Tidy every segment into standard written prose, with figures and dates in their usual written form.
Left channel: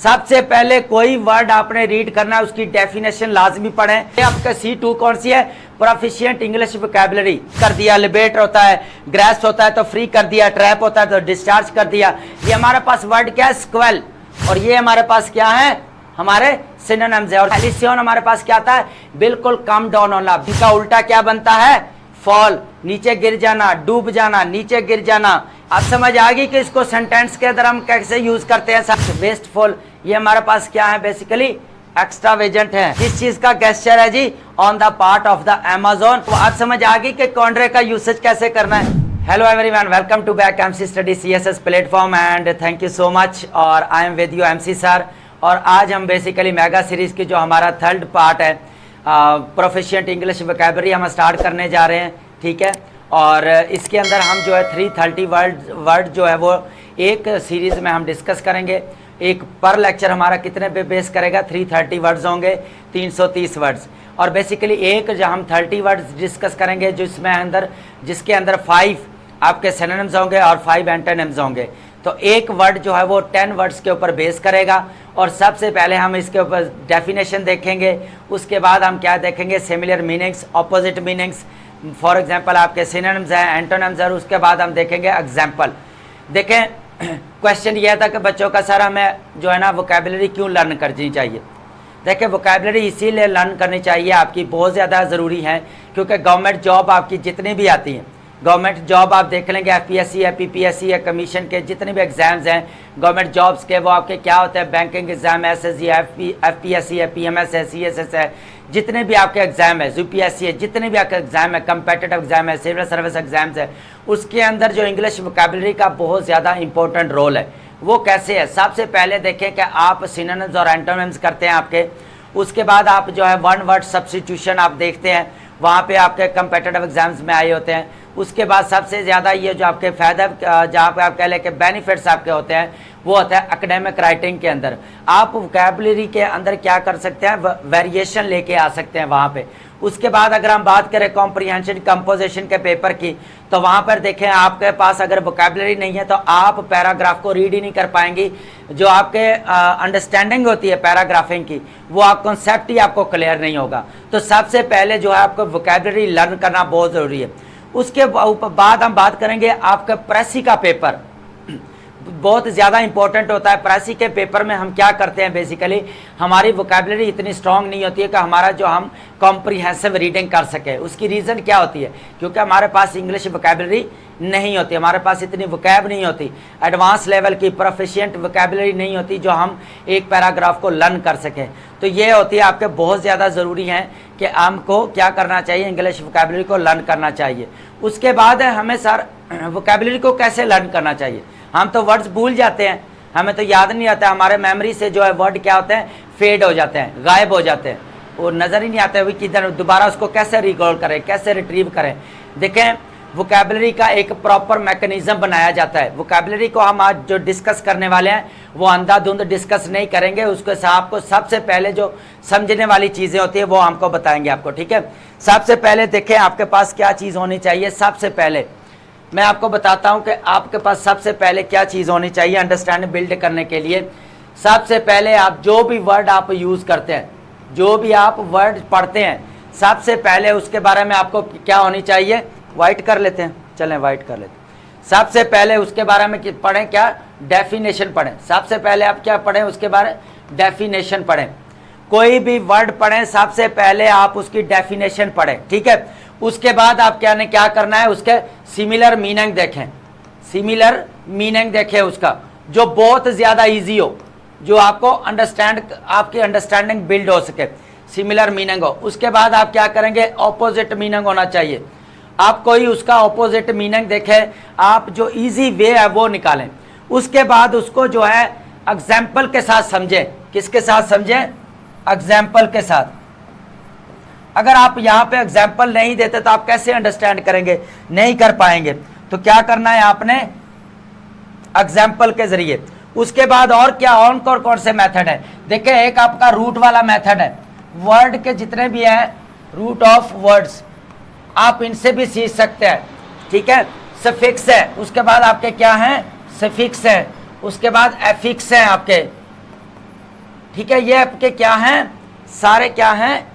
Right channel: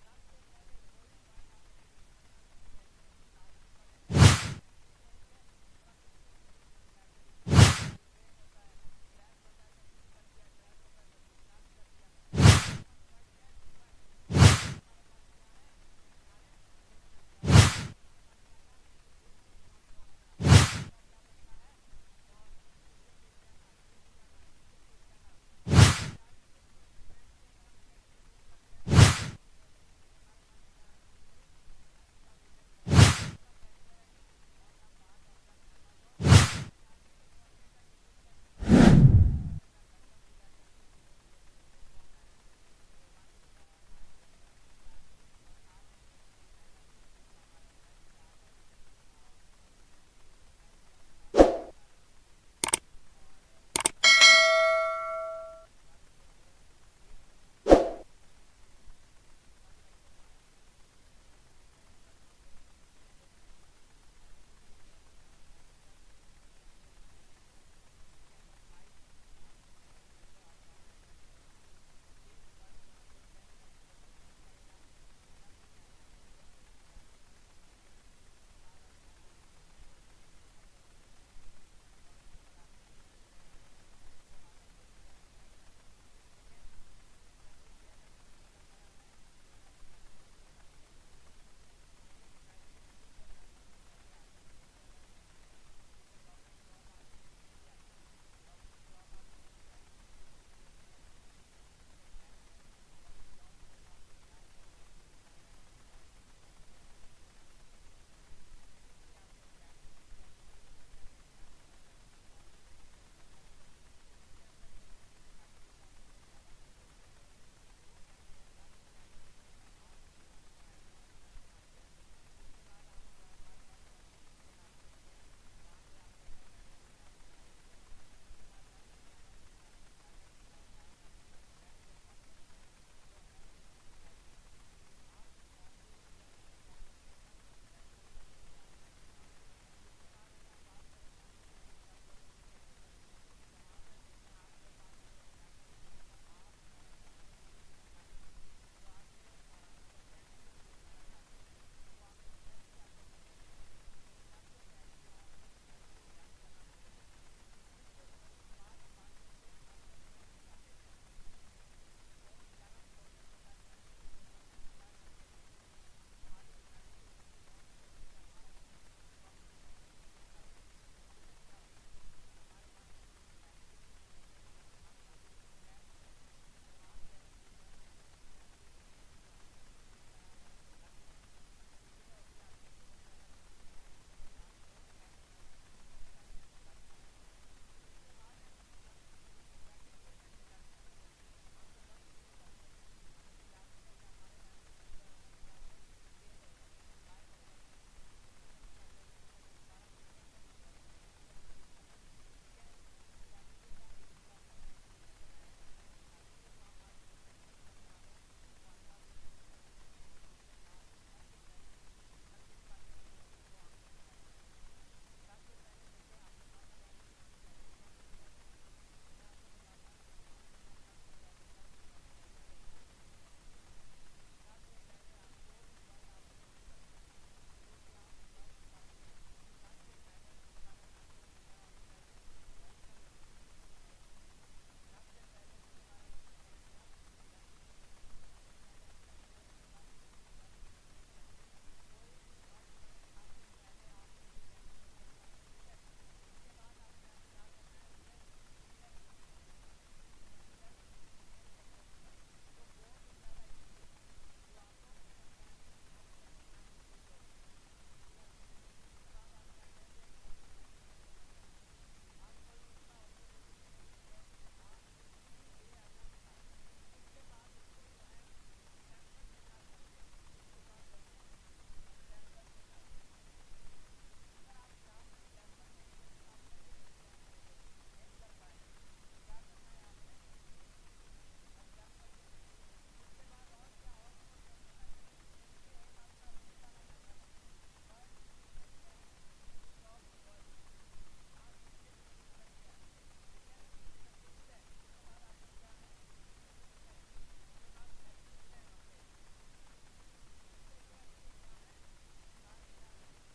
सबसे पहले कोई वर्ड आपने रीड करना है उसकी डेफिनेशन लाजमी पढ़ें। आपका C2 कौन सी है? प्रोफिशिएंट इंग्लिश वोकैबुलरी कर दिया। लिबरेट होता है, ग्रेस्प होता है तो फ्री कर दिया, ट्रैप होता है तो डिस्चार्ज कर दिया। ये हमारे पास वर्ड क्या है? स्क्वेल। और ये हमारे पास क्या है? हमारे सिनोनिम्स है। और हेलिसियन हमारे पास क्या आता है? बिल्कुल कम डाउन होना। इनका उल्टा क्या बनता है? फॉल, नीचे गिर जाना, डूब जाना, नीचे गिर जाना। अब समझ आ गई कि इसको सेंटेंस के अंदर हम कैसे यूज करते हैं। वेस्टफुल, ये हमारे पास क्या है? बेसिकली एक्स्ट्रावेजेंट है। किस चीज का गेस्चर है जी? On the part of the Amazon. तो आज समझ आ गई कि कॉन्ट्रे का यूसेज कैसे करना है। Hello everyone, welcome to back MC study CSS platform and thank you so much. और I am with you MC sir. और आज हम बेसिकली मेगा सीरीज की जो हमारा थर्ड पार्ट है प्रोफिशिएंट इंग्लिश वोकैबुलरी हम स्टार्ट करने जा रहे हैं, ठीक है। और इसके अंदर हम जो है 330 वर्ड जो है वो एक सीरीज में हम डिस्कस करेंगे। एक पर लेक्चर हमारा कितने पे बेस करेगा? 330 वर्ड्स होंगे, 330 वर्ड्स। और बेसिकली एक जो हम 30 वर्ड्स डिस्कस करेंगे जिसके अंदर 5 आपके सिनोनिम्स होंगे और 5 एंटोनिम्स होंगे। तो एक वर्ड जो है वो 10 वर्ड्स के ऊपर बेस करेगा। और सबसे पहले हम इसके ऊपर डेफिनेशन देखेंगे, उसके बाद हम क्या देखेंगे? Similar meanings, opposite meanings, for example आपके सिनोनिम्स हैं, एंटोनिम्स हैं। उसके बाद हम देखेंगे एग्जांपल। देखें, क्वेश्चन यह था कि बच्चों का सर हमें जो है ना वोकैबुलरी क्यों लर्न करनी चाहिए। देखिए, वोकैबुलरी इसीलिए लर्न करनी चाहिए, आपकी बहुत ज़्यादा ज़रूरी है। क्योंकि गवर्नमेंट जॉब आपकी जितनी भी आती हैं, गवर्नमेंट जॉब आप देख लेंगे, FPSC है, PPSC है, कमीशन के जितने भी एग्जाम्स हैं गवर्नमेंट जॉब्स के, वो आपके क्या होते हैं? बैंकिंग एग्जाम है, SSC है, FPSC है, PMS है, CSS है, जितने भी आपके एग्जाम है, UPSC है, जितने भी आपके एग्जाम है, कम्पिटिटिव एग्जाम है, सिविल सर्विस एग्जाम्स है, उसके अंदर जो इंग्लिश वोकैबुलरी का बहुत ज़्यादा इंपॉर्टेंट रोल है। वो कैसे है? सबसे पहले देखें कि आप सिनोनिम्स और एंटोनिम्स करते हैं आपके। उसके बाद आप जो है वन वर्ड सब्स्टिट्यूशन आप देखते हैं, वहाँ पे आपके कम्पिटिटिव एग्जाम्स में आए होते हैं। उसके बाद सबसे ज़्यादा ये जो आपके फ़ायदा जहाँ पे आप कह लें कि बेनिफिट्स आपके होते हैं, वो होता है एकेडमिक राइटिंग के अंदर। आप वोकैबुलरी के अंदर क्या कर सकते हैं? वेरिएशन लेके आ सकते हैं वहाँ पे। उसके बाद अगर हम बात करें कॉम्प्रिहेंशन कंपोजिशन के पेपर की, तो वहाँ पर देखें आपके पास अगर वोकैबुलरी नहीं है तो आप पैराग्राफ को रीड ही नहीं कर पाएंगी। जो आपके अंडरस्टैंडिंग होती है पैराग्राफिंग की, वो आप कॉन्सेप्ट ही आपको क्लियर नहीं होगा। तो सबसे पहले जो है आपको वोकैबुलरी लर्न करना बहुत ज़रूरी है। उसके बाद हम बात करेंगे आपका प्रेसी का पेपर, बहुत ज़्यादा इंपॉर्टेंट होता है। प्रेसी के पेपर में हम क्या करते हैं? बेसिकली हमारी वोकैबुलरी इतनी स्ट्रांग नहीं होती है कि हमारा जो हम कॉम्प्रिहेंसिव रीडिंग कर सके। उसकी रीज़न क्या होती है? क्योंकि हमारे पास इंग्लिश वोकैबुलरी नहीं होती, हमारे पास इतनी वोकैब नहीं होती, एडवांस लेवल की प्रोफिशिएंट वोकैबुलरी नहीं होती जो हम एक पैराग्राफ को लर्न कर सकें। तो ये होती है आपके बहुत ज़्यादा ज़रूरी है कि हमको क्या करना चाहिए? इंग्लिश वोकैबुलरी को लर्न करना चाहिए। उसके बाद हमें सर वोकैबुलरी को कैसे लर्न करना चाहिए? हम तो वर्ड्स भूल जाते हैं, हमें तो याद नहीं आता, हमारे मेमोरी से जो है वर्ड क्या होते हैं? फेड हो जाते हैं, गायब हो जाते हैं, वो नज़र ही नहीं आते हुए किधर दोबारा उसको कैसे रिकॉल करें, कैसे रिट्रीव करें। देखें, वोकैबुलरी का एक प्रॉपर मैकेनिज्म बनाया जाता है। वोकैबुलरी को हम आज जो डिस्कस करने वाले हैं वो अंधाधुंध डिस्कस नहीं करेंगे, उसके आपको सबसे पहले जो समझने वाली चीज़ें होती है वो हमको बताएंगे आपको, ठीक है। सबसे पहले देखें आपके पास क्या चीज़ होनी चाहिए। सबसे पहले मैं आपको बताता हूं कि आपके पास सबसे पहले क्या चीज़ होनी चाहिए अंडरस्टैंडिंग बिल्ड करने के लिए। सबसे पहले आप जो भी वर्ड आप यूज़ करते हैं, जो भी आप वर्ड पढ़ते हैं, सबसे पहले उसके बारे में आपको क्या होनी चाहिए? वाइट कर लेते हैं, चलें वाइट कर लेते हैं। सबसे पहले उसके बारे में पढ़ें, क्या? डेफिनेशन पढ़ें। सबसे पहले आप क्या पढ़ें? उसके बारे डेफिनेशन पढ़ें। कोई भी वर्ड पढ़ें, सबसे पहले आप उसकी डेफिनेशन पढ़ें, ठीक है। उसके बाद आप क्या करना है? उसके सिमिलर मीनिंग देखें, सिमिलर मीनिंग देखें उसका, जो बहुत ज़्यादा इजी हो, जो आपको आपकी अंडरस्टैंडिंग बिल्ड हो सके, सिमिलर मीनिंग हो। उसके बाद आप क्या करेंगे? ऑपोजिट मीनिंग होना चाहिए। आप कोई उसका ऑपोजिट मीनिंग देखें, आप जो इजी वे है वो निकालें। उसके बाद उसको जो है एग्जाम्पल के साथ समझें। किसके साथ समझें? एग्जाम्पल के साथ। अगर आप यहाँ पे एग्जाम्पल नहीं देते तो आप कैसे अंडरस्टैंड करेंगे? नहीं कर पाएंगे। तो क्या करना है आपने? एग्जाम्पल के जरिए। उसके बाद और क्या, और कौन से मेथड है? देखिए, एक आपका रूट वाला मेथड है। वर्ड के जितने भी हैं, रूट ऑफ वर्ड्स, आप इनसे भी सीख सकते हैं, ठीक है। सफिक्स है, उसके बाद आपके क्या हैं? सफिक्स है, उसके बाद एफिक्स हैं आपके, ठीक है, ये आपके क्या हैं, सारे क्या हैं,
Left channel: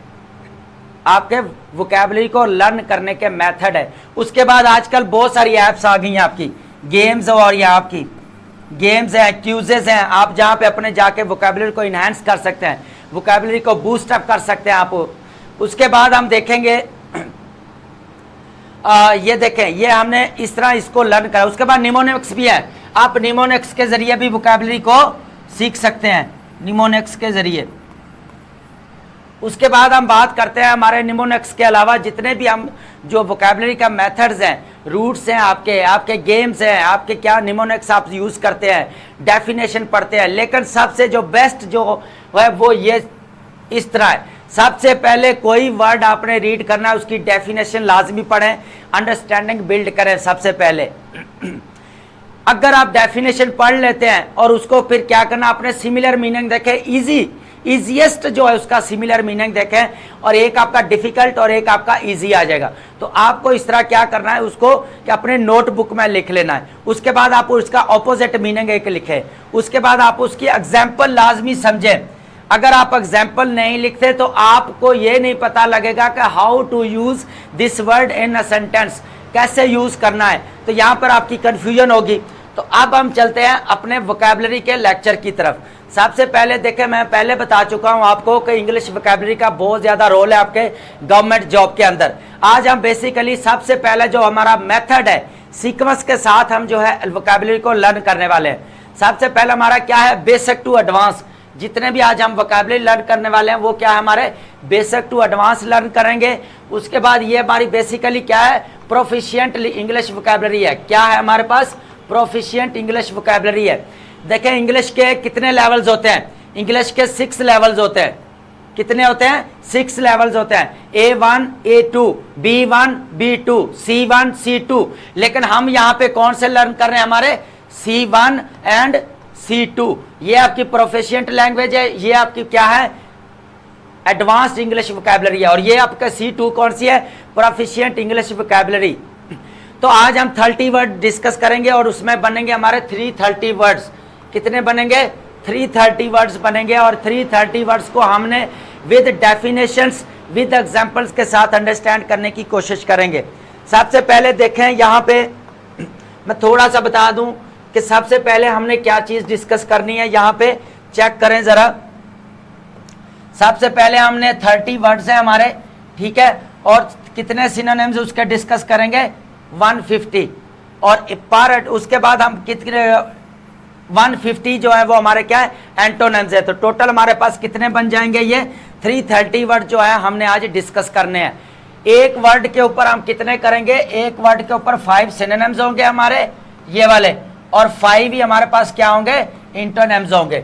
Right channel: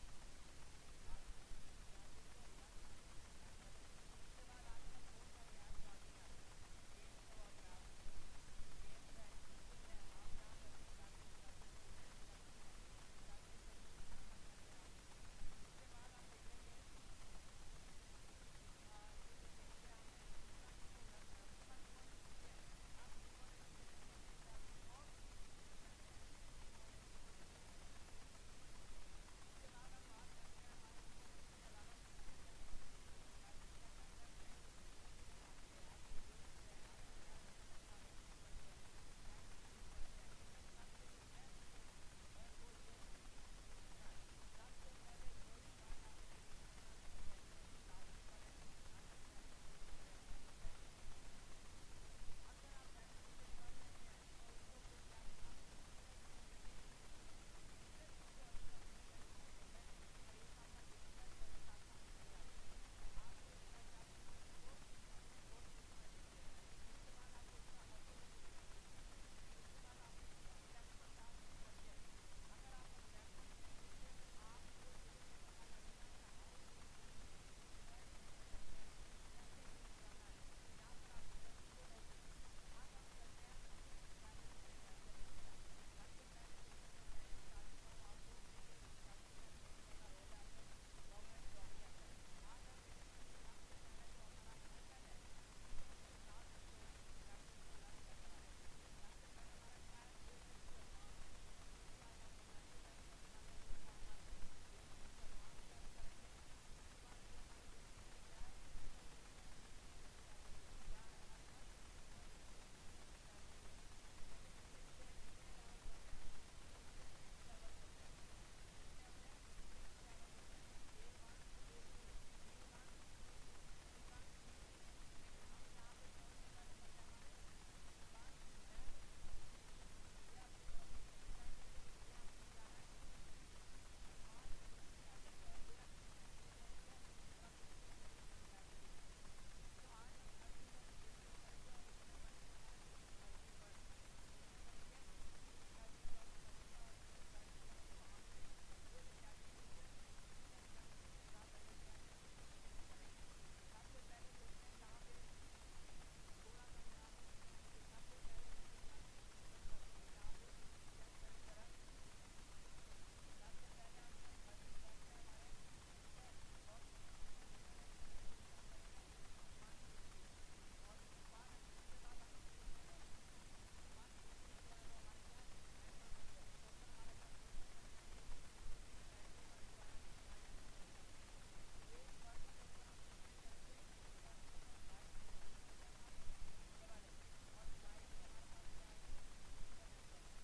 आपके वोकैबुलरी को लर्न करने के मेथड है। उसके बाद आजकल बहुत सारी ऐप्स आ गई हैं आपकी, गेम्स और ये आपकी गेम्स हैं, क्यूजेस हैं, आप जहाँ पे अपने जाके वोकैबुलरी को इन्हांस कर सकते हैं, वोकैबुलरी को बूस्ट अप कर सकते हैं आप। उसके बाद हम देखेंगे ये देखें, ये हमने इस तरह इसको लर्न करा। उसके बाद निमोनिक्स भी है, आप निमोनिक्स के जरिए भी वोकैबुलरी को सीख सकते हैं, निमोनिक्स के जरिए। उसके बाद हम बात करते हैं हमारे निमोनिक्स के अलावा जितने भी हम जो वोकैबुलरी का मेथड्स हैं, रूट्स हैं, आपके गेम्स हैं, आपके क्या निमोनिक्स आप यूज़ करते हैं, डेफिनेशन पढ़ते हैं। लेकिन सबसे जो बेस्ट जो है वो ये इस तरह है, सबसे पहले कोई वर्ड आपने रीड करना है उसकी डेफिनेशन लाजमी पढ़ें, अंडरस्टैंडिंग बिल्ड करें सबसे पहले। अगर आप डेफिनेशन पढ़ लेते हैं और उसको फिर क्या करना, आपने सिमिलर मीनिंग देखें, इजीएस्ट जो है उसका सिमिलर मीनिंग देखें, और एक आपका डिफिकल्ट और एक आपका इजी आ जाएगा। तो आपको इस तरह क्या करना है, उसको कि अपने नोटबुक में लिख लेना है। उसके बाद आप उसका ऑपोजिट मीनिंग एक लिखें, उसके बाद आप उसकी एग्जाम्पल लाजमी समझें। अगर आप एग्जाम्पल नहीं लिखते तो आपको ये नहीं पता लगेगा कि how to use this word in a sentence, कैसे यूज करना है, तो यहाँ पर आपकी कंफ्यूजन होगी। तो अब हम चलते हैं अपने वोकैबुलरी के लेक्चर की तरफ। सबसे पहले देखें, मैं पहले बता चुका हूं आपको कि इंग्लिश वोकैबुलरी का बहुत ज़्यादा रोल है आपके गवर्नमेंट जॉब के अंदर। आज हम बेसिकली सबसे पहले जो हमारा मेथड है, सीक्वेंस के साथ हम जो है वोकैबुलरी को लर्न करने वाले हैं। सबसे पहले हमारा क्या है, बेसिक टू एडवांस। जितने भी आज हम वोकैबुलरी लर्न करने वाले हैं वो क्या है, हमारे बेसिक टू एडवांस लर्न करेंगे। उसके बाद ये हमारी बेसिकली क्या है, प्रोफिशिएंट इंग्लिश वोकैबुलरी है। क्या है हमारे पास, प्रोफिशिएंट इंग्लिश वोकैबुलरी है। देखें इंग्लिश के कितने लेवल्स होते हैं, इंग्लिश के 6 लेवल्स होते हैं। कितने होते हैं, 6 लेवल्स होते हैं, A1 A2 B1 B2 C1 C2। लेकिन हम यहाँ पे कौन से लर्न कर रहे हैं, हमारे C1 एंड C2। ये आपकी प्रोफिशिएंट लैंग्वेज है, ये आपकी क्या है, एडवांस्ड इंग्लिश वोकैबुलरी है। और ये आपका C2 कौन सी है, प्रोफिशिएंट इंग्लिश वोकैबुलरी। तो आज हम 30 वर्ड डिस्कस करेंगे और उसमें बनेंगे हमारे 330 वर्ड्स। कितने बनेंगे, 330 वर्ड्स बनेंगे। और 330 वर्ड्स को हमने विद डेफिनेशंस विद एग्जांपल्स के साथ अंडरस्टैंड करने की कोशिश करेंगे। सबसे पहले देखें यहाँ पे मैं थोड़ा सा बता दूं कि सबसे पहले हमने क्या चीज़ डिस्कस करनी है, यहाँ पे चेक करें ज़रा। सबसे पहले हमने 30 वर्ड्स हैं हमारे, ठीक है, और कितने सिनोनिम्स उसके डिस्कस करेंगे, 150। और पर उसके बाद हम कितने 150 जो है वो हमारे क्या है, एंटोनिम्स है। तो टोटल हमारे पास कितने बन जाएंगे, ये 330 वर्ड जो है हमने आज डिस्कस करने हैं। एक वर्ड के ऊपर हम कितने करेंगे, एक वर्ड के ऊपर 5 सिनोनिम्स होंगे हमारे ये वाले, और 5 ही हमारे पास क्या होंगे, एंटोनिम्स होंगे।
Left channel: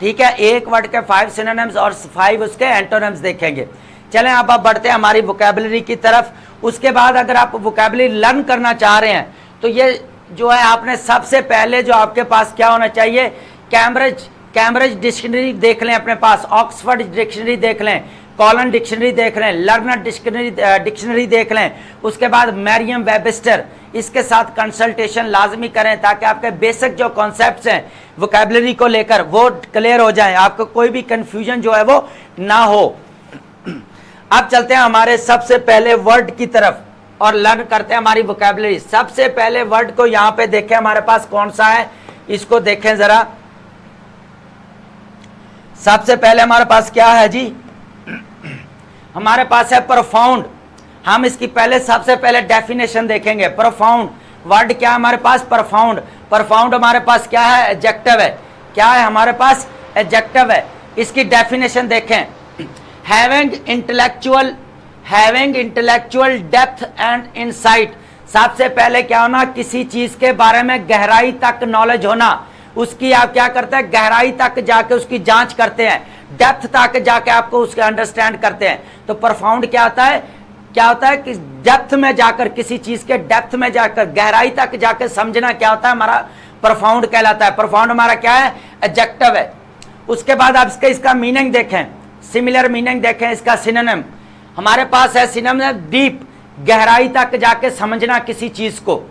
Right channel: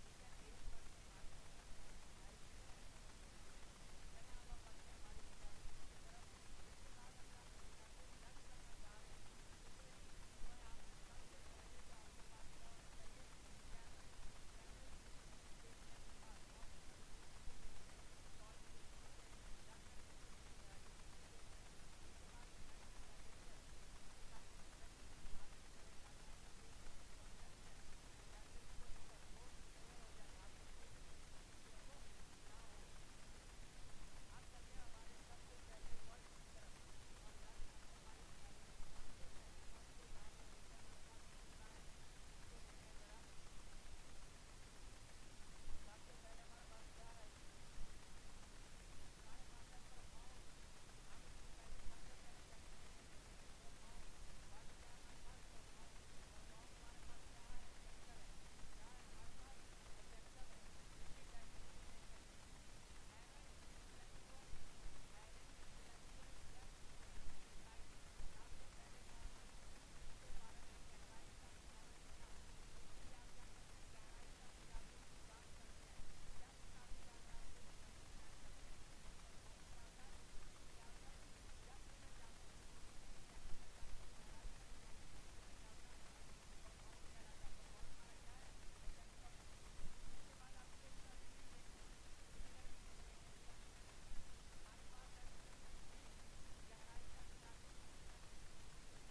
ठीक है, एक वर्ड के 5 सिनोनिम्स और 5 उसके एंटोनिम्स देखेंगे। चलें अब आप बढ़ते हैं हमारी वोकैबुलरी की तरफ। उसके बाद अगर आप वोकैबुलरी लर्न करना चाह रहे हैं तो ये जो है आपने सबसे पहले जो आपके पास क्या होना चाहिए, कैम्ब्रिज डिक्शनरी देख लें अपने पास, ऑक्सफोर्ड डिक्शनरी देख लें, कॉलन डिक्शनरी देख लें, लर्नर डिक्शनरी देख लें। उसके बाद मैरियम वेबस्टर, इसके साथ कंसल्टेशन लाजमी करें ताकि आपके बेसिक जो कॉन्सेप्ट्स हैं वोकैबुलरी को लेकर वो क्लियर हो जाए, आपको कोई भी कंफ्यूजन जो है वो ना हो। अब चलते हैं हमारे सबसे पहले वर्ड की तरफ और लर्न करते हैं हमारी वोकैबुलरी। सबसे पहले वर्ड को यहाँ पे देखें हमारे पास कौन सा है, इसको देखें जरा। सबसे पहले हमारे पास क्या है जी, हमारे पास है प्रोफाउंड। हम इसकी पहले सबसे पहले डेफिनेशन देखेंगे। प्रोफाउंड वर्ड क्या है हमारे पास, प्रोफाउंड। प्रोफाउंड हमारे पास क्या है, एडजेक्टिव है। क्या है हमारे पास, एडजेक्टिव है। इसकी डेफिनेशन देखें, having intellectual depth and insight. सबसे पहले क्या होना, किसी चीज के बारे में गहराई तक नॉलेज होना। उसकी आप क्या करते हैं, गहराई तक जाके उसकी जांच करते हैं, डेप्थ तक जाके आपको उसके अंडरस्टैंड करते हैं। तो प्रोफाउंड क्या होता है, क्या होता है कि डेप्थ में जाकर, किसी चीज के डेप्थ में जाकर, गहराई तक जाकर समझना क्या होता है, हमारा प्रोफाउंड कहलाता है। प्रोफाउंड हमारा क्या है, एडजेक्टिव है। उसके बाद आप इसका मीनिंग देखें, सिमिलर मीनिंग देखें। इसका सिनोनिम हमारे पास है, सिनोनिम डीप, गहराई तक जाके समझना किसी चीज को।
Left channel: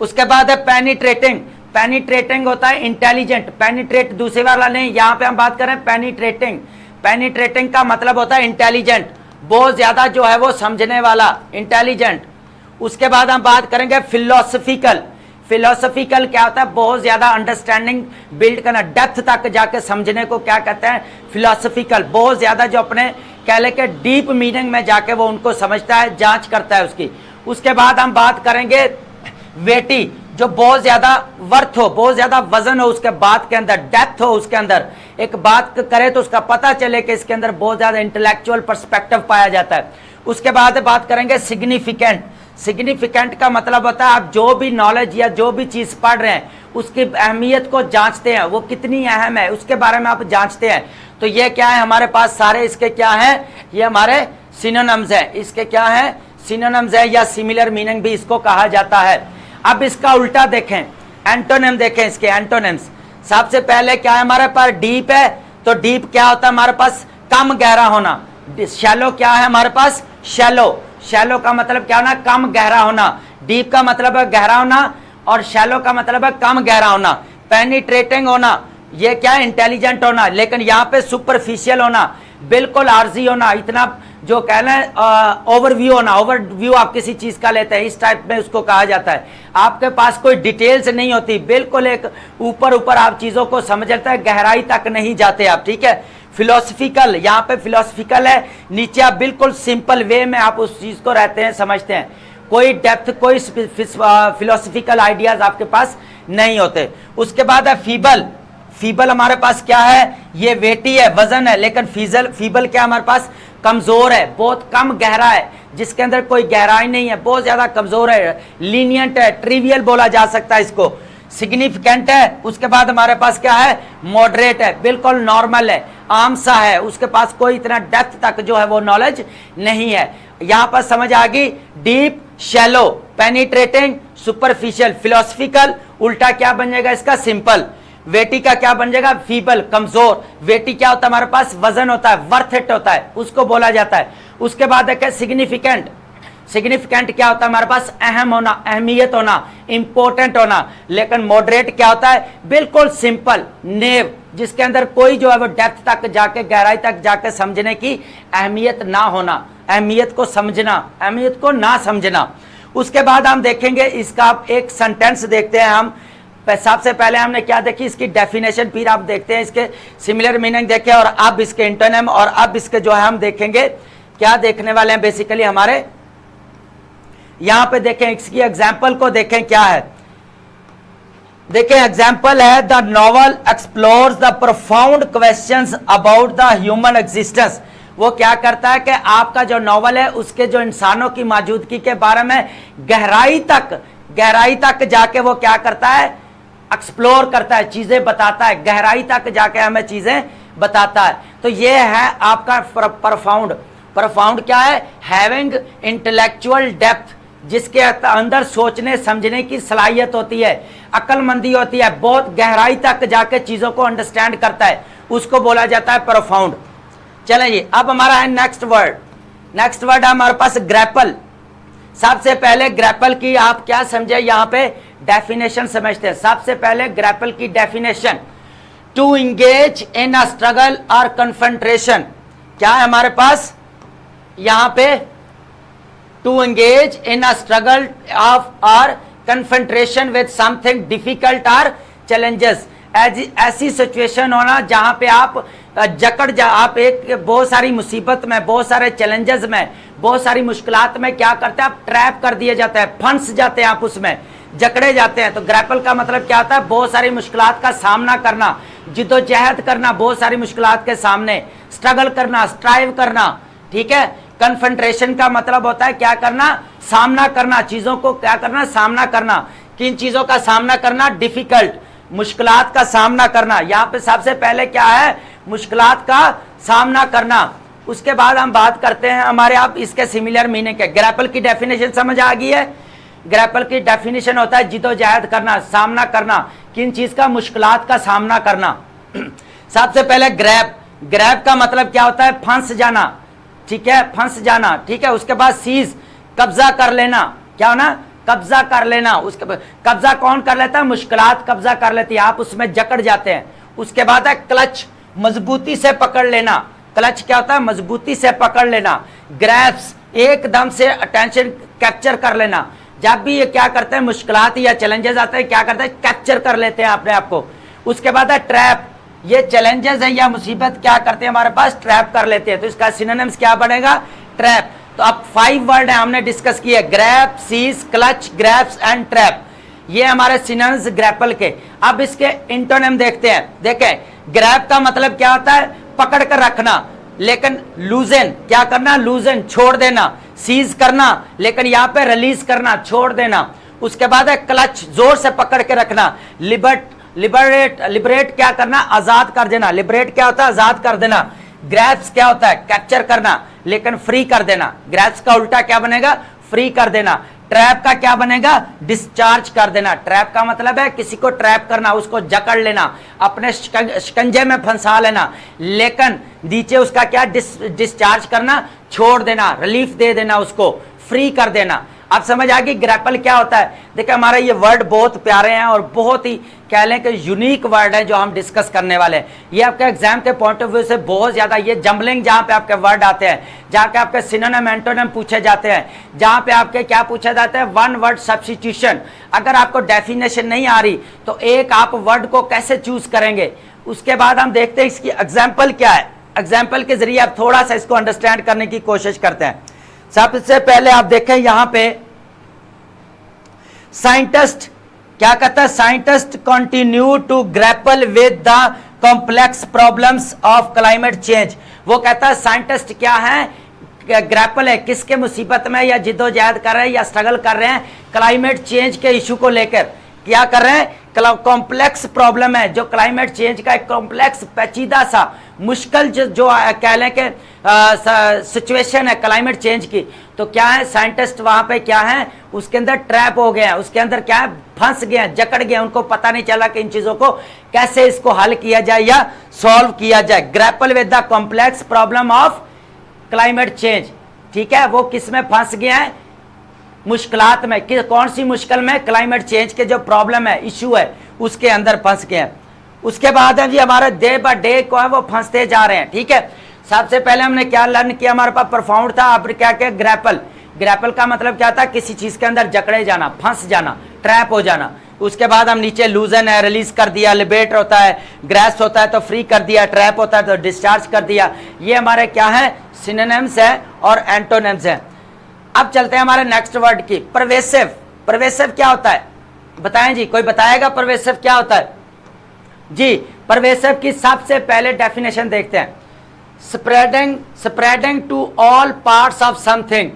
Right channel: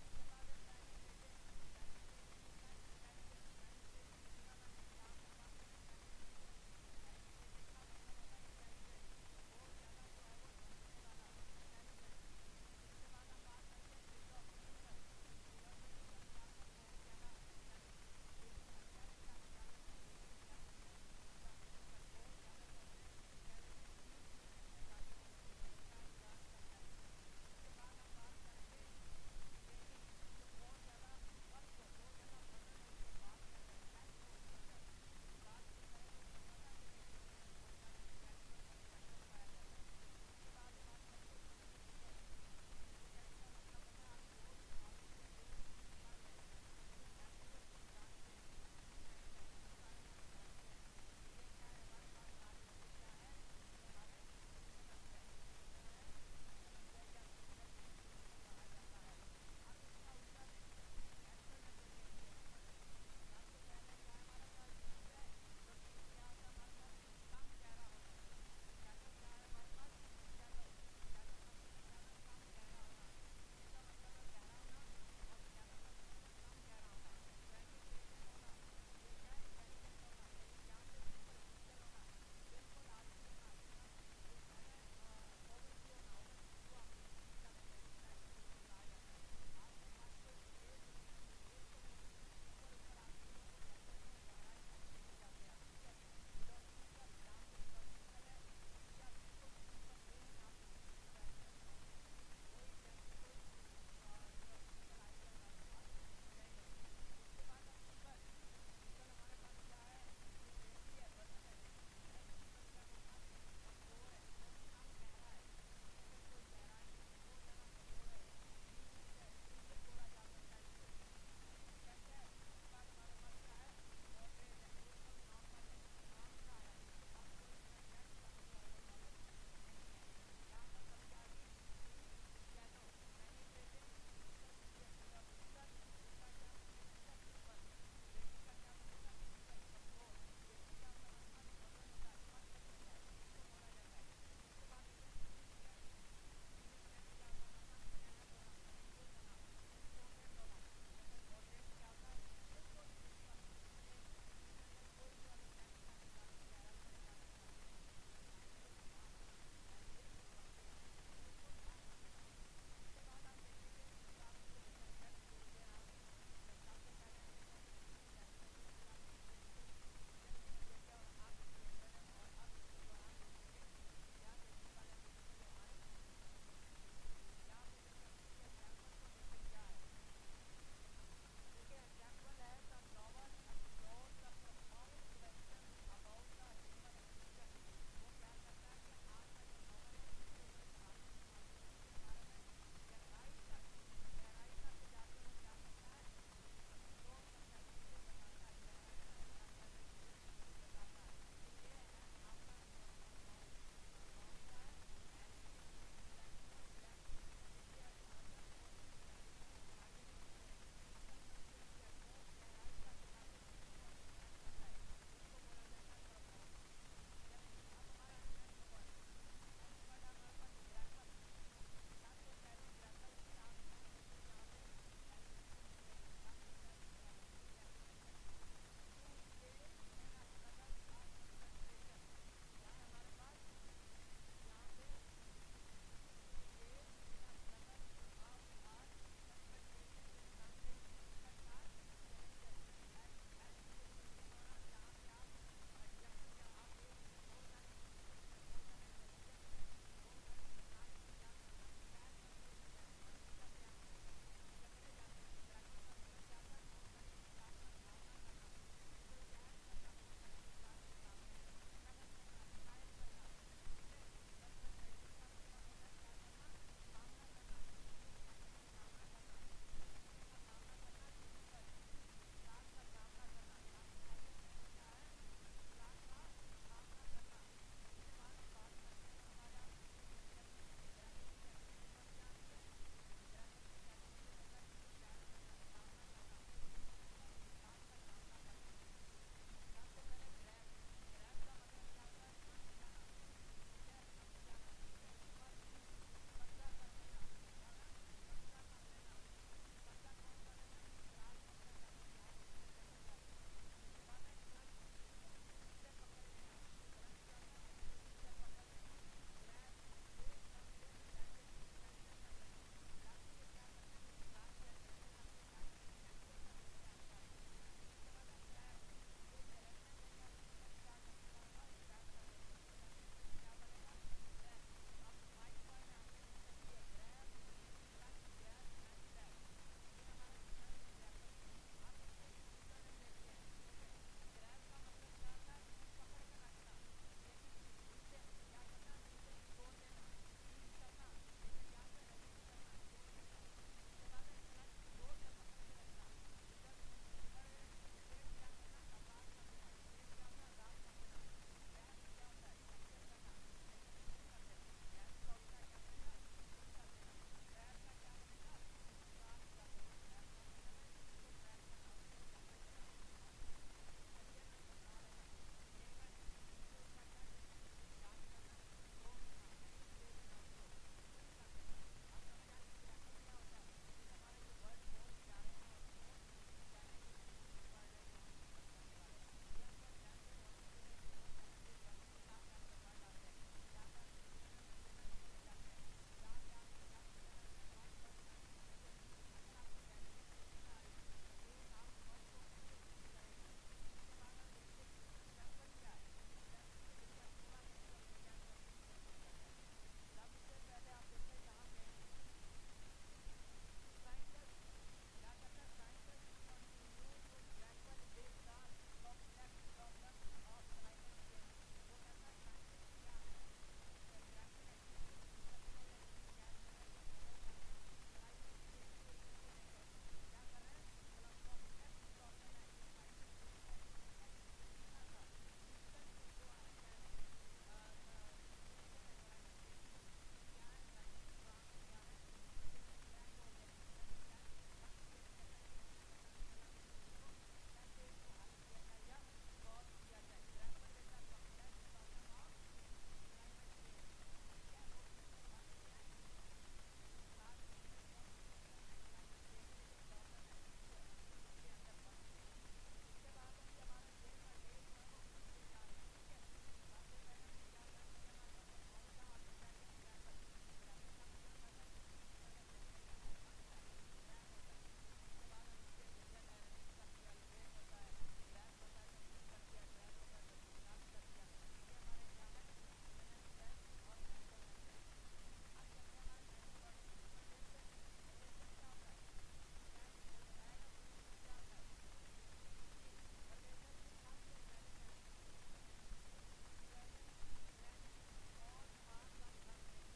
उसके बाद है पेनिट्रेटिंग। पेनिट्रेटिंग होता है इंटेलिजेंट, पेनिट्रेट दूसरे वाला नहीं, यहां पे हम बात करें पेनिट्रेटिंग। पेनिट्रेटिंग का मतलब होता है इंटेलिजेंट, बहुत ज्यादा जो है वो समझने वाला, इंटेलिजेंट। उसके बाद हम बात करेंगे फिलोसफिकल। फिलोसफिकल क्या होता है, बहुत ज्यादा अंडरस्टैंडिंग बिल्ड करना, डेप्थ तक जाके समझने को क्या कहते हैं, फिलोसफिकल। बहुत ज्यादा जो अपने कह ले के डीप मीनिंग में जाके वो उनको समझता है, जांच करता है उसकी। उसके बाद हम बात करेंगे वेटी, जो बहुत ज्यादा वर्थ हो, बहुत ज्यादा वजन हो उसके बात के अंदर, डेप्थ हो उसके अंदर, एक बात करे तो उसका पता चले कि इसके अंदर बहुत ज्यादा इंटेलेक्चुअल पर्सपेक्टिव पाया जाता है। उसके बाद बात करेंगे सिग्निफिकेंट। सिग्निफिकेंट का मतलब होता है आप जो भी नॉलेज या जो भी चीज पढ़ रहे हैं उसकी अहमियत को जांचते हैं, वो कितनी अहम है उसके बारे में आप जांचते हैं। तो ये क्या है हमारे पास सारे इसके क्या है, ये हमारे सिनोनिम्स है, इसके क्या है, सिनोनिम्स है या सिमिलर मीनिंग भी इसको कहा जाता है। अब इसका उल्टा देखें, एंटोनिम देखें, इसके एंटोनिम्स। सबसे पहले क्या है हमारे पास, डीप है, तो डीप क्या होता है हमारे पास, कम गहरा होना। शैलो क्या है हमारे पास, शैलो, शैलो का मतलब क्या होना, कम गहरा होना। डीप का मतलब है गहरा होना और शैलो का मतलब है कम गहरा होना। पेनिट्रेटिंग होना, ये क्या है, इंटेलिजेंट होना, लेकिन यहाँ पे सुपरफिशियल होना, बिल्कुल आर्जी होना, इतना जो कहना है ओवरव्यू होना। ओवरव्यू आप किसी चीज का लेते हैं, इस टाइप में उसको कहा जाता है। आपके पास कोई डिटेल्स नहीं होती, बिल्कुल एक ऊपर ऊपर आप चीजों को समझ लेते हैं, गहराई तक नहीं जाते आप, ठीक है। फिलोसफिकल, यहाँ पे फिलोसफिकल है, नीचे आप बिल्कुल सिंपल वे में आप उस चीज को रहते हैं, समझते हैं, कोई डेप्थ, कोई फिलोसफिकल आइडियाज आपके पास नहीं होते। उसके बाद है फीबल। फीबल हमारे पास क्या है, ये वेटी है, वजन है, लेकिन फीबल क्या हमारे पास, कमजोर है, बहुत कम गहरा है, जिसके अंदर कोई गहराई नहीं है, बहुत ज्यादा कमजोर है, लीनियंट है, ट्रिवियल बोला जा सकता है इसको। सिग्निफिकेंट है, उसके बाद हमारे पास क्या है, मॉडरेट है, बिल्कुल नॉर्मल है, आम सा है, उसके पास कोई इतना डेप्थ तक जो है वो नॉलेज नहीं है। यहां पर समझ आ गई, deep, shallow, penetrating, superficial, philosophical. उल्टा क्या बन जाएगा इसका, सिंपल। वेटी का क्या बन जाएगा, फीबल, कमजोर। वेटी क्या होता है हमारे पास, वजन होता है, वर्थ इट होता है, उसको बोला जाता है। उसके बाद है सिग्निफिकेंट। सिग्निफिकेंट क्या होता है हमारे पास, अहम होना, अहमियत होना, इंपॉर्टेंट होना। लेकिन मॉडरेट क्या होता है, बिल्कुल सिंपल, नेव, जिसके अंदर कोई जो है वो डेप्थ तक जाके, गहराई तक जाके समझने की अहमियत ना होना, अहमियत को समझना, अहमियत को ना समझना। उसके बाद हम देखेंगे इसका एक सेंटेंस देखते हैं हम। सबसे पहले हमने क्या देखी, इसकी डेफिनेशन, फिर आप देखते हैं इसके सिमिलर मीनिंग देखें, और अब इसके इंटोनिम, और अब इसके जो है हम देखेंगे क्या देखने वाले हैं बेसिकली हमारे। यहां पे देखें, इसकी एग्जाम्पल को देखें क्या है। देखें एग्जाम्पल है, the novel explores the profound questions about the human existence. वो क्या करता है कि आपका जो नॉवल है उसके जो इंसानों की मौजूदगी के बारे में गहराई तक जाके वो क्या करता है, एक्सप्लोर करता है, चीजें बताता है, गहराई तक जाके हमें चीजें बताता है। तो ये है आपका प्रोफाउंड। प्रोफाउंड क्या है, हैविंग इंटेलेक्चुअल डेप्थ, जिसके अंदर सोचने समझने की सलाहियत होती है, अक्लमंदी होती है, बहुत गहराई तक जाके चीजों को अंडरस्टैंड करता है, उसको बोला जाता है प्रोफाउंड। चलें जी, अब हमारा है नेक्स्ट वर्ड। नेक्स्ट वर्ड है हमारे पास ग्रैपल। सबसे पहले ग्रैपल की आप क्या समझे, यहां पे डेफिनेशन समझते हैं। सबसे पहले ग्रैपल की definition, to engage in a struggle or confrontation. क्या है हमारे पास यहां पे, to engage in a struggle of or confrontation with something difficult or challenges. ऐसी सिचुएशन होना जहां पे आप आप एक बहुत सारी मुसीबत में, बहुत सारे चैलेंजेस में, बहुत सारी मुश्किलात में क्या करते हैं आप, ट्रैप कर दिए जाते हैं, फंस जाते हैं आप उसमें, जकड़े जाते हैं। तो ग्रैपल का मतलब क्या होता है, बहुत सारी मुश्किलात का सामना करना, जिद्दोजहद करना, बहुत सारी मुश्किलात के सामने स्ट्रगल करना, स्ट्राइव करना, ठीक है। कन्फ्रंटेशन का मतलब होता है क्या करना, सामना करना, चीजों को क्या करना, सामना करना। किन चीजों का सामना करना, डिफिकल्ट, मुश्किलात का सामना करना। यहाँ पे सबसे पहले क्या है, मुश्किलात का सामना करना। उसके बाद हम बात करते हैं हमारे आप इसके सिमिलर मीनिंग के। ग्रैपल की डेफिनेशन समझ आ गई है। ग्रैपल की डेफिनेशन होता है जिदोजहद करना, सामना करना, किन चीज का, मुश्किलात का सामना करना। सबसे पहले ग्रैप, ग्रैप का मतलब क्या होता है, फंस जाना, ठीक है, फंस जाना, ठीक है। उसके बाद सीज, कब्जा कर लेना, क्या होना, कब्जा कर लेना, उसके कब्जा कौन कर लेता है? मुश्किलात कब्जा कर लेती है, आप उसमें जकड़ जाते हैं। उसके बाद है क्लच, मजबूती से पकड़ लेना। क्लच क्या होता है? मजबूती से पकड़ लेना। ग्रैप्स, एकदम से अटेंशन कैप्चर कर लेना। जब भी ये क्या करते हैं, मुश्किलात या चैलेंजेस आते हैं, क्या करते हैं? कैप्चर कर लेते हैं अपने आप को। उसके बाद है ट्रैप, ये चैलेंजेस है या मुसीबत क्या करते हैं हमारे पास? ट्रैप कर लेते हैं। तो इसका सिनोनिम्स क्या बनेगा? ट्रैप। तो अब 5 वर्ड है हमने डिस्कस किए, grab, seize, clutch, grasps and trap. ये हमारे सिनोनिम्स ग्रैपल के। अब इसके इंटोनिम देखते हैं। देखें, ग्रैप का मतलब क्या होता है? पकड़ कर रखना, लेकिन लूजन क्या करना? लूजन, छोड़ देना। सीज करना, लेकिन यहां पे रिलीज करना, छोड़ देना। उसके बाद है क्लच, जोर से पकड़ के रखना। लिबरेट क्या करना? आजाद कर देना। लिबरेट क्या होता है? आजाद कर देना। ग्रैप्स क्या होता है? कैप्चर करना, लेकिन फ्री कर देना। ग्रैप्स का उल्टा क्या बनेगा? फ्री कर देना। ट्रैप का क्या बनेगा? डिस्चार्ज कर देना। ट्रैप का मतलब है किसी को ट्रैप करना, उसको जकड़ लेना, अपने शिकंजे में फंसा लेना, लेकिन नीचे उसका क्या? डिस्चार्ज करना, छोड़ देना, रिलीफ दे देना, उसको फ्री कर देना। आप समझ आ गई ग्रैपल क्या होता है? देखिए, हमारा ये वर्ड बहुत प्यारे हैं और बहुत ही कह लें कि यूनिक वर्ड है जो हम डिस्कस करने वाले हैं। ये आपके एग्जाम के पॉइंट ऑफ व्यू से बहुत ज्यादा, ये जंबलिंग जहां पे आपके वर्ड आते हैं, जहां पे आपके सिनोनिम एंटोनिम पूछे जाते हैं, जहां पे आपके क्या पूछा जाता है? One word substitution. अगर आपको डेफिनेशन नहीं आ रही तो एक आप वर्ड को कैसे चूज करेंगे? उसके बाद हम देखते हैं इसकी एग्जाम्पल क्या है। एग्जाम्पल के जरिए आप थोड़ा सा इसको अंडरस्टैंड करने की कोशिश करते हैं। सबसे पहले आप देखें यहां पे साइंटिस्ट क्या कहता है? Scientist continue to grapple with the complex problems of climate change. वो कहता है साइंटिस्ट क्या है? ग्रैपल है, किसके मुसीबत में या जिद्दोजहद कर रहे हैं या स्ट्रगल कर रहे हैं? क्लाइमेट चेंज के इशू को लेकर क्या कर रहे हैं? कॉम्प्लेक्स प्रॉब्लम है, जो क्लाइमेट चेंज का एक कॉम्प्लेक्स पेचीदा सा मुश्किल जो कह लें कि सिचुएशन है क्लाइमेट चेंज की, तो क्या है? साइंटिस्ट वहां पे क्या है? उसके अंदर ट्रैप हो गए हैं, उसके अंदर क्या है? फंस गए हैं, जकड़ गए, उनको पता नहीं चला कि इन चीजों को कैसे इसको हल किया जाए या सॉल्व किया जाए। Grapple with the complex problem of climate change. ठीक है, वो किस में फंस गए हैं? मुश्किलात में। कौन सी मुश्किल में? क्लाइमेट चेंज के जो प्रॉब्लम है, इशू है, उसके अंदर फंस गए हैं। उसके बाद है जी हमारे डे बाय डे को है वो फंसते जा रहे हैं। ठीक है, सबसे पहले हमने क्या लर्न किया? हमारे पास परफाउंड था, अब क्या क्या? ग्रैपल। ग्रैपल का मतलब क्या था? किसी चीज के अंदर जकड़े जाना, फंस जाना, ट्रैप हो जाना। उसके बाद हम नीचे लूजन है, रिलीज कर दिया। लिबरेट होता है, ग्रैस्प होता है तो फ्री कर दिया, ट्रैप होता है तो डिस्चार्ज कर दिया। ये हमारे क्या है? सिनोनिम्स है और एंटोनिम्स है। अब चलते हैं हमारे नेक्स्ट वर्ड की, परवेसिव। परवेसिव क्या होता है? बताएं जी, कोई बताएगा परवेसिव क्या होता है? जी, परवेसिव की सबसे पहले डेफिनेशन देखते हैं। Spreading to all parts of something.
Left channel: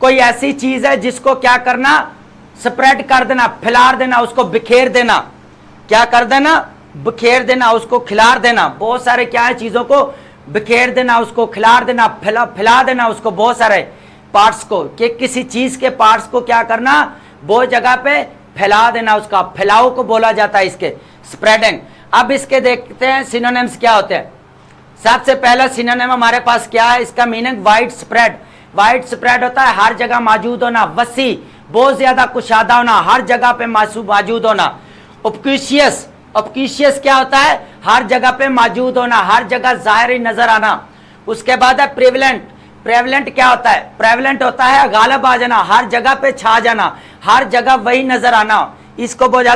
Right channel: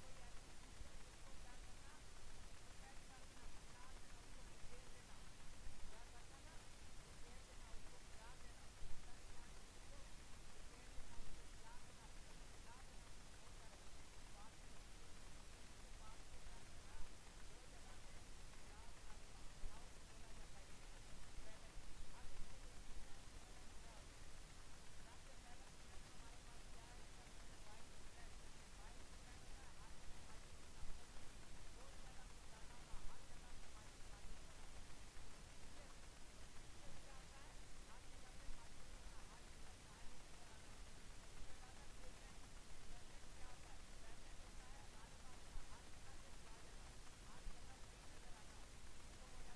कोई ऐसी चीज है जिसको क्या करना? स्प्रेड कर देना, फैला देना, उसको बिखेर देना। क्या कर देना? बिखेर देना, उसको खिलार देना। बहुत सारे क्या है? चीजों को बिखेर देना, उसको खिलार देना, फैला देना, उसको बहुत सारे पार्ट्स को, कि किसी चीज के पार्ट्स को क्या करना? बहुत जगह पे फैला देना, उसका फैलाव को बोला जाता है इसके, स्प्रेडिंग। अब इसके देखते हैं सिनोनिम्स क्या होते हैं। सबसे पहला सिनोनिम हमारे पास क्या है? इसका meaning wide spread. Wide spread होता है हर जगह मौजूद होना, वसी, बहुत ज्यादा कुशादा होना, हर जगह पे मौजूद होना। ऑब्क्यूशियस, ऑब्क्यूशियस क्या होता है? हर जगह पे मौजूद होना, हर जगह जाहिर नजर आना। उसके बाद है प्रेवलेंट। प्रेवलेंट क्या होता है? प्रेवलेंट होता है गालिब आ जाना, हर जगह पे छा जाना, हर जगह वही नजर आना, इसको बोला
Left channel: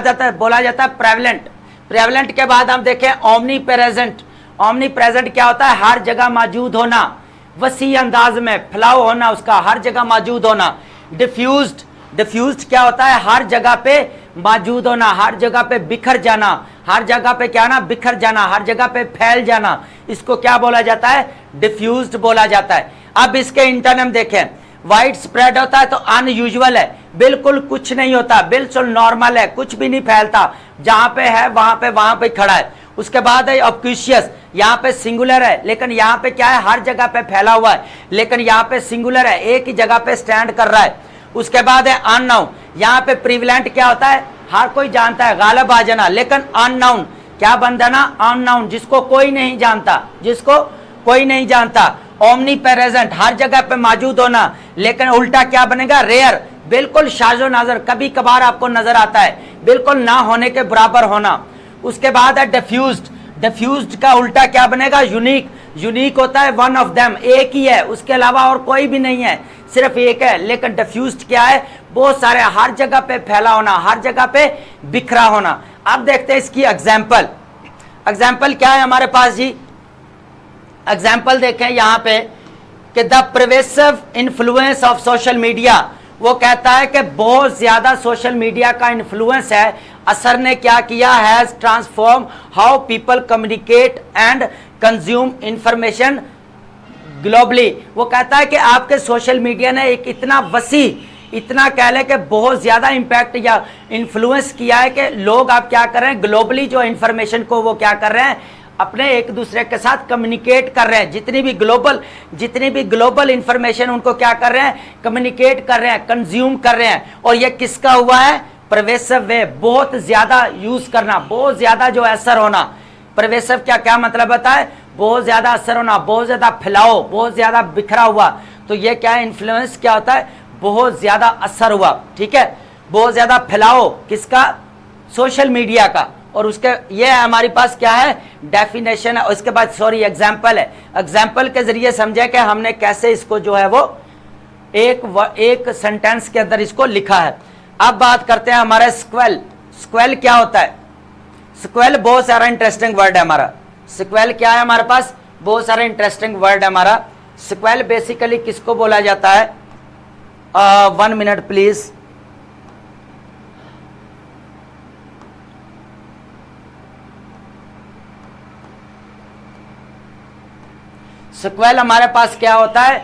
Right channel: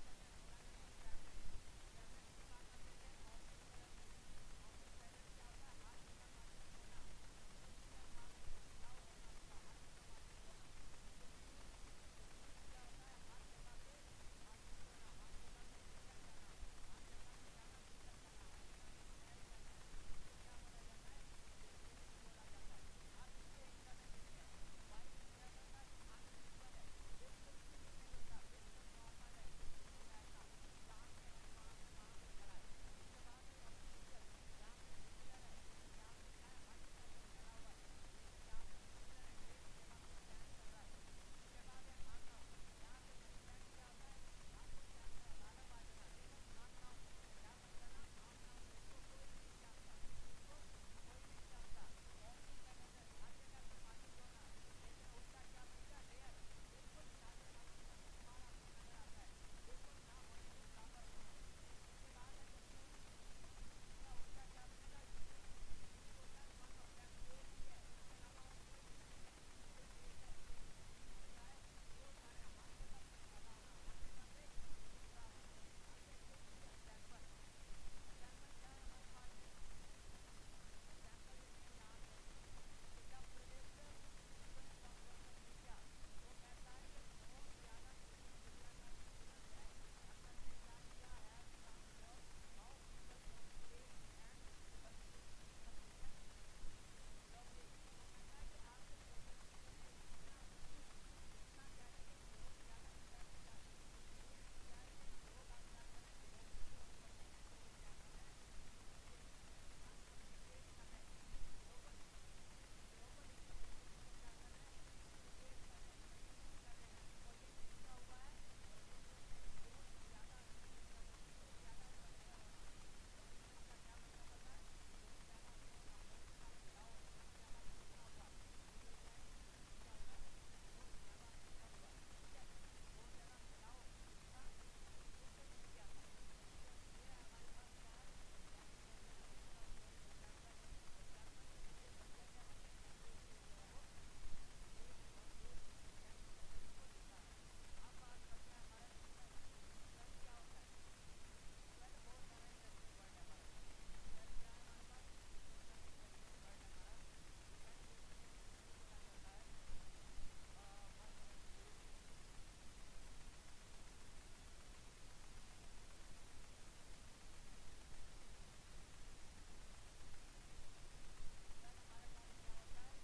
जाता है प्रेवलेंट। प्रेवलेंट के बाद हम देखें ओमनी प्रेजेंट। ओमनी प्रेजेंट क्या होता है? हर जगह मौजूद होना, वसी अंदाज में फैलाव होना, उसका हर जगह मौजूद होना। डिफ्यूज्ड, डिफ्यूज्ड क्या होता है? हर जगह पे मौजूद होना, हर जगह पे बिखर जाना, हर जगह पे क्या ना? बिखर जाना, हर जगह पे फैल जाना, इसको क्या बोला जाता है? डिफ्यूज्ड बोला जाता है। अब इसके इंटरनम देखें, वाइड स्प्रेड होता है तो अनयूजुअल है, बिल्कुल कुछ नहीं होता, बिल्कुल नॉर्मल है, कुछ भी नहीं फैलता, जहां पे है वहां पे खड़ा है। उसके बाद है ऑब्क्यूशियस, यहाँ पे सिंगुलर है, लेकिन यहाँ पे क्या है? हर जगह पे फैला हुआ है, लेकिन यहाँ पे सिंगुलर है, एक ही जगह पे स्टैंड कर रहा है। उसके बाद है अननाउन। यहाँ पे प्रिविलेंट क्या होता है? हर कोई जानता है, गालिब आ जाना, लेकिन अननाउन क्या बन जाना? अननाउन, जिसको कोई नहीं जानता, जिसको कोई नहीं जानता। ओमनी प्रेजेंट, हर जगह पे मौजूद होना, लेकिन उल्टा क्या बनेगा? रेयर, बिल्कुल शाजो नाजर, कभी कभार आपको नजर आता है, बिल्कुल ना होने के बराबर होना। उसके बाद है डिफ्यूज्ड। डिफ्यूज्ड का उल्टा क्या बनेगा? यूनिक। यूनिक होता है वन ऑफ देम, एक ही है, उसके अलावा और कोई भी नहीं है, सिर्फ एक है। लेकिन डिफ्यूज्ड क्या है? बहुत सारे, हर जगह पे फैला होना, हर जगह पे बिखरा होना। अब देखते हैं इसकी एग्जाम्पल। एग्जाम्पल क्या है हमारे पास जी? एग्जाम्पल देखें यहां पे कि the pervasive influence of social media. वो कहता है कि बहुत ज्यादा सोशल मीडिया का इन्फ्लुएंस है, असर ने क्या किया? Has transform how people communicate and consume information globally. वो कहता है कि आपके सोशल मीडिया ने एक इतना वसी, इतना कह लें कि बहुत ज्यादा इंपैक्ट या इन्फ्लुएंस किया है कि लोग आप क्या कर रहे हैं, ग्लोबली जो इंफॉर्मेशन को वो क्या कर रहे हैं, अपने एक दूसरे के साथ कम्युनिकेट कर रहे हैं। जितनी भी ग्लोबल इंफॉर्मेशन उनको क्या कर रहे हैं? कम्युनिकेट कर रहे हैं, कंज्यूम कर रहे हैं। और ये किसका हुआ है? परवेसिव वे, बहुत ज्यादा यूज करना, बहुत ज्यादा जो असर होना। परवेसिव क्या क्या मतलब होता है? बहुत ज्यादा असर होना, बहुत ज्यादा फैलाव, बहुत ज्यादा बिखरा हुआ। तो ये क्या है? इन्फ्लुएंस क्या होता है? बहुत ज्यादा असर हुआ, ठीक है, बहुत ज्यादा फैलाव किसका? सोशल मीडिया का। और उसके ये हमारे पास क्या है? डेफिनेशन है। उसके बाद सॉरी एग्जाम्पल है। एग्जाम्पल के जरिए समझे कि हमने कैसे इसको जो है वो एक सेंटेंस के अंदर इसको लिखा है। अब बात करते हैं हमारा स्क्वेल। स्क्वेल क्या होता है? स्क्वेल बहुत सारा इंटरेस्टिंग वर्ड है हमारा। स्क्वेल क्या है हमारे पास? बहुत सारा इंटरेस्टिंग वर्ड है हमारा। स्क्वेल बेसिकली किसको बोला जाता है? 1 मिनट प्लीज। स्क्वेल हमारे पास क्या होता है?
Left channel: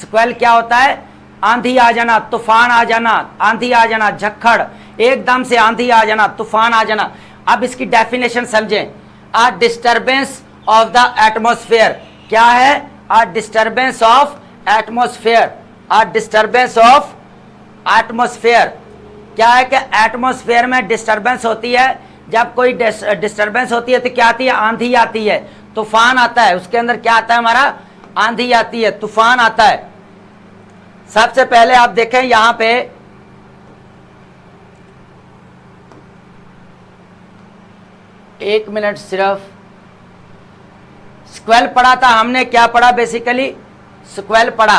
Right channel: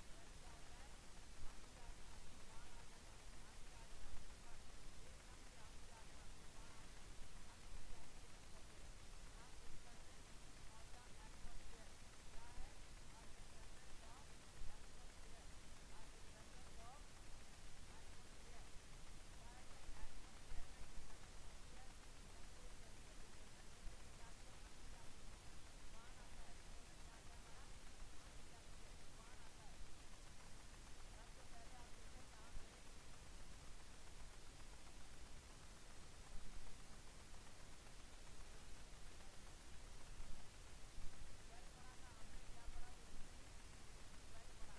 स्क्वेल क्या होता है? आंधी आ जाना, तूफान आ जाना, आंधी आ जाना, झक्खड़, एकदम से आंधी आ जाना, तूफान आ जाना। अब इसकी डेफिनेशन समझें। A disturbance of the atmosphere. क्या है? A disturbance of atmosphere. A disturbance of atmosphere क्या है? कि एटमॉस्फेयर में डिस्टर्बेंस होती है। जब कोई डिस्टर्बेंस होती है तो क्या आती है? आंधी आती है, तूफान आता है। उसके अंदर क्या आता है हमारा? आंधी आती है, तूफान आता है। सबसे पहले आप देखें यहां पे एक मिनट सिर्फ। स्क्वेल पढ़ा था हमने, क्या पढ़ा? बेसिकली स्क्वेल पढ़ा।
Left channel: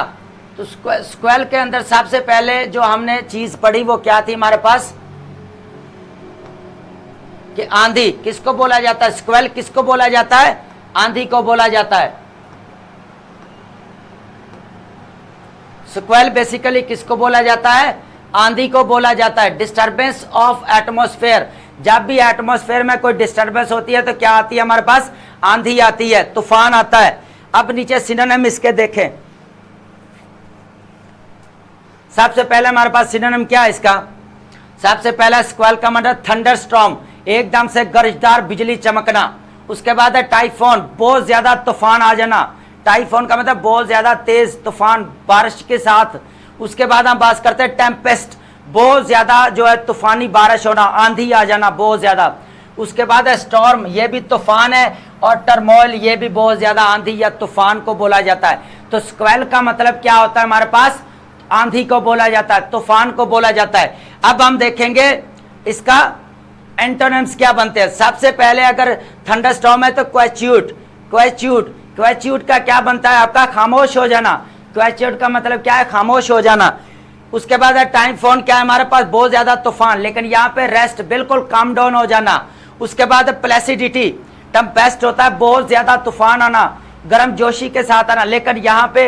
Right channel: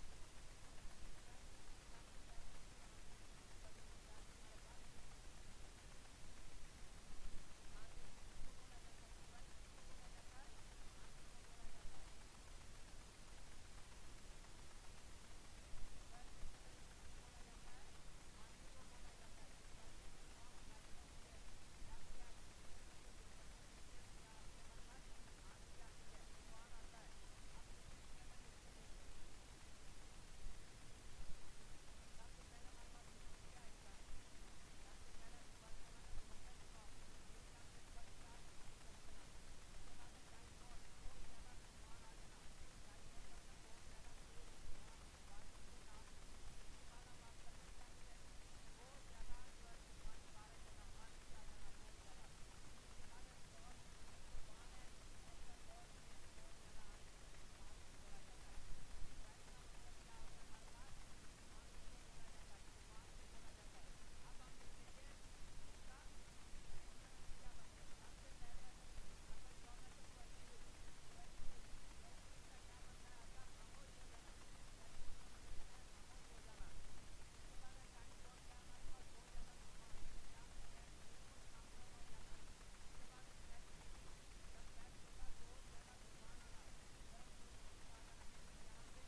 तो स्क्वेल के अंदर सबसे पहले जो हमने चीज पढ़ी वो क्या थी हमारे पास? कि आंधी किसको बोला जाता है? स्क्वेल किसको बोला जाता है? आंधी को बोला जाता है। स्क्वेल बेसिकली किसको बोला जाता है? आंधी को बोला जाता है। डिस्टर्बेंस ऑफ एटमॉस्फेयर, जब भी एटमॉस्फेयर में कोई डिस्टर्बेंस होती है तो क्या आती है हमारे पास? आंधी आती है, तूफान आता है। अब नीचे सिनोनिम इसके देखें। सबसे पहले हमारे पास सिनोनिम क्या है इसका? सबसे पहला स्क्वेल का मतलब थंडर स्टॉर्म, एकदम से गरजदार बिजली चमकना। उसके बाद है टाइफोन, बहुत ज्यादा तूफान आ जाना। टाइफोन का मतलब बहुत ज्यादा तेज तूफान बारिश के साथ। उसके बाद हम बात करते हैं टेम्पेस्ट, बहुत ज्यादा जो है तूफानी बारिश होना, आंधी आ जाना बहुत ज्यादा। उसके बाद है स्टॉर्म, ये भी तूफान है, और टर्मोइल ये भी बहुत ज्यादा आंधी या तूफान को बोला जाता है। तो स्क्वेल का मतलब क्या होता है हमारे पास? आंधी को बोला जाता है, तूफान को बोला जाता है। अब हम देखेंगे इसका एंटोनिम्स क्या बनते हैं। सबसे पहले अगर थंडरस्टॉर्म है तो क्वेच्यूट। क्वेच्यूट क्वेच्यूट का क्या बनता है आपका? खामोश हो जाना। क्वेच्यूट का मतलब क्या है? खामोश हो जाना। उसके बाद है टाइफोन, क्या है हमारे पास? बहुत ज्यादा तूफान, लेकिन यहाँ पे रेस्ट, बिल्कुल काम डाउन हो जाना। उसके बाद है प्लेसिडिटी, टेम्पेस्ट होता है बहुत ज्यादा तूफान आना, गर्म जोशी के साथ आना, लेकिन यहाँ पे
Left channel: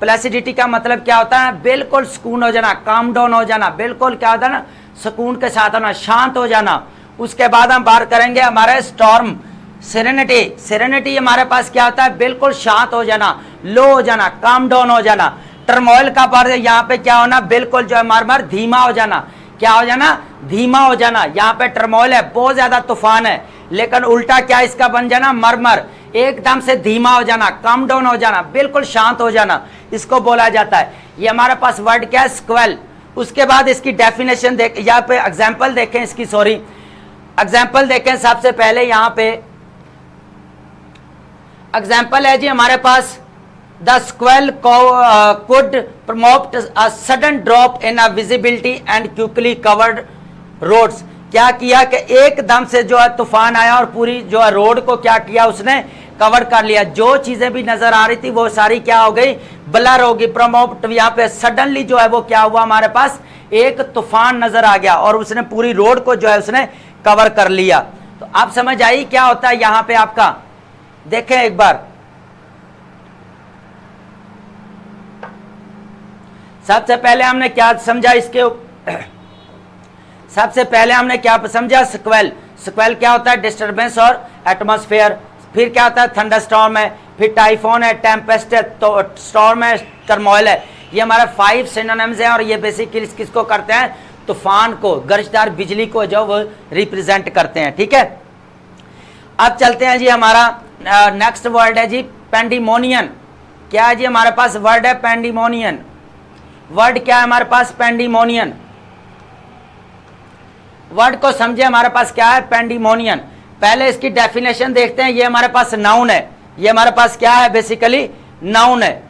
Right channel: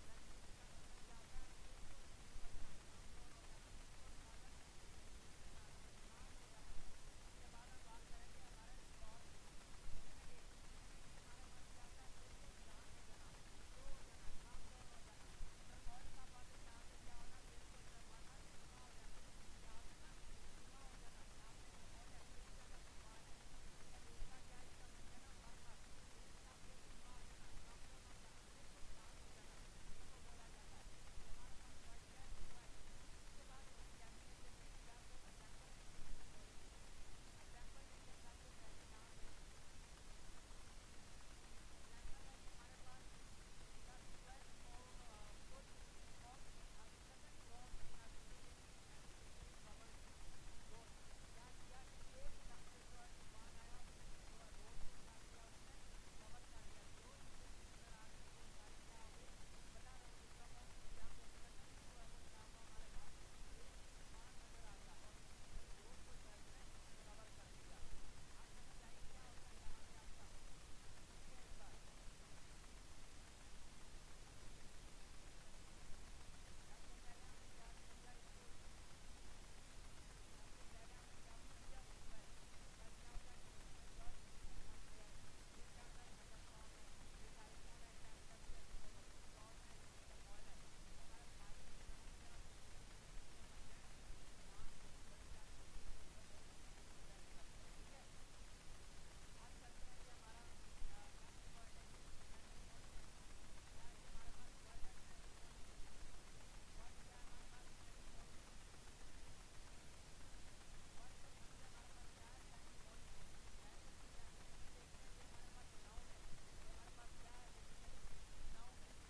प्लेसिडिटी का मतलब क्या होता है? बिल्कुल सुकून हो जाना, काम डाउन हो जाना, बिल्कुल क्या होता है ना, सुकून के साथ आना, शांत हो जाना। उसके बाद हम बात करेंगे हमारे स्टॉर्म, सेरेनिटी। सेरेनिटी हमारे पास क्या होता है? बिल्कुल शांत हो जाना, लो हो जाना, काम डाउन हो जाना। टर्मोइल का पार्ट यहाँ पे क्या होना? बिल्कुल जो है मार धीमा हो जाना। क्या हो जाना? धीमा हो जाना। यहाँ पे टर्मोइल है, बहुत ज्यादा तूफान है, लेकिन उल्टा क्या इसका बन जाना? मरमर, एकदम से धीमा हो जाना, कम डाउन हो जाना, बिल्कुल शांत हो जाना, इसको बोला जाता है। ये हमारे पास वर्ड क्या है? स्क्वेल। उसके बाद इसकी डेफिनेशन देख, यहाँ पे एग्जाम्पल देखें इसकी, सॉरी एग्जाम्पल देखें। सबसे पहले यहाँ पे एग्जाम्पल है जी हमारे पास the sequel could promote a sudden drop in a visibility and quickly covered roads। क्या किया कि एकदम से जो है तूफान आया और पूरी जो है रोड को क्या किया, उसने कवर कर लिया। जो चीजें भी नजर आ रही थी वो सारी क्या हो गई, ब्लर होगी। प्रमोट यहाँ पे सडनली जो है वो क्या हुआ, हमारे पास एक तूफान नजर आ गया और उसने पूरी रोड को जो है उसने कवर कर लिया। तो आप समझ आई क्या होता है यहां पे आपका, देखें एक बार। सबसे पहले हमने क्या समझा इसके सबसे पहले हमने क्या समझा, स्क्वेल। स्क्वेल क्या होता है, डिस्टरबेंस और एटमॉस्फेयर। फिर क्या होता है, थंडरस्टॉर्म है। फिर टाइफोन है, टेम्पेस्ट है, तो स्टॉर्म है, टर्मोइल है। ये हमारे 5 सिनोनिम्स हैं और ये बेसिकली किसको करते हैं, तूफान को, गर्जदार बिजली को जो वो रिप्रेजेंट करते हैं। ठीक है, अब चलते हैं जी, हमारा नेक्स्ट वर्ड है जी पेंडिमोनियन। क्या है जी हमारे पास वर्ड है पेंडिमोनियन। वर्ड क्या है हमारे पास, पेंडिमोनियन। वर्ड को समझे, हमारे पास क्या है पेंडिमोनियन। पहले इसकी डेफिनेशन देखते हैं। ये हमारे पास नाउन है, ये हमारे पास क्या है, बेसिकली नाउन है।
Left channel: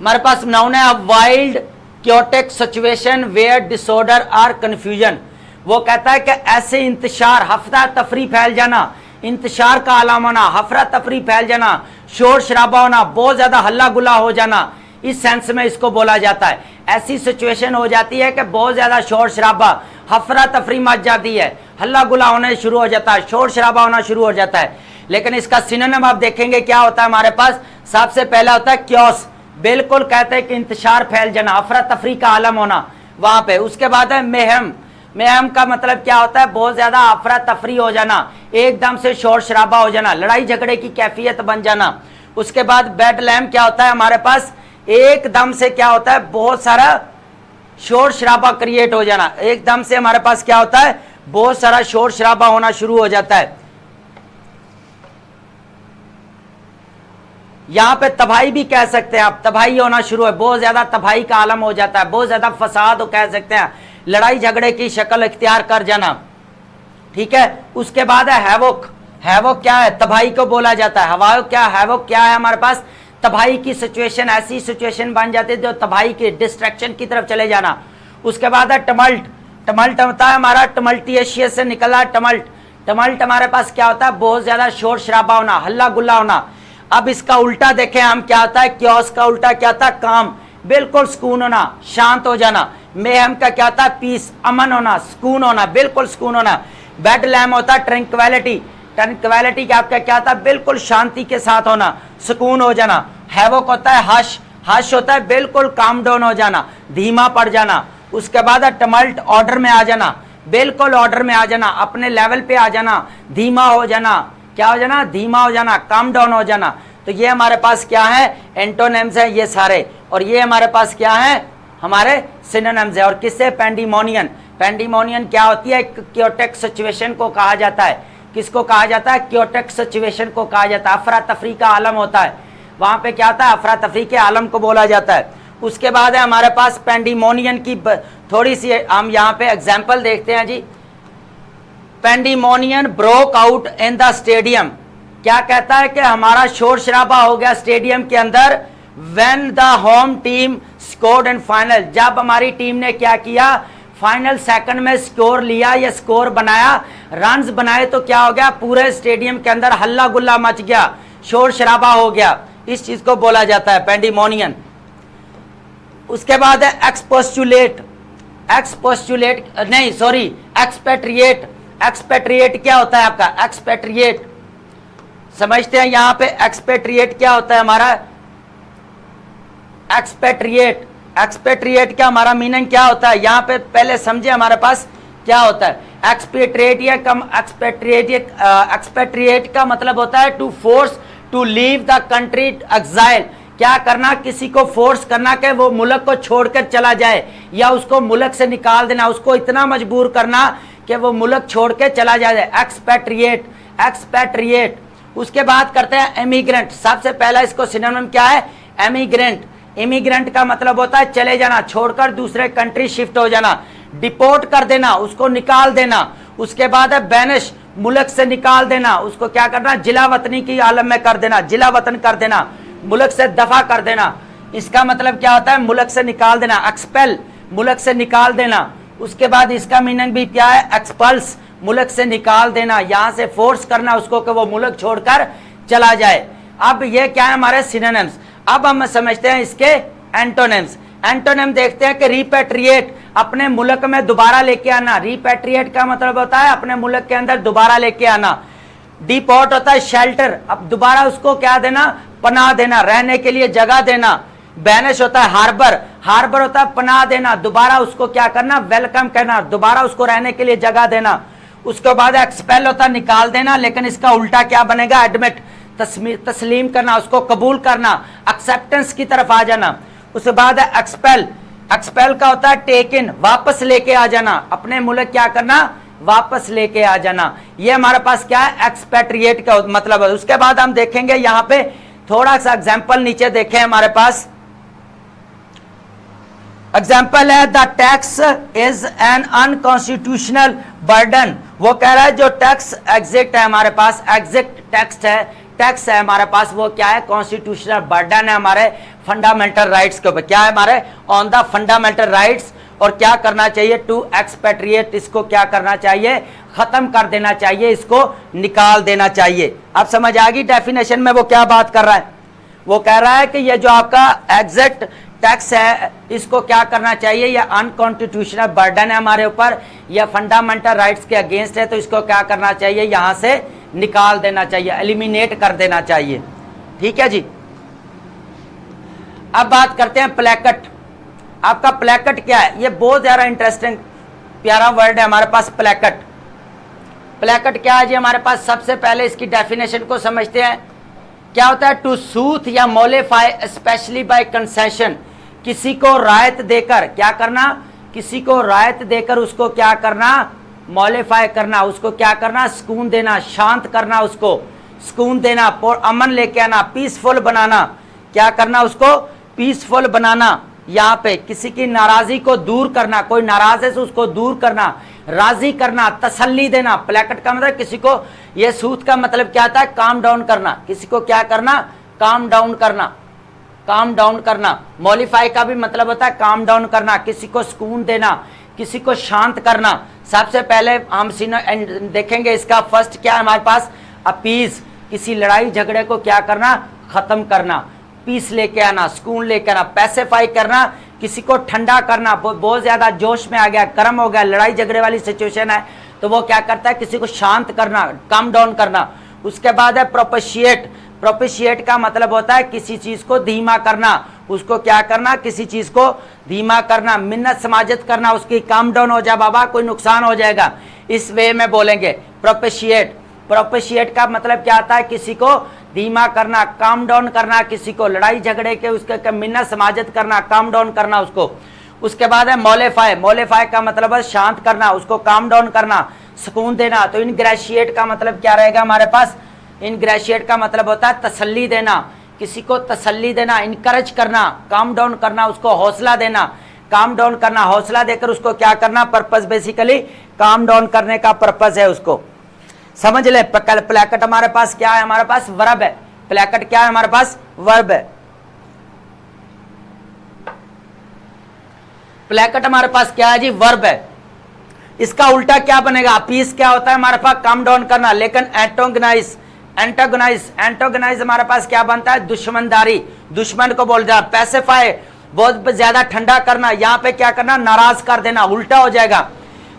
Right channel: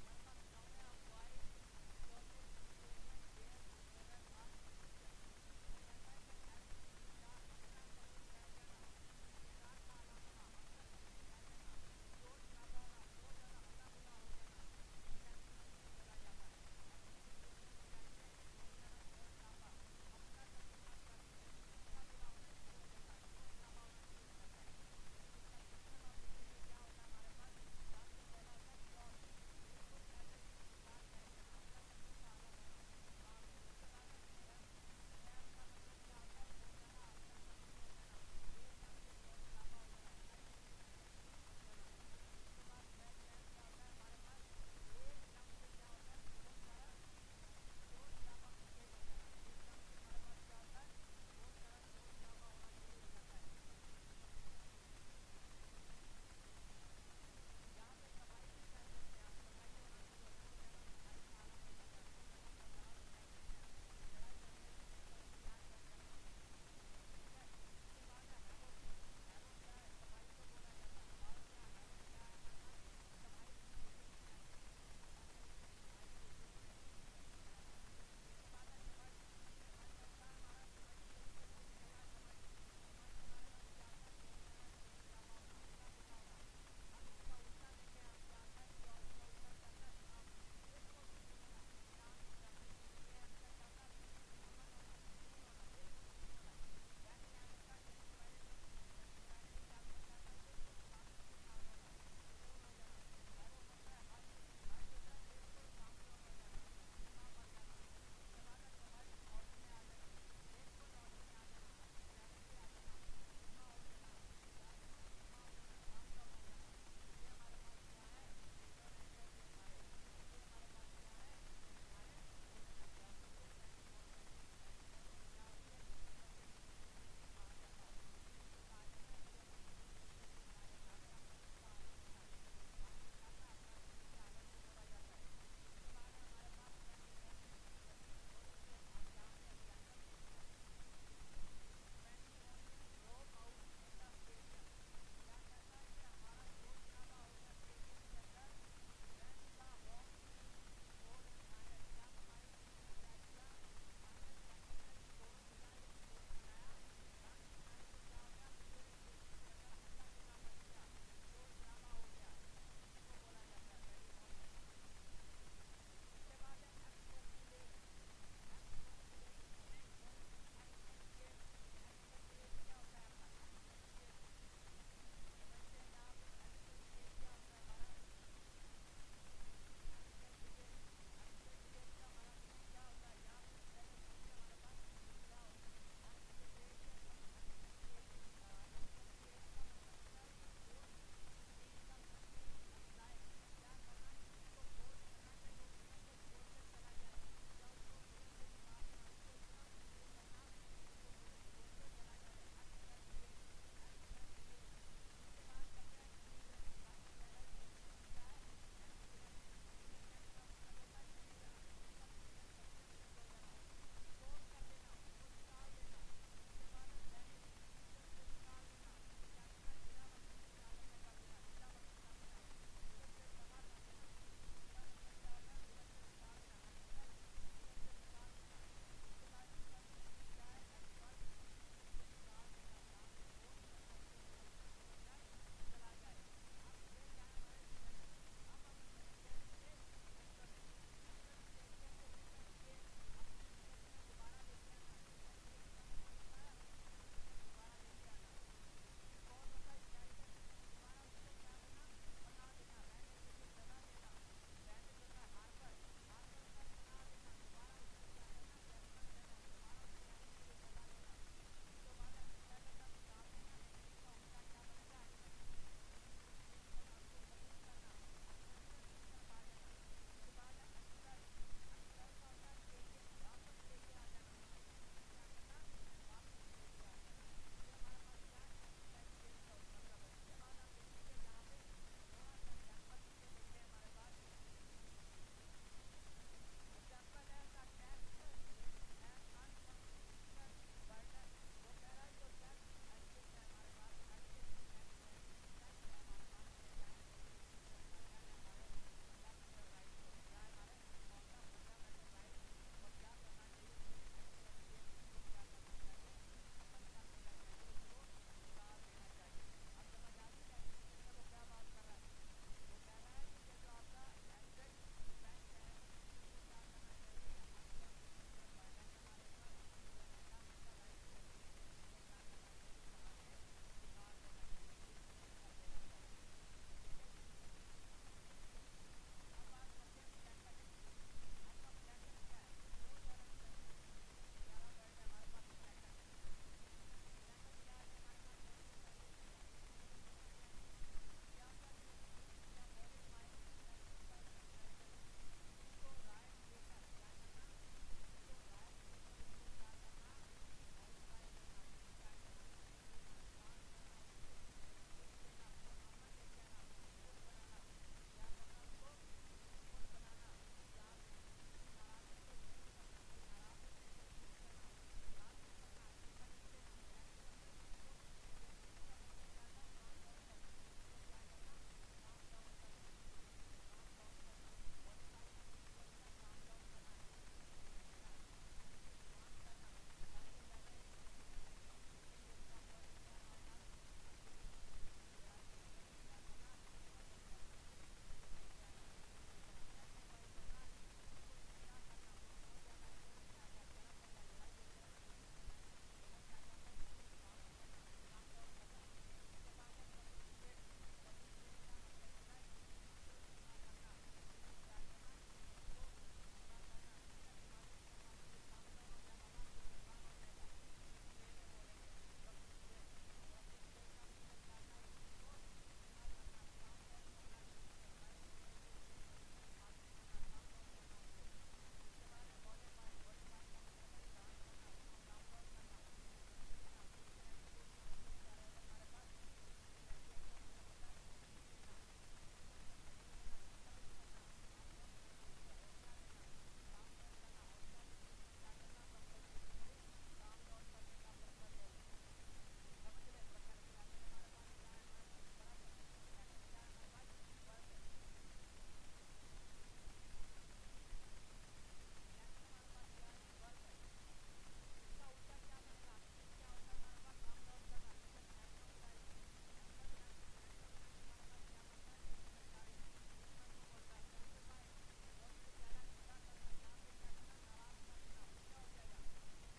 हमारे पास नाउन है, wild chaotic situation where disorder और कंफ्यूजन। वो कहता है कि ऐसे इंतशार, हफरा तफरी फैल जाना, इंतशार का आलम होना, हफरा तफरी फैल जाना, शोर शराबा होना, बहुत ज्यादा हल्ला गुल्ला हो जाना, इस सेंस में इसको बोला जाता है। ऐसी सिचुएशन हो जाती है कि बहुत ज्यादा शोर शराबा, हफरा तफरी मच जाती है, हल्ला गुल्ला होने शुरू हो जाता है, शोर शराबा होना शुरू हो जाता है। लेकिन इसका सिनोनिम आप देखेंगे क्या होता है हमारे पास, सबसे पहला होता है क्योस। बिल्कुल कहते हैं कि इंतशार फैल जाना, अफरा तफरी का आलम होना वहां पे। उसके बाद है मेहम। मेहम का मतलब क्या होता है, बहुत ज्यादा अफरा तफरी हो जाना, एकदम से शोर शराबा हो जाना, लड़ाई झगड़े की कैफियत बन जाना। उसके बाद बेड लैम क्या होता है हमारे पास, एकदम से क्या होता है, बहुत सारा शोर शराबा क्रिएट हो जाना। एकदम से हमारे पास क्या होता है, बहुत सारा शोर शराबा होना शुरू हो जाता है। यहां पे तबाही भी कह सकते हैं आप, तबाही होना शुरू है, बहुत ज्यादा तबाही का आलम हो जाता है, बहुत ज्यादा फसाद हो कह सकते हैं, लड़ाई झगड़े की शक्ल इख्तियार कर जाना। ठीक है, उसके बाद है हैवोक। हैवोक क्या है, तबाही को बोला जाता है। हवाओ क्या, हैवोक क्या है हमारे पास, तबाही की सिचुएशन, ऐसी सिचुएशन बन जाती है जो तबाही की, डिस्ट्रैक्शन की तरफ चले जाना। उसके बाद है टमल्ट। टमल्ट होता है हमारा टमल्टियशियस से निकला टमल्ट। टमल्ट हमारे पास क्या होता है, बहुत ज्यादा शोर शराबा होना, हल्ला गुल्ला होना। अब इसका उल्टा देखें हम, क्या होता है, क्योस का उल्टा क्या होता है, काम, बिल्कुल सुकून होना, शांत हो जाना। मेहम का क्या होता है, पीस, अमन होना, सुकून होना, बिल्कुल सुकून होना। बेड लैम होता है ट्रैंक्विलिटी। ट्रैंक्विलिटी का आपका क्या होता है, बिल्कुल शांति के साथ होना, सुकून हो जाना। हैवोक होता है हश। हश होता है बिल्कुल काम डाउन हो जाना, धीमा पड़ जाना। उसके बाद है टमल्ट, ऑर्डर में आ जाना, बिल्कुल ऑर्डर में आ जाना, अपने लेवल पे आ जाना, धीमा हो जाना, क्या हो जाना, धीमा हो जाना, काम डाउन हो जाना। तो ये हमारे पास क्या है, एंटोनिम्स है ये सारे, और ये हमारे पास क्या है, हमारे सिनोनिम्स है। और किससे, पेंडिमोनियन। पेंडिमोनियन क्या होती है, क्योटिक सिचुएशन को कहा जाता है। किसको कहा जाता है, क्योटिक सिचुएशन को कहा जाता है। अफरा तफरी का आलम होता है, वहां पे क्या होता है, अफरा तफरी के आलम को बोला जाता है। उसके बाद है हमारे पास पेंडिमोनियन की थोड़ी सी हम यहाँ पे एग्जाम्पल देखते हैं जी। Pandemonium broke out in the stadium. क्या कहता है कि हमारा शोर शराबा हो गया स्टेडियम के अंदर, when the home team scored in final. जब हमारी टीम ने क्या किया, फाइनल सेकंड में स्कोर लिया या स्कोर बनाया, रन्स बनाए, तो क्या हो गया, पूरे स्टेडियम के अंदर हल्ला गुल्ला मच गया, शोर शराबा हो गया। इस चीज को बोला जाता है पेंडिमोनियन। उसके बाद है एक्सपोस्टुलेट। एक्सपोस्टुलेट नहीं सॉरी, एक्सपेट्रिएट। एक्सपेट्रिएट क्या होता है आपका, एक्सपेट्रिएट समझते हैं यहां पे। एक्सपेट्रिएट क्या होता है हमारा, एक्सपेट्रिएट। एक्सपेट्रिएट क्या हमारा मीनिंग क्या होता है, यहां पे पहले समझे हमारे पास क्या होता है। एक्सपेट्रिएट या कम एक्सपेट्रिएट का मतलब होता है to force to leave the country, exile. क्या करना, किसी को फोर्स करना कि वो मुल्क को छोड़कर चला जाए, या उसको मुल्क से निकाल देना, उसको इतना मजबूर करना कि वो मुल्क छोड़ के चला जाए, एक्सपेट्रिएट। एक्सपेट्रिएट। उसके बाद करते हैं एमिग्रेंट। सबसे पहला इसको सिनोनिम क्या है, एमिग्रेंट। इमिग्रेंट का मतलब होता है चले जाना, छोड़कर दूसरे कंट्री शिफ्ट हो जाना, डिपोर्ट कर देना, उसको निकाल देना। उसके बाद है बैनिश, मुल्क से निकाल देना, उसको क्या करना, जिला वतनी की आलम में कर देना, जिला वतन कर देना, मुल्क से दफा कर देना। इसका मतलब क्या होता है, मुल्क से निकाल देना, एक्सपेल, मुल्क से निकाल देना। उसके बाद इसका मीनिंग भी क्या है, एक्सपल्स, मुल्क से निकाल देना, यहां से फोर्स करना उसको कि वो मुल्क छोड़कर चला जाए। अब ये क्या है हमारे सिनोनिम्स। अब हम समझते हैं इसके एंटोनिम्स। एंटोनिम देखते हैं कि रिपेट्रिएट, अपने मुल्क में दोबारा लेके आना। रिपेट्रिएट का मतलब होता है अपने मुल्क के अंदर दोबारा लेके आना। डिपोर्ट होता है शेल्टर, अब दोबारा उसको क्या देना, पनाह देना, रहने के लिए जगह देना। बैनिश होता है हार्बर, हार्बर होता है पनाह देना, दोबारा उसको क्या करना, वेलकम करना, दोबारा उसको रहने के लिए जगह देना। उसके बाद एक्सपेल होता है निकाल देना, लेकिन इसका उल्टा क्या बनेगा, एडमिट, तस्लीम करना, उसको कबूल करना, एक्सेप्टेंस की तरफ आ जाना। उसके बाद है एक्सपेल, एक्सपेल का होता है टेक इन, वापस लेके आ जाना, अपने मुल्क क्या करना, वापस लेके आ जाना। ये हमारे पास क्या है, एक्सपेट्रिएट का मतलब है। उसके बाद हम देखेंगे यहाँ पे थोड़ा सा एग्जाम्पल नीचे देखें हमारे पास। एग्जाम्पल है the tax is an unconstitutional burden. वो कह रहा है जो टैक्स एग्जिट है हमारे पास, एग्जिट टैक्स है, टैक्स है हमारे पास, वो क्या है, कॉन्स्टिट्यूशनल बर्डन है हमारे फंडामेंटल राइट्स के ऊपर। क्या है हमारे, ऑन द फंडामेंटल राइट्स। और क्या करना चाहिए, टू एक्सपेट्रिएट, इसको क्या करना चाहिए, खत्म कर देना चाहिए, इसको निकाल देना चाहिए। अब समझ आ गई डेफिनेशन में वो क्या बात कर रहा है। वो कह रहा है कि ये जो आपका एग्जिट टैक्स है इसको क्या करना चाहिए, या अनकॉन्स्टिट्यूशनल बर्डन है हमारे ऊपर, या फंडामेंटल राइट्स के अगेंस्ट है, तो इसको क्या करना चाहिए, यहां से निकाल देना चाहिए, एलिमिनेट कर देना चाहिए। ठीक है जी। अब बात करते हैं प्लेकट। आपका प्लेकट क्या है, ये बहुत ज्यादा इंटरेस्टिंग प्यारा वर्ड है हमारे पास, प्लेकट। प्लेकट क्या है जी हमारे पास, सबसे पहले इसकी डेफिनेशन को समझते हैं। क्या होता है, टू सूथ या मोलिफाई स्पेशली बाय कंसेशन, किसी को रायत देकर, क्या करना, किसी को रायत देकर उसको क्या करना, मॉलिफाई करना, उसको क्या करना, सुकून देना, शांत करना, उसको सुकून देना, अमन लेके आना, पीसफुल बनाना। क्या करना, उसको पीसफुल बनाना। यहाँ पे किसी की नाराजगी को दूर करना, कोई नाराज है तो उसको दूर करना, राजी करना, तसल्ली देना। प्लेकट का मतलब किसी को, ये सूथ का मतलब क्या था, काम डाउन करना, किसी को क्या करना, काम डाउन करना, काम डाउन करना। मॉलिफाई का भी मतलब होता है काम डाउन करना, किसी को सुकून देना, किसी को शांत करना। सबसे पहले हम देखेंगे इसका फर्स्ट क्या है हमारे पास, अपीज, किसी लड़ाई झगड़े को क्या करना, खत्म करना, पीस लेके आना, सुकून लेके आना। पैसिफाई करना, किसी को ठंडा करना, बहुत ज्यादा जोश में आ गया, गर्म हो गया, लड़ाई झगड़े वाली सिचुएशन है, तो वो क्या करता है, किसी को शांत करना, काम डाउन करना। उसके बाद है प्रोपेशिएट। प्रोपेशिएट का मतलब होता है किसी चीज को धीमा करना, उसको क्या करना, किसी चीज को धीमा करना, मिन्नत समाजत करना, उसकी काम डाउन हो जाए बाबा, कोई नुकसान हो जाएगा, इस वे में बोलेंगे प्रोपेशिएट। प्रोपेशिएट का मतलब क्या आता है, किसी को धीमा करना, काम डाउन करना, किसी को लड़ाई झगड़े के उसके मिन्नत समाजत करना, काम डाउन करना उसको। उसके बाद है मोलिफाई। मोलिफाई का मतलब है शांत करना, उसको काम डाउन करना, सुकून देना। तो इनग्रेशिएट का मतलब क्या रहेगा हमारे पास, इनग्रेशिएट का मतलब होता है तसल्ली देना, किसी को तसल्ली देना, इनकरेज करना, काम डाउन करना, उसको हौसला देना, काम डाउन करना, हौसला देकर उसको क्या करना, पर्पस बेसिकली काम डाउन करने का पर्पस है उसको। समझ ले। प्लेकट हमारे पास क्या है, हमारे पास वर्ब है। प्लेकट क्या है हमारे पास, वर्ब है। प्लेकट हमारे पास क्या है जी, वर्ब है। इसका उल्टा क्या बनेगा, पीस क्या होता है हमारे पास, काम डाउन करना, लेकिन एंटोगनाइज, एंटोगनाइज, एंटोगनाइज हमारे पास क्या बनता है, दुश्मनदारी, दुश्मन को बोल जाना। पैसिफाई, बहुत ज्यादा ठंडा करना, यहाँ पे क्या करना, नाराज कर देना, उल्टा हो जाएगा।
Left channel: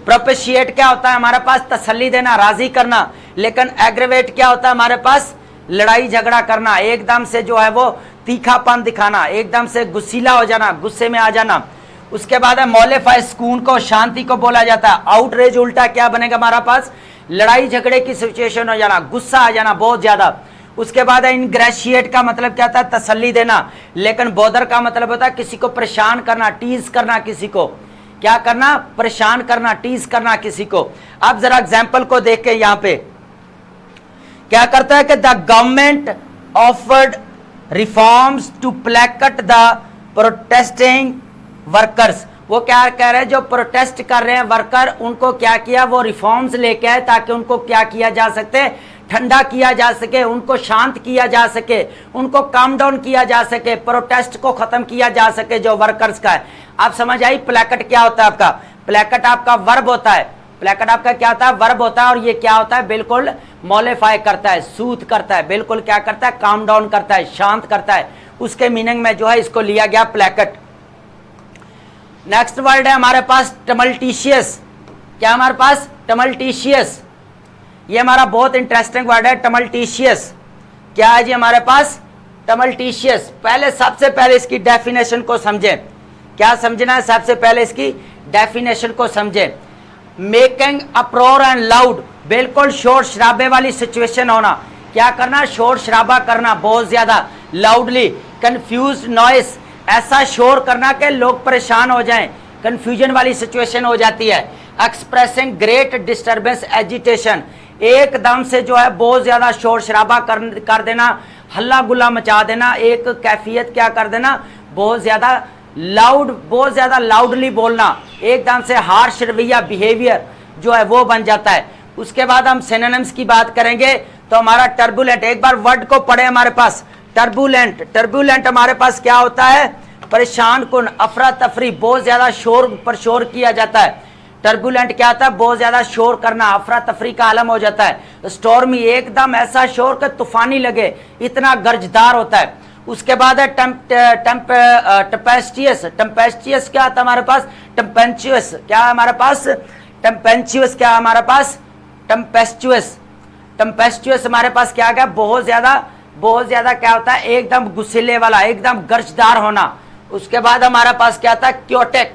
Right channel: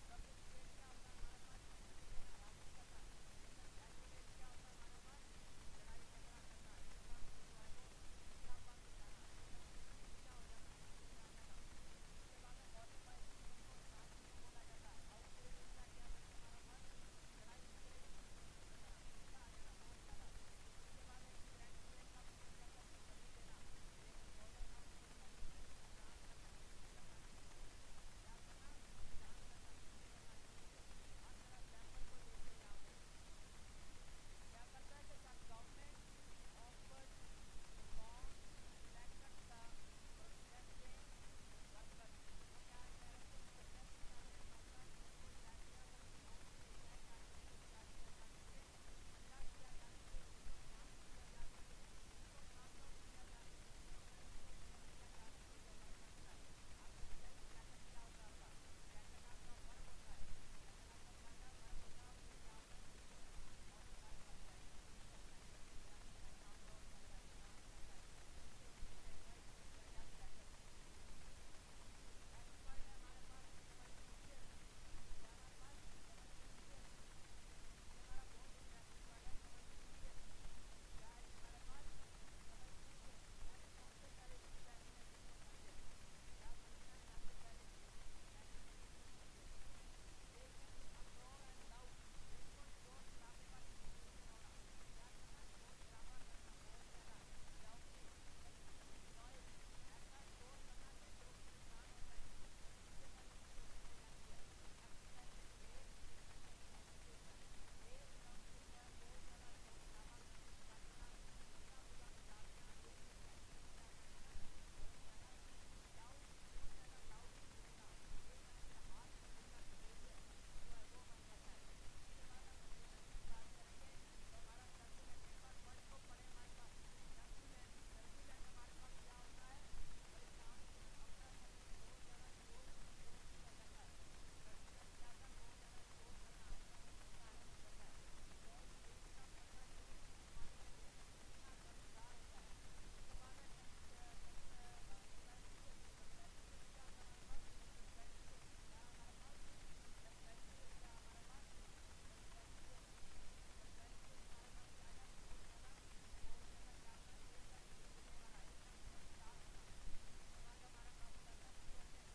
प्रोपेशिएट क्या होता है हमारे पास, तसल्ली देना, राजी करना, लेकिन एग्रेवेट क्या होता है हमारे पास, लड़ाई झगड़ा करना, एकदम से जो है वो तीखापन दिखाना, एकदम से गुस्सीला हो जाना, गुस्से में आ जाना। उसके बाद है मोलिफाई, सुकून को, शांति को बोला जाता है। आउटरेज उल्टा क्या बनेगा हमारा पास, लड़ाई झगड़े की सिचुएशन हो जाना, गुस्सा आ जाना बहुत ज्यादा। उसके बाद है इनग्रेशिएट का मतलब क्या था, तसल्ली देना, लेकिन बोदर का मतलब होता है किसी को परेशान करना, टीज करना, किसी को क्या करना, परेशान करना, टीज करना किसी को। अब जरा एग्जाम्पल को देख के यहाँ पे क्या करता है कि the government offered reforms to placate the protesting workers. वो क्या कह रहे हैं, जो प्रोटेस्ट कर रहे हैं वर्कर, उनको क्या किया, वो रिफॉर्म्स लेके आए ताकि उनको क्या किया जा सके, ठंडा किया जा सके, उनको शांत किया जा सके, उनको काम डाउन किया जा सके, प्रोटेस्ट को खत्म किया जा सके जो वर्कर्स का है। आप समझ आई प्लैकेट क्या होता है आपका? प्लैकेट आपका वर्ब होता है, प्लैकेट आपका क्या होता है, वर्ब होता है, और ये क्या होता है, बिल्कुल मॉलिफाई करता है, सूथ करता है, बिल्कुल क्या करता है, काम डाउन करता है, शांत करता है, उसके मीनिंग में जो है इसको लिया गया प्लैकेट। नेक्स्ट वर्ड है हमारे पास टमल्टिशियस। क्या हमारे पास? टमल्टिशियस। ये हमारा बहुत इंटरेस्टिंग वर्ड है टमल्टिशियस। क्या है जी हमारे पास? टमल्टिशियस। पहले सबसे पहले इसकी डेफिनेशन को समझें। क्या समझना है? सबसे पहले इसकी डेफिनेशन को समझें। मेकिंग अप्रोर एंड लाउड, बिल्कुल शोर शराबे वाली सिचुएशन होना। क्या करना? शोर शराबा करना बहुत ज्यादा, लाउडली। कंफ्यूज नॉइस, ऐसा शोर करना कि लोग परेशान हो जाएं, कंफ्यूजन वाली सिचुएशन हो जाती है। एक्सप्रेसिंग ग्रेट डिस्टर्बेंस एजिटेशन, एकदम से जो है बहुत ज्यादा शोर शराबा कर देना, हल्ला गुल्ला मचा देना, एक कैफियत क्या कर देना, बहुत ज्यादा लाउड, बहुत ज्यादा लाउडली बोलना, एकदम से हार्श रवैया, बिहेवियर जो है वो बन जाता है। उसके बाद हम सिनोनिम्स की बात करेंगे तो हमारा टर्बुलेंट, एक बार वर्ड को पढ़े हमारे पास। टर्बुलेंट, टर्बुलेंट हमारे पास क्या होता है? परेशान कुन, अफरा तफरी, बहुत ज्यादा शोर पर शोर किया जाता है। टर्बुलेंट क्या होता है? बहुत ज्यादा शोर करना, अफरा तफरी का आलम हो जाता है। स्टॉर्मी, एकदम ऐसा शोर कि तूफानी लगे, इतना गर्जदार होता है। उसके बाद है टेम्पेस्टियस। टेम्पेस्टियस क्या आता है हमारे पास? टेम्पेंचुअस। क्या है हमारे पास? टेम्पेंचुअस। क्या है हमारे पास? टेम्पेस्चुअस। टेम्पेस्चुअस हमारे पास क्या गया? बहुत ज्यादा क्या होता है? एकदम गुस्सिले वाला, एकदम गर्जदार होना। उसके बाद हमारे पास क्या था? क्योटेक।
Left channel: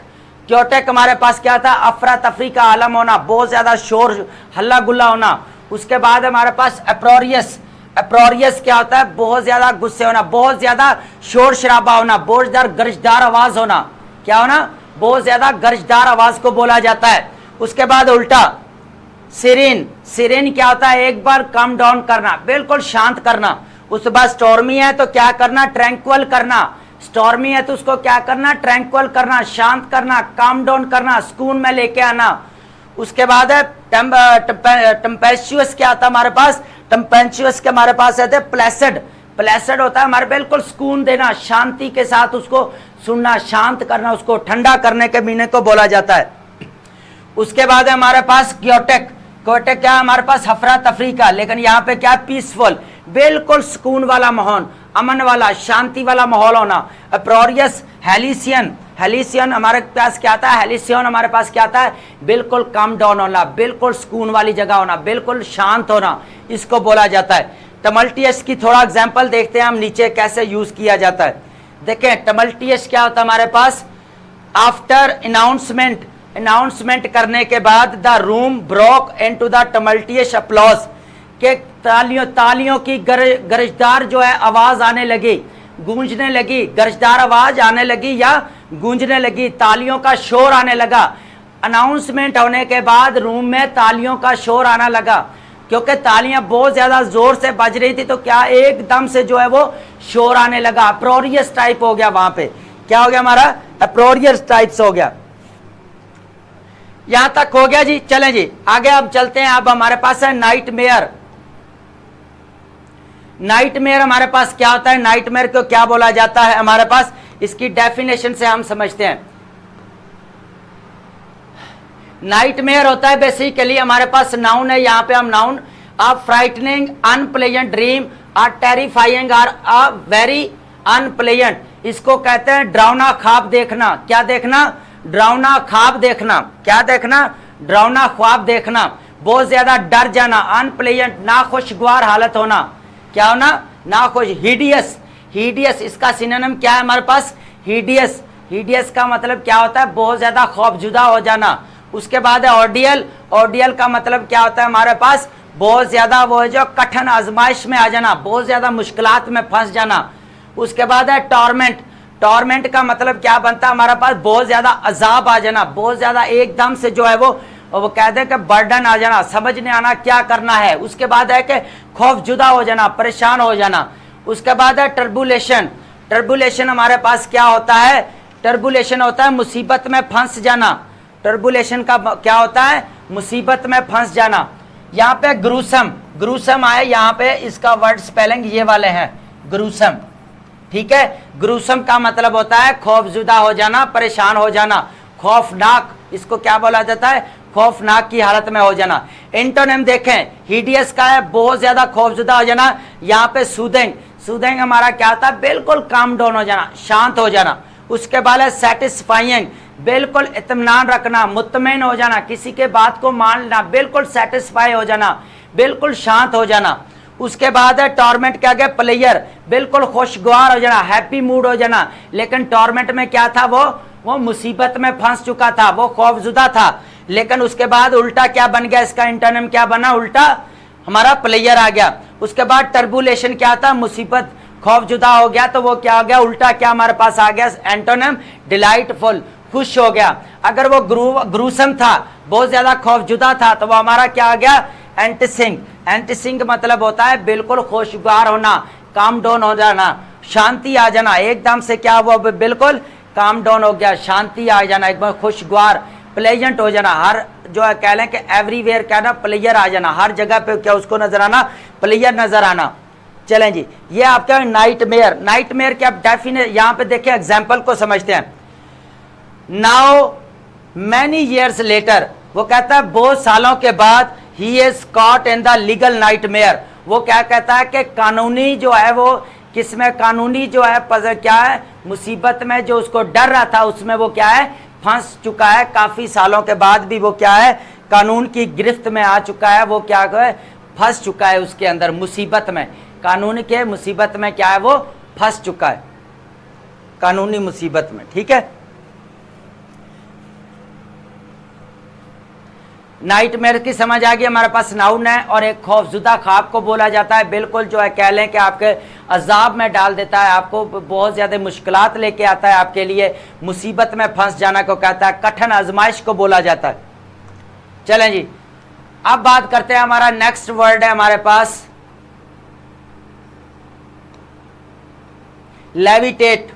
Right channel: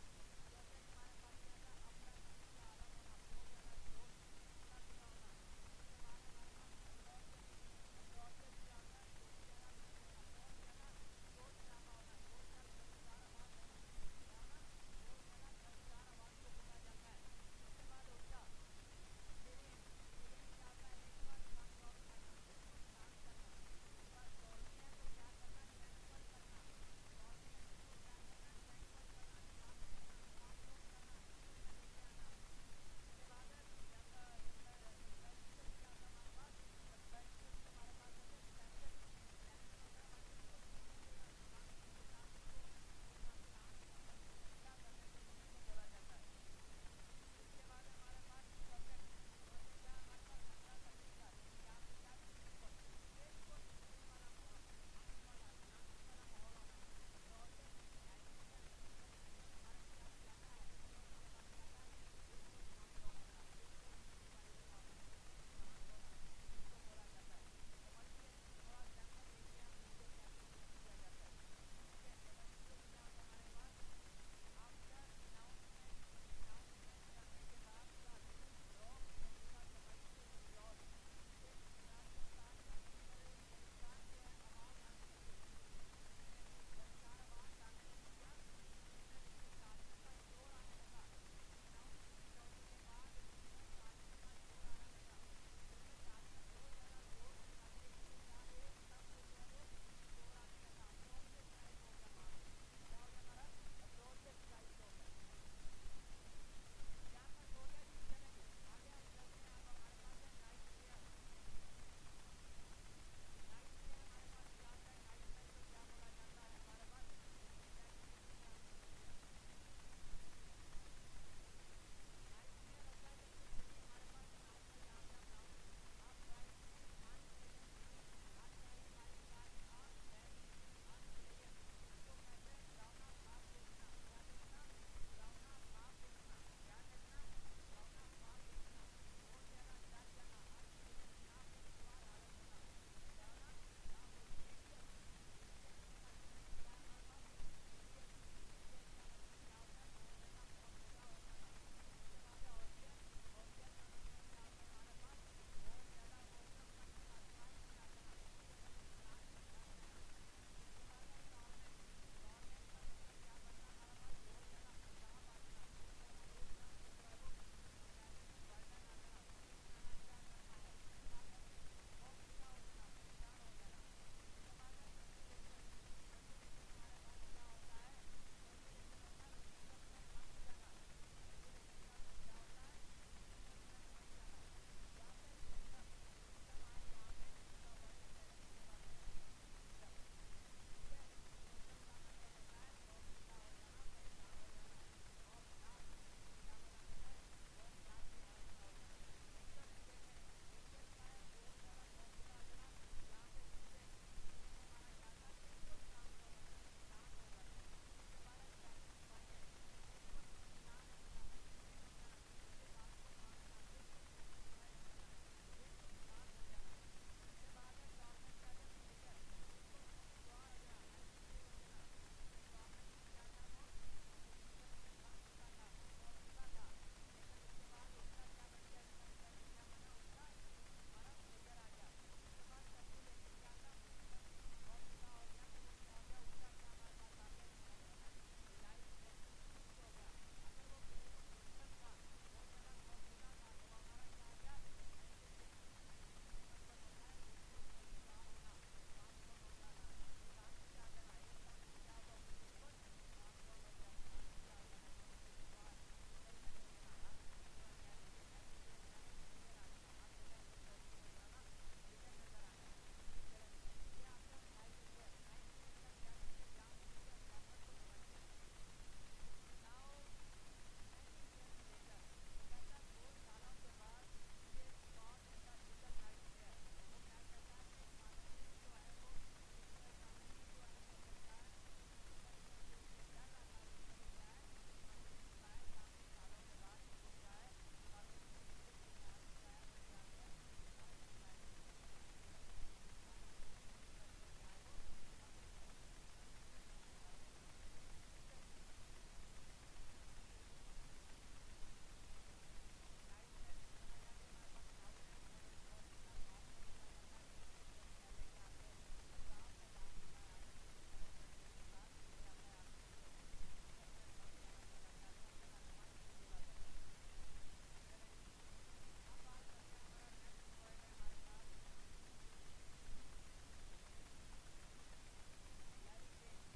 क्योटेक हमारे पास क्या था? अफरा तफरी का आलम होना, बहुत ज्यादा शोर हल्ला गुल्ला होना। उसके बाद हमारे पास एप्रोरियस। एप्रोरियस क्या होता है? बहुत ज्यादा गुस्से होना, बहुत ज्यादा शोर शराबा होना, बहुत ज्यादा गर्जदार आवाज होना। क्या होना? बहुत ज्यादा गर्जदार आवाज को बोला जाता है। उसके बाद उल्टा सिरेन। सिरेन क्या होता है? एक बार कम डाउन करना, बिल्कुल शांत करना। उसके बाद स्टॉर्मी है तो क्या करना? ट्रैंक्वल करना। स्टॉर्मी है तो उसको क्या करना? ट्रैंक्वल करना, शांत करना, काम डाउन करना, सुकून में लेके आना। उसके बाद है टेम्पेस्चुअस। क्या आता है हमारे पास? टेम्पेंचुअस के हमारे पास है प्लेसिड। प्लेसिड होता है हमारे बिल्कुल सुकून देना, शांति के साथ उसको सुनना, शांत करना, उसको ठंडा करने के मीनिंग को बोला जाता है। उसके बाद है हमारे पास क्योटेक। क्योटेक क्या है हमारे पास? हफरा तफरी का, लेकिन यहाँ पे क्या? पीसफुल, बिल्कुल सुकून वाला माहौल, अमन वाला, शांति वाला माहौल होना। अप्रोरियस, हेलिसियन। हेलिसियन हमारे पास क्या आता है? हेलिसियन हमारे पास क्या आता है? बिल्कुल काम डाउन होना, बिल्कुल सुकून वाली जगह होना, बिल्कुल शांत होना, इसको बोला जाता है। टमल्टियस की थोड़ा एग्जांपल देखते हैं हम नीचे कैसे यूज किया जाता है। देखें टमल्टियस क्या होता है हमारे पास? आफ्टर अनाउंसमेंट, अनाउंसमेंट करने के बाद the room broke into the tumultuous applause, के तालियों की गरजदार जो है आवाज आने लगी, गूंजने लगी, गरजदार आवाज आने लगी या गूंजने लगी, तालियों का शोर आने लगा। अनाउंसमेंट होने के बाद रूम में तालियों का शोर आना लगा, क्योंकि तालियां बहुत ज्यादा जोर से बज रही थी तो क्या एकदम से जो है वो शोर आने लगा। अप्रोरियस टाइप हो गया, वहां पे क्या हो गया हमारा? अप्रोरियस टाइप्स हो गया। यहां तक हो गया जी। चलें जी आगे अब चलते हैं। अब हमारे पास है नाइटमेयर। नाइटमेयर हमारे पास क्या होता है? नाइटमेयर को क्या बोला जाता है हमारे पास? इसकी डेफिनेशन से हम समझते हैं। नाइटमेयर होता है बेसिकली हमारे पास नाउन है, यहां पे हम नाउन अ फ्राइटनिंग अनप्लेजेंट ड्रीम, अ टेरिफाइंग और अ वेरी अनप्लेजेंट, इसको कहते हैं डरावना ख्वाब देखना। क्या देखना? डरावना ख्वाब देखना। क्या देखना? डरावना ख्वाब देखना, बहुत ज्यादा डर जाना, अनप्लेजेंट, नाखुशगवार हालत होना। क्या होना? नाखुश। हिडियस, हिडियस इसका सिनोनिम क्या है हमारे पास? हिडियस। हिडियस का मतलब क्या होता है? बहुत ज्यादा खौफजुदा हो जाना। उसके बाद है ऑर्डियल। ऑर्डियल का मतलब क्या होता है हमारे पास? बहुत ज्यादा वो है जो कठिन आजमाइश में आ जाना, बहुत ज्यादा मुश्किलात में फंस जाना। उसके बाद है टॉर्मेंट। टॉर्मेंट का मतलब क्या बनता है हमारे पास? बहुत ज्यादा अजाब आ जाना, बहुत ज्यादा एकदम से जो है वो कहते हैं कि बर्डन आ जाना, समझ नहीं आना क्या करना है। उसके बाद है कि खौफजुदा हो जाना, परेशान हो जाना। उसके बाद है टर्बुलेशन। टर्बुलेशन हमारे पास क्या होता है? टर्बुलेशन होता है मुसीबत में फंस जाना। टर्बुलेशन का क्या होता है? मुसीबत में फंस जाना। यहाँ पे ग्रूसम, ग्रूसम आए यहाँ पे, इसका वर्ड स्पेलिंग ये वाले हैं, ग्रूसम। ठीक है, ग्रूसम का मतलब होता है खौफजुदा हो जाना, परेशान हो जाना, खौफनाक। इसको क्या बोला जाता है? खौफनाक की हालत में हो जाना। एंटोनिम देखें, हिडियस का है बहुत ज्यादा खौफजुदा हो जाना। यहाँ पे सूदिंग, सूदिंग हमारा क्या होता है? बिल्कुल काम डाउन हो जाना, शांत हो जाना। उसके बाद है सेटिस्फाइंग, बिल्कुल इत्मीनान रखना, मुतमईन हो जाना, किसी के बात को मान लेना, बिल्कुल सेटिस्फाई हो जाना, बिल्कुल शांत हो जाना। उसके बाद है टॉर्मेंट, क्या गया? प्लेयर, बिल्कुल खुशगवार हो जाना, हैप्पी मूड हो जाना। लेकिन टॉर्मेंट में क्या था? वो मुसीबत में फंस चुका था, वो खौफजुदा था। लेकिन उसके बाद उल्टा क्या बन गया? इसका एंटोनिम क्या बना? उल्टा हमारा प्लेयर आ गया। उसके बाद टर्बुलेशन क्या था? मुसीबत, खौफजुदा हो गया, तो वो क्या हो गया? उल्टा क्या हमारे पास आ गया? एंटोनिम डिलाइटफुल, खुश हो गया। अगर वो ग्रूसम था, बहुत ज्यादा खौफजुदा था, तो वो हमारा क्या आ गया? एंटिसिंग। एंटिसिंग मतलब होता है बिल्कुल खुशगवार होना, काम डाउन हो जाना, शांति आ जाना। एकदम से क्या हुआ? बिल्कुल काम डाउन हो गया, शांति आ जाना, एकदम खुशगवार, प्लेजेंट हो जाना। हर जो है कह लें कि एवरीवेयर क्या ना, प्लेयर आ जाना, हर जगह पे क्या उसको नजर आना? प्लेयर नजर आना। चलें जी, ये आपका नाइटमेयर। नाइटमेयर के आप डेफिनेट यहाँ पे देखिए, एग्जाम्पल को समझते हैं। नाउ मैनी ईयर्स लेटर, वो कहता है बहुत सालों के बाद, he is caught in the legal nightmare. वो क्या कहता है कि कानूनी जो है वो किसमें? कानूनी जो है क्या है? मुसीबत में जो उसको डर रहा था, उसमें वो क्या है? फंस चुका है। काफी सालों के बाद भी वो क्या है? कानून की गिरफ्त में आ चुका है, वो क्या है? फंस चुका है उसके अंदर, मुसीबत में, कानून के मुसीबत में क्या है? वो फंस चुका है, कानूनी मुसीबत में। ठीक है, नाइटमेयर की समझ आ गई। हमारे पास नाउन है, और एक खौफजुदा ख्वाब को बोला जाता है, बिल्कुल जो है कह लें कि आपके अजाब में डाल देता है, आपको बहुत ज्यादा मुश्किलात लेके आता है, आपके लिए मुसीबत में फंस जाना को कहता है, कठिन आजमाइश को बोला जाता है। चलें जी, अब बात करते हैं, हमारा नेक्स्ट वर्ड है हमारे पास लेविटेट।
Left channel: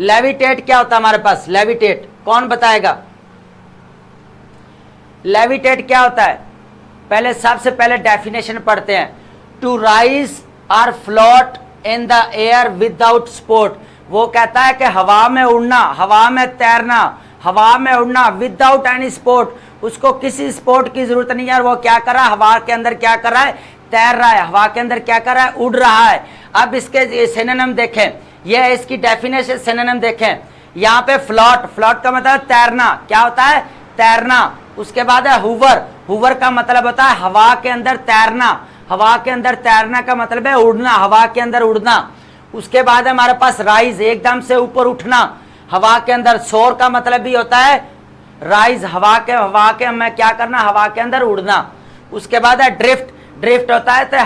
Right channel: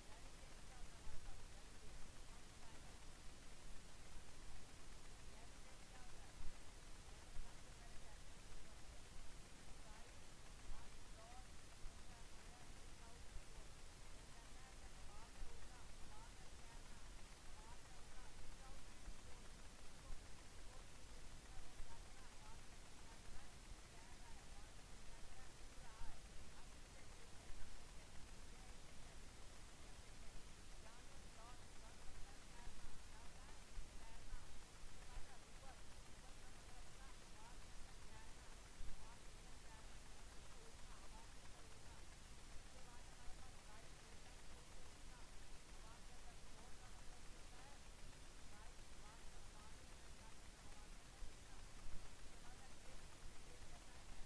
लेविटेट क्या होता है हमारे पास? लेविटेट कौन बताएगा? लेविटेट क्या होता है? पहले सबसे पहले डेफिनेशन पढ़ते हैं। टू राइज और float in the air without support. वो कहता है कि हवा में उड़ना, हवा में तैरना, हवा में उड़ना विदाउट एनी सपोर्ट। उसको किसी सपोर्ट की जरूरत नहीं है, और वो क्या कर रहा है? हवा के अंदर क्या कर रहा है? तैर रहा है। हवा के अंदर क्या कर रहा है? उड़ रहा है। अब इसके सिनोनिम देखें, यह है इसकी डेफिनेशन। सिनोनिम देखें, यहाँ पे फ्लोट, फ्लोट का मतलब तैरना, क्या होता है? तैरना। उसके बाद है हुवर, हुवर का मतलब होता है हवा के अंदर तैरना, हवा के अंदर तैरना का मतलब है उड़ना, हवा के अंदर उड़ना। उसके बाद है हमारे पास राइज, एकदम से ऊपर उठना, हवा के अंदर। सोर का मतलब भी होता है राइज, हवा के में क्या करना? हवा के अंदर उड़ना। उसके बाद है ड्रिफ्ट, ड्रिफ्ट होता है तो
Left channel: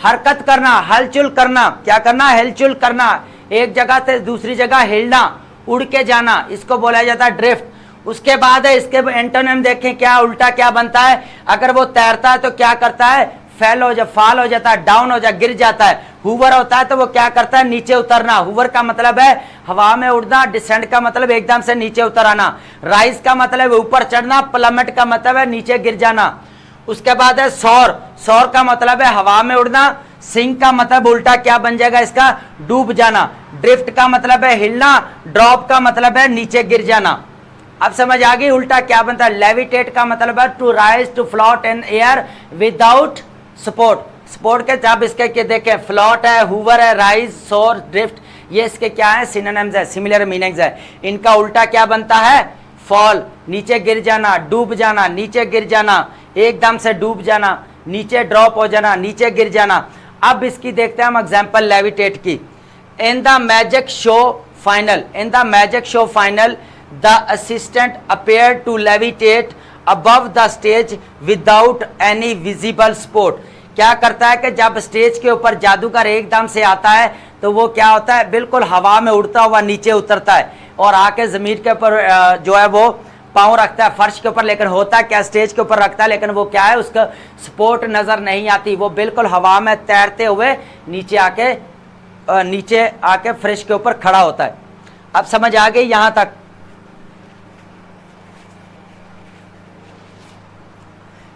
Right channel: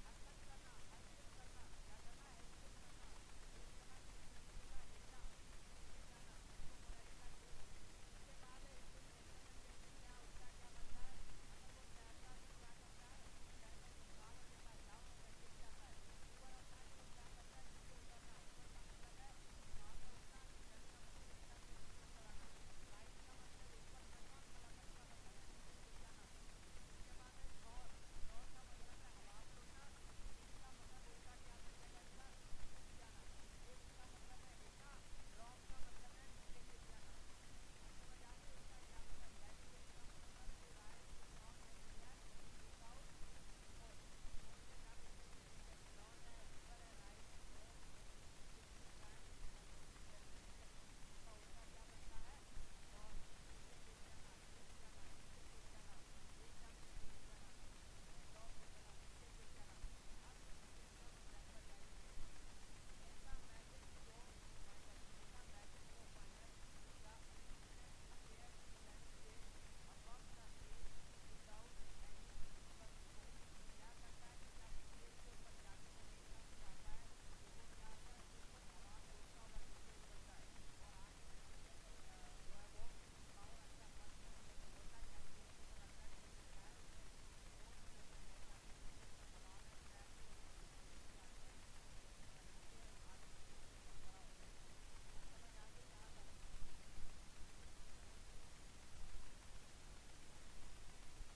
हरकत करना, हलचल करना, क्या करना? हलचल करना, एक जगह से दूसरी जगह हिलना, उड़ के जाना, इसको बोला जाता है ड्रिफ्ट। उसके बाद है इसके एंटोनिम देखें, क्या उल्टा क्या बनता है? अगर वो तैरता है तो क्या करता है? फॉल हो जाता है, डाउन हो जाता, गिर जाता है। हुवर होता है तो वो क्या करता है? नीचे उतरना। हुवर का मतलब है हवा में उड़ना, डिसेंड का मतलब एकदम से नीचे उतर आना, राइज का मतलब ऊपर चढ़ना, प्लमेट का मतलब है नीचे गिर जाना। उसके बाद है सौर, सौर का मतलब है हवा में उड़ना, सिंक का मतलब उल्टा क्या बन जाएगा इसका? डूब जाना। ड्रिफ्ट का मतलब है हिलना, ड्रॉप का मतलब है नीचे गिर जाना। अब समझ आ गई उल्टा क्या बनता है? लेविटेट का मतलब है to rise, to float in air without support. Support के जब इसके देखें, फ्लोट है, हुवर है, राइज, सोर, ड्रिफ्ट, ये इसके क्या है? सिनोनिम्स है, सिमिलर मीनिंग्स है। इनका उल्टा क्या बनता है? फॉल, नीचे गिर जाना, डूब जाना, नीचे गिर जाना, एकदम से डूब जाना, नीचे ड्रॉप हो जाना, नीचे गिर जाना। अब इसकी देखते हैं हम एग्जाम्पल लेविटेट की। In the magic show final, in the magic show final the assistant appeared to levitate above the stage without any visible support। क्या करता है कि जब स्टेज के ऊपर जादूगर एकदम से आता है तो वो क्या होता है? बिल्कुल हवा में उड़ता हुआ नीचे उतरता है, और आके जमीन के ऊपर जो है वो पाँव रखता है फर्श के ऊपर। लेकिन होता क्या? स्टेज के ऊपर रखता है, लेकिन वो क्या है? उसका सपोर्ट नजर नहीं आती, वो बिल्कुल हवा में तैरते हुए नीचे आके फ्रिज के ऊपर खड़ा होता है। अब समझ आ गई यहां तक?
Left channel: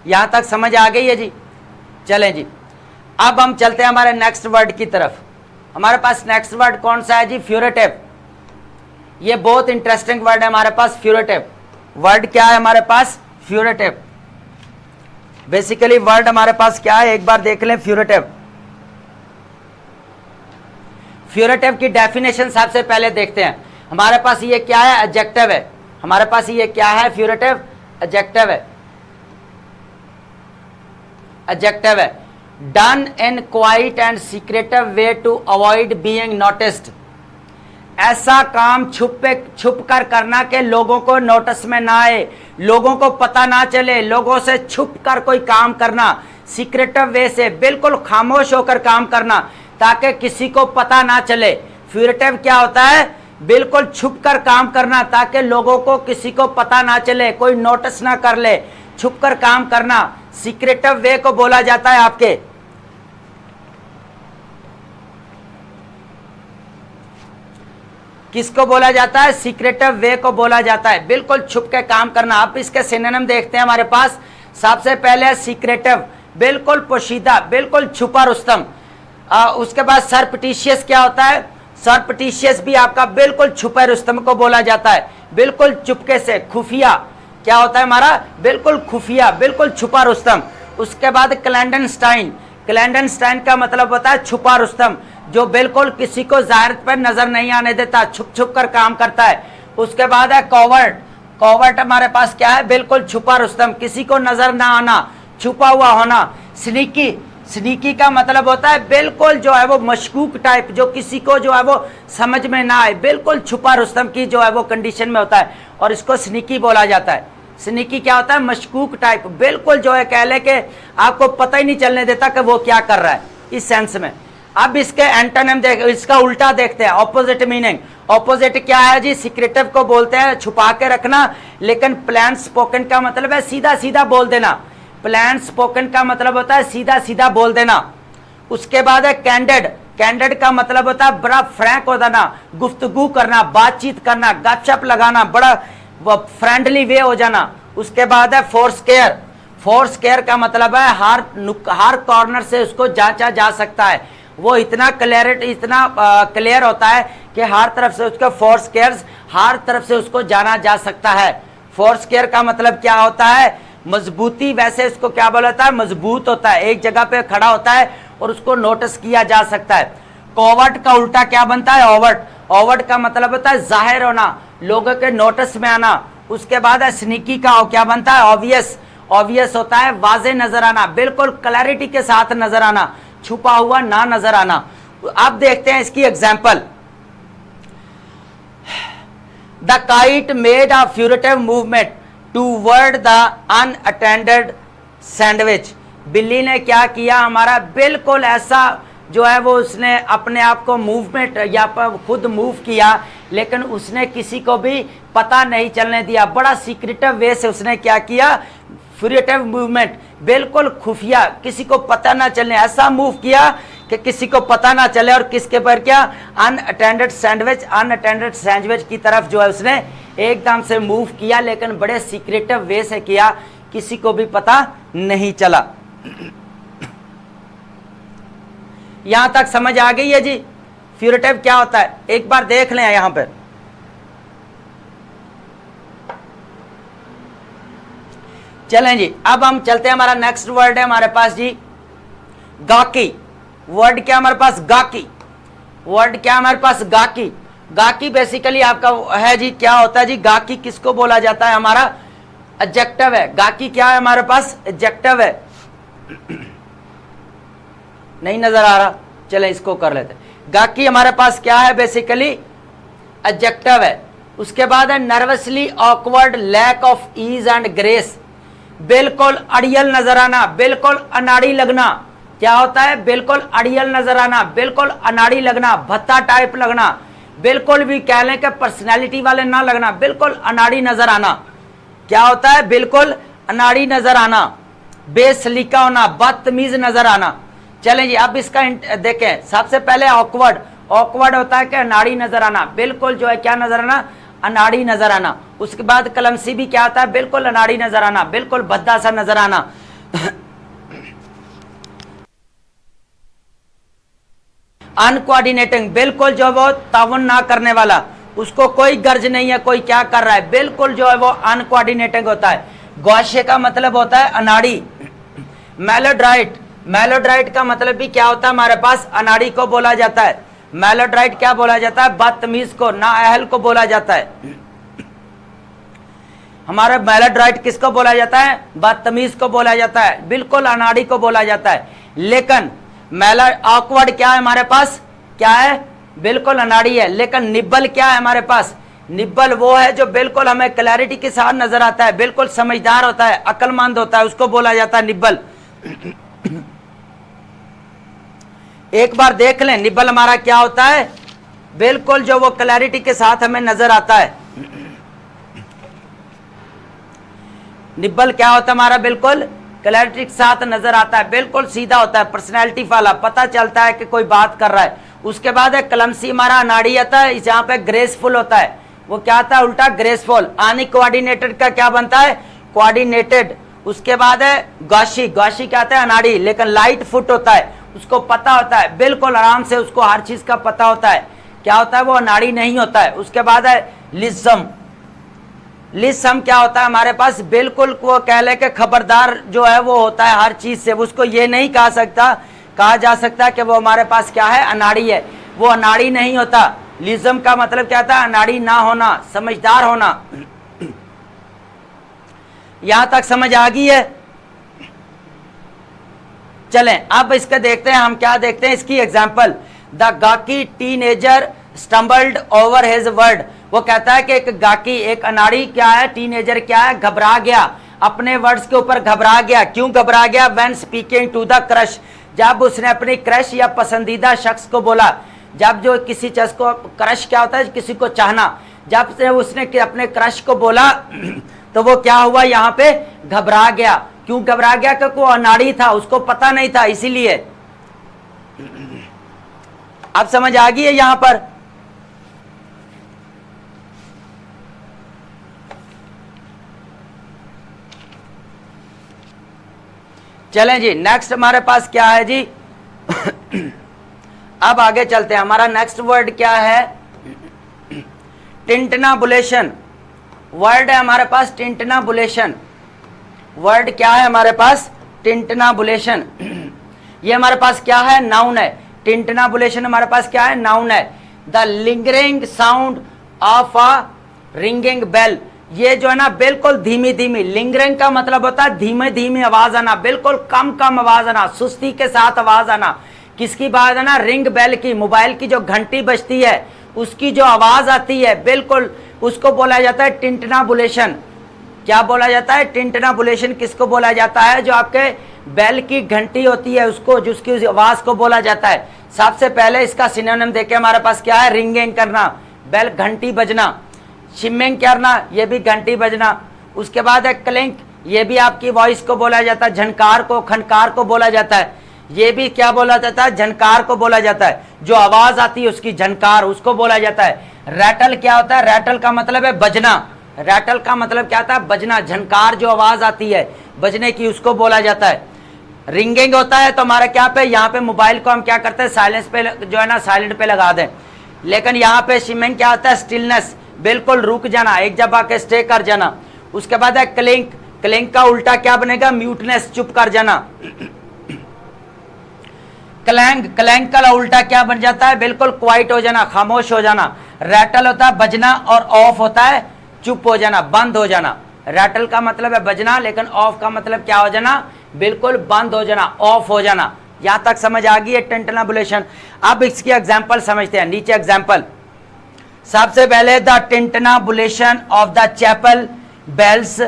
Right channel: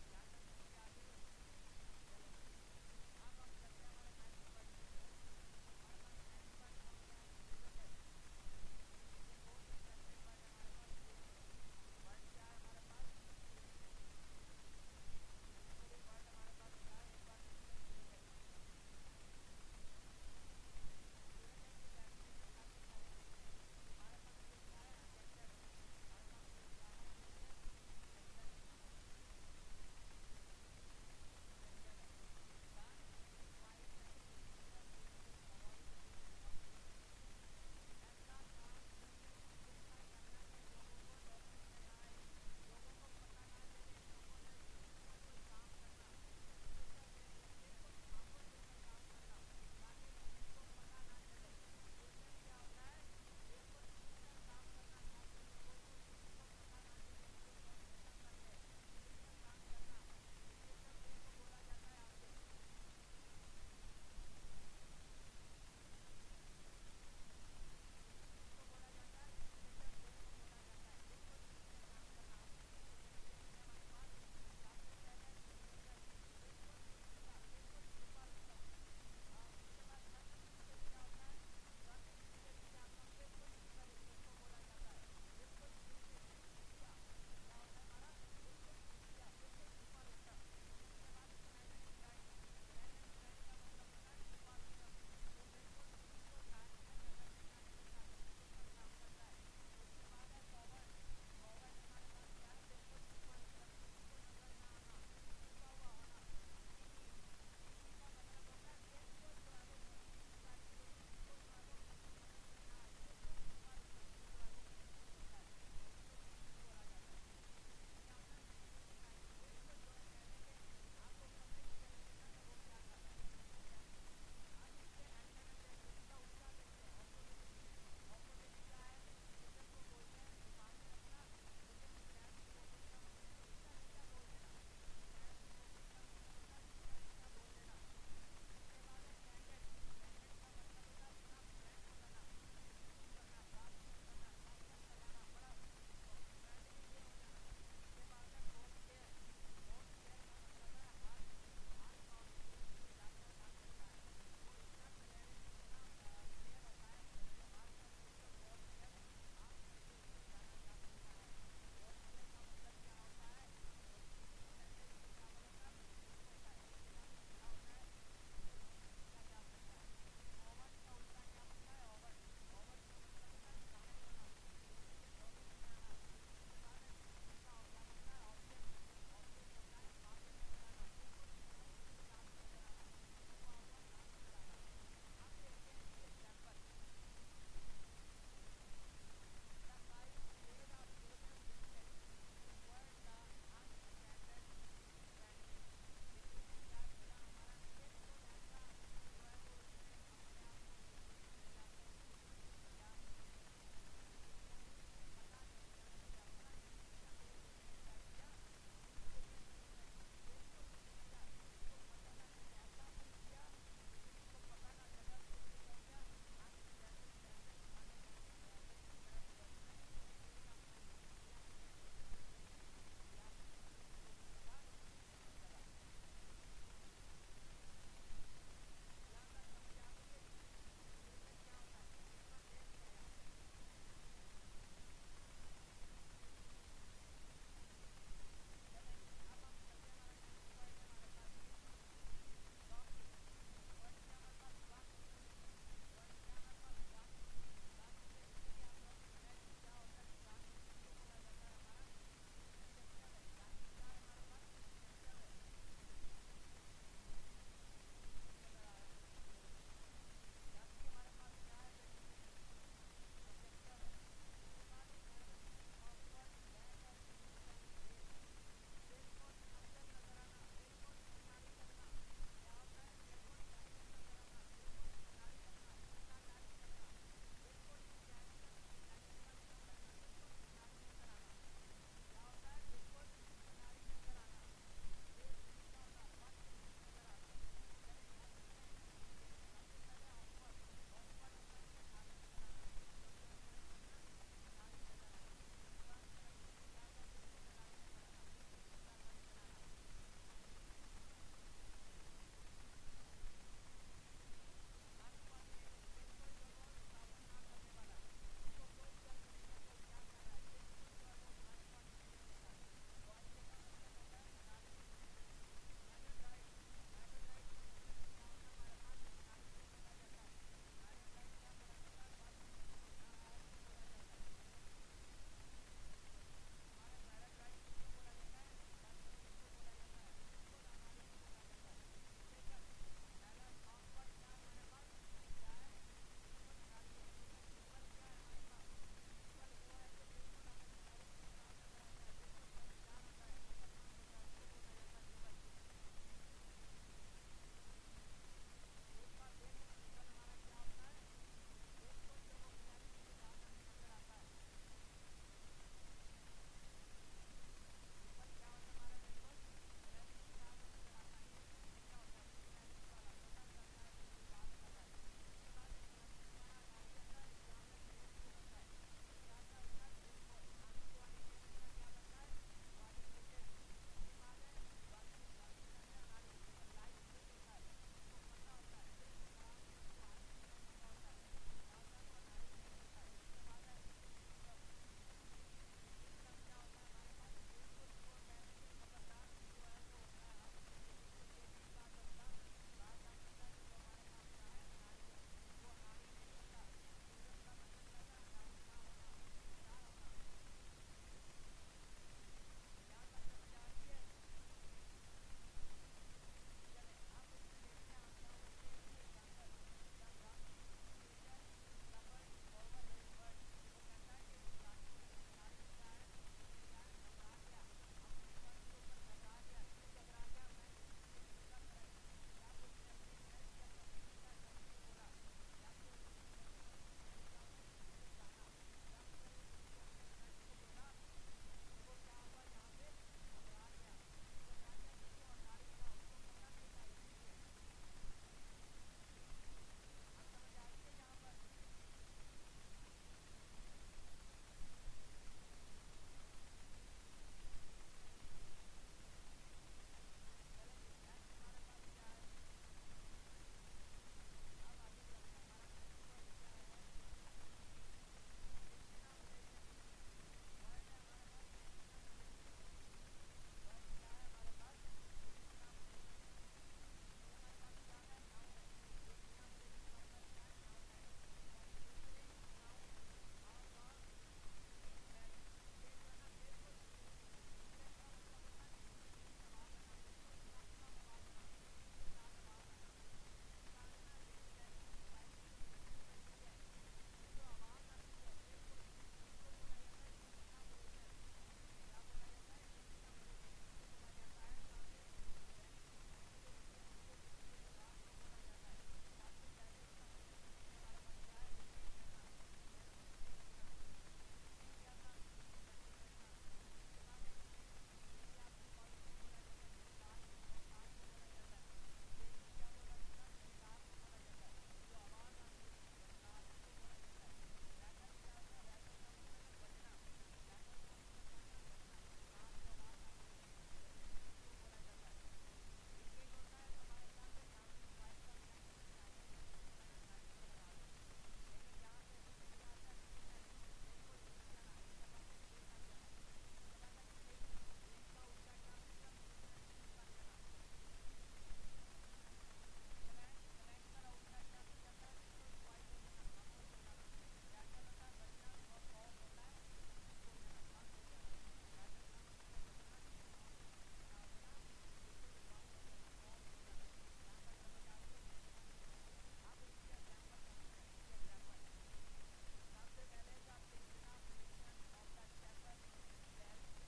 यहां तक समझ आ गई है जी? चलें जी, अब हम चलते हैं हमारे नेक्स्ट वर्ड की तरफ। हमारे पास नेक्स्ट वर्ड कौन सा है जी? फ्यूरेटिव। ये बहुत इंटरेस्टिंग वर्ड है हमारे पास, फ्यूरेटिव। वर्ड क्या है हमारे पास? फ्यूरेटिव। बेसिकली वर्ड हमारे पास क्या है, एक बार देख लें। फ्यूरेटिव, फ्यूरेटिव की डेफिनेशन सबसे पहले देखते हैं। हमारे पास ये क्या है? एडजेक्टिव है। हमारे पास ये क्या है? फ्यूरेटिव एडजेक्टिव है। एडजेक्टिव है, done in quiet and secretive way to avoid being noticed. ऐसा काम छुप कर करना कि लोगों को नोटिस में ना आए, लोगों को पता ना चले, लोगों से छुप कर कोई काम करना, सीक्रेटिव वे से, बिल्कुल खामोश होकर काम करना ताकि किसी को पता ना चले। फ्यूरेटिव क्या होता है? बिल्कुल छुप कर काम करना ताकि लोगों को किसी को पता ना चले, कोई नोटिस ना कर ले, छुप कर काम करना। सीक्रेटिव वे को बोला जाता है आपके, किसको बोला जाता है? सीक्रेटिव वे को बोला जाता है, बिल्कुल छुप के काम करना। आप इसके सिनोनिम देखते हैं हमारे पास। सबसे पहले सीक्रेटिव, बिल्कुल पोशीदा, बिल्कुल छुपा रुस्तम। उसके बाद सरपटिशियस क्या होता है? सरपटिशियस भी आपका बिल्कुल छुपे रुस्तम को बोला जाता है, बिल्कुल चुपके से, खुफिया। क्या होता है हमारा? बिल्कुल खुफिया, बिल्कुल छुपा रुस्तम। उसके बाद क्लैंडनस्टाइन। क्लैंडनस्टाइन का मतलब होता है छुपा रुस्तम, जो बिल्कुल किसी को जाहिर पर नजर नहीं आने देता, छुप छुप कर काम करता है। उसके बाद है कॉवर्ट। कॉवर्ट हमारे पास क्या है? बिल्कुल छुपा रुस्तम, किसी को नजर ना आना, छुपा हुआ होना। स्नीकी, स्नीकी का मतलब होता है बिल्कुल जो है वो मशकूक टाइप, जो किसी को जो है वो समझ में ना आए, बिल्कुल छुपा रुस्तम की जो है वो कंडीशन में होता है, और इसको स्नीकी बोला जाता है। स्नीकी क्या होता है? मशकूक टाइप, बिल्कुल जो है कह ले कि आपको पता ही नहीं चलने देता कि वो क्या कर रहा है, इस सेंस में। अब इसके एंटोनिम देख, इसका उल्टा देखते हैं, ऑपोजिट मीनिंग। ऑपोजिट क्या है जी? सीक्रेटिव को बोलते हैं छुपा के रखना, लेकिन प्लान स्पोकन का मतलब है सीधा सीधा बोल देना। प्लान स्पोकन का मतलब होता है सीधा सीधा बोल देना। उसके बाद है कैंडिड। कैंडिड का मतलब होता है बड़ा फ्रैंक हो जाना, गुफ्तगू करना, बातचीत करना, गपशप लगाना, बड़ा फ्रेंडली वे हो जाना। उसके बाद है फोर्स केयर। फोर्स केयर का मतलब है हर कॉर्नर से उसको जांचा जा सकता है, वो इतना क्लियर होता है कि हर तरफ से उसको फोर्स केयर, हर तरफ से उसको जाना जा सकता है। फोर्स केयर का मतलब क्या होता है? मजबूती। वैसे इसको क्या बोला जाता है? मजबूत होता है, एक जगह पे खड़ा होता है और उसको नोटिस किया जा सकता है। कोवर्ट का उल्टा क्या बनता है? ओवर्ट। ओवर्ट का मतलब होता है जाहिर होना, लोगों के नोटिस में आना। उसके बाद है स्नीकी का क्या बनता है? ऑब्वियस। ऑब्वियस होता है वाजे नजर आना, बिल्कुल क्लैरिटी के साथ नजर आना, छुपा हुआ ना नजर आना। अब देखते हैं इसकी example. The kite made a furtive movement toward the unattended sandwich. बिल्ली ने क्या किया हमारा? बिल्कुल ऐसा जो है वो उसने अपने आप को मूवमेंट या खुद मूव किया, लेकिन उसने किसी को भी पता नहीं चलने दिया। बड़ा सीक्रेटिव वे से उसने क्या किया? फ्यूरेटिव मूवमेंट, बिल्कुल खुफिया, किसी को पता ना चलने, ऐसा मूव किया कि किसी को पता ना चले। और किसके पर क्या? अनअटेंडेड सैंडविच, अनअटेंडेड सैंडविच की तरफ जो है उसने एकदम से मूव किया, लेकिन बड़े सीक्रेटिव वे से किया, किसी को भी पता नहीं चला। यहां तक समझ आ गई है जी? फ्यूरेटिव क्या होता है एक बार देख लें यहां पर। चलें जी, अब हम चलते हैं, हमारा नेक्स्ट वर्ड है हमारे पास जी गाकी। वर्ड क्या हमारे पास? गाकी। वर्ड क्या हमारे पास? गाकी। गाकी बेसिकली आपका है जी, क्या होता है जी? गाकी किसको बोला जाता है? हमारा एडजेक्टिव है। गाकी क्या है हमारे पास? एडजेक्टिव है। नहीं नजर आ रहा? चले इसको कर लेते। गाकी हमारे पास क्या है? बेसिकली एडजेक्टिव है। उसके बाद है nervously awkward, lack of ease and grace. बिल्कुल अड़ियल नजर आना, बिल्कुल अनाड़ी लगना। क्या होता है? बिल्कुल अड़ियल नजर आना, बिल्कुल अनाड़ी लगना, भत्ता टाइप लगना, बिल्कुल भी कह लें कि पर्सनैलिटी वाले ना लगना, बिल्कुल अनाड़ी नजर आना। क्या होता है? बिल्कुल अनाड़ी नजर आना, बेसलीका होना, बदतमीज नजर आना। चलें जी, अब इसका देखें। सबसे पहले ऑकवर्ड। ऑकवर्ड होता है कि अनाड़ी नजर आना, बिल्कुल जो है क्या नजर आना, अनाड़ी नजर आना। उसके बाद क्लमसी भी क्या होता है, बिल्कुल अनाड़ी नजर आना, बिल्कुल भद्दा सा नजर आना। अनकोऑर्डिनेटिंग, बिल्कुल जो वो ताउन ना करने वाला, उसको कोई गर्ज नहीं है कोई क्या कर रहा है, बिल्कुल जो है वो अनकोऑर्डिनेटिंग होता है। गौशे का मतलब होता है अनाड़ी। मेलोड्राइट, मेलोड्राइट का मतलब भी क्या होता है हमारे पास, अनाड़ी को बोला जाता है। मेलोड्राइट क्या बोला जाता है, बदतमीज को, नाअहल को बोला जाता है। हमारा मेलोड्राइट किसको बोला जाता है, बदतमीज को बोला जाता है, बिल्कुल अनाड़ी को बोला जाता है। लेकिन ऑकवर्ड क्या है हमारे पास, क्या है, बिल्कुल अनाड़ी है। लेकिन निब्बल क्या है हमारे पास, निब्बल वो है जो बिल्कुल हमें क्लैरिटी के साथ नजर आता है, बिल्कुल समझदार होता है, अक्लमंद होता है, उसको बोला जाता है निब्बल। एक बार देख लें निब्बल हमारा क्या होता है, बिल्कुल जो वो क्लैरिटी के साथ हमें नजर आता है। निब्बल क्या होता है हमारा, बिल्कुल क्लैरिटी के साथ नजर आता है, बिल्कुल सीधा होता है, पर्सनैलिटी वाला, पता चलता है कि कोई बात कर रहा है। उसके बाद है क्लमसी, हमारा अनाड़ी आता है, जहां पे ग्रेसफुल होता है, वो क्या आता है उल्टा, ग्रेसफुल। अनकोऑर्डिनेटेड का क्या बनता है, कोऑर्डिनेटेड। उसके बाद है गौशी, गौशी क्या आता है, अनाड़ी, लेकिन लाइट फुट होता है, उसको पता होता है, बिल्कुल आराम से उसको हर चीज का पता होता है, क्या होता है वो अनाड़ी नहीं होता है। उसके बाद है लिज्म, लिज्म क्या होता है हमारे पास, बिल्कुल वो कह ले कि खबरदार जो है वो होता है हर चीज से, उसको ये नहीं कहा जा सकता कि वो हमारे पास क्या है, अनाड़ी है, वो अनाड़ी नहीं होता। लिज्म का मतलब क्या था, अनाड़ी ना होना, समझदार होना। यहां तक समझ आ गई है। चलें अब इसके देखते हैं, हम क्या देखते हैं इसकी example. The gawky teenager stumbled over his word, वो कहता है कि एक गाकी, एक अनाड़ी क्या है, टीनेजर क्या है, घबरा गया, अपने वर्ड्स के ऊपर घबरा गया। क्यों घबरा गया, when speaking to the crush, जब उसने अपनी क्रश या पसंदीदा शख्स को बोला। जब जो किसी शख्स को, क्रश क्या होता है, किसी को चाहना, जब से उसने अपने क्रश को बोला तो वो क्या हुआ, यहाँ पे घबरा गया। क्यों घबरा गया, क्योंकि वो अनाड़ी था, उसको पता नहीं था, इसीलिए। अब समझ आ गई है यहां पर। चलें जी, नेक्स्ट हमारे पास क्या है जी। अब आगे चलते हैं, हमारा नेक्स्ट वर्ड क्या है, टिंटनाबुलेशन। वर्ड है हमारे पास टिंटनाबुलेशन। वर्ड क्या है हमारे पास, टिंटनाबुलेशन। ये हमारे पास क्या है, नाउन है। टिंटनाबुलेशन हमारे पास क्या है, नाउन है। The lingering sound of a ringing bell, ये जो है ना बिल्कुल धीमी धीमी, लिंगरिंग का मतलब होता है धीमे धीमे आवाज आना, बिल्कुल कम कम आवाज आना, सुस्ती के साथ आवाज आना। किसकी बात है ना, रिंग बेल की, मोबाइल की जो घंटी बजती है उसकी जो आवाज आती है, बिल्कुल उसको बोला जाता है टिंटनाबुलेशन। क्या बोला जाता है, टिंटनाबुलेशन किसको बोला जाता है, जो आपके बेल की घंटी होती है उसको, जिसकी आवाज को बोला जाता है। सबसे पहले इसका सिनोनिम देखे हमारे पास क्या है, रिंगिंग करना, बेल घंटी बजना। शिमिंग करना, ये भी घंटी बजना। उसके बाद है क्लिंक, ये भी आपकी वॉइस को बोला जाता है, झनकार को, खनकार को बोला जाता है, ये भी क्या बोला जाता है, झनकार को बोला जाता है, जो आवाज आती है उसकी झनकार, उसको बोला जाता है। रैटल क्या होता है, रैटल का मतलब है बजना, रैटल का मतलब क्या था, बजना, झनकार जो आवाज आती है बजने की, उसको बोला जाता है। रिंगिंग होता है तो हमारा क्या पे, यहाँ पे मोबाइल को हम क्या करते हैं, साइलेंस पे जो है ना, साइलेंट पे लगा दें। लेकिन यहाँ पे शिमिंग क्या होता है, स्टिलनेस, बिल्कुल रुक जाना, एक जगह के स्टे कर जाना। उसके बाद है क्लिंक, क्लिंक का उल्टा क्या बनेगा, म्यूटनेस, चुप कर जाना। क्लैंग, क्लैंग का उल्टा क्या बन जाता है, बिल्कुल क्वाइट हो जाना, खामोश हो जाना। रैटल होता है बजना और ऑफ होता है चुप हो जाना, बंद हो जाना। रैटल का मतलब है बजना, लेकिन ऑफ का मतलब क्या हो जाना, बिल्कुल बंद हो जाना, ऑफ हो जाना। यहां तक समझ आ गई है टिंटनाबुलेशन। अब इसकी एग्जांपल समझते हैं, नीचे एग्जांपल। सबसे पहले the tintinnabulation of the chapel bells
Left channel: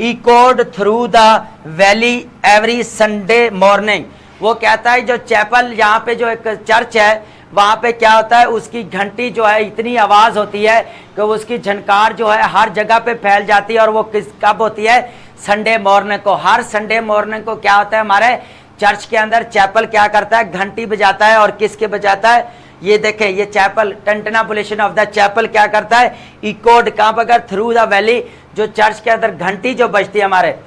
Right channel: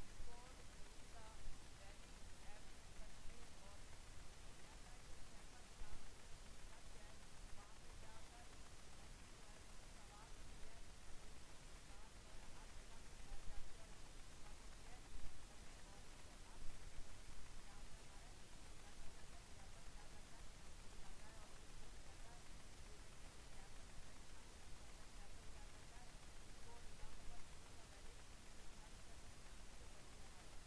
echoed through the valley every Sunday morning. वो कहता है जो चैपल, यहाँ पे जो एक चर्च है, वहां पे क्या होता है, उसकी घंटी जो है इतनी आवाज होती है कि उसकी झनकार जो है हर जगह पे फैल जाती है। और वो किस कब होती है, संडे मॉर्निंग को। हर संडे मॉर्निंग को क्या होता है, हमारे चर्च के अंदर चैपल क्या करता है, घंटी बजाता है। और किसके बजाता है, ये देखें, ये चैपल, टेंटनाबुलेशन ऑफ द चैपल क्या करता है, इकोड कहाँ पर कर, थ्रू द वैली, जो चर्च के अंदर घंटी जो बजती है हमारे,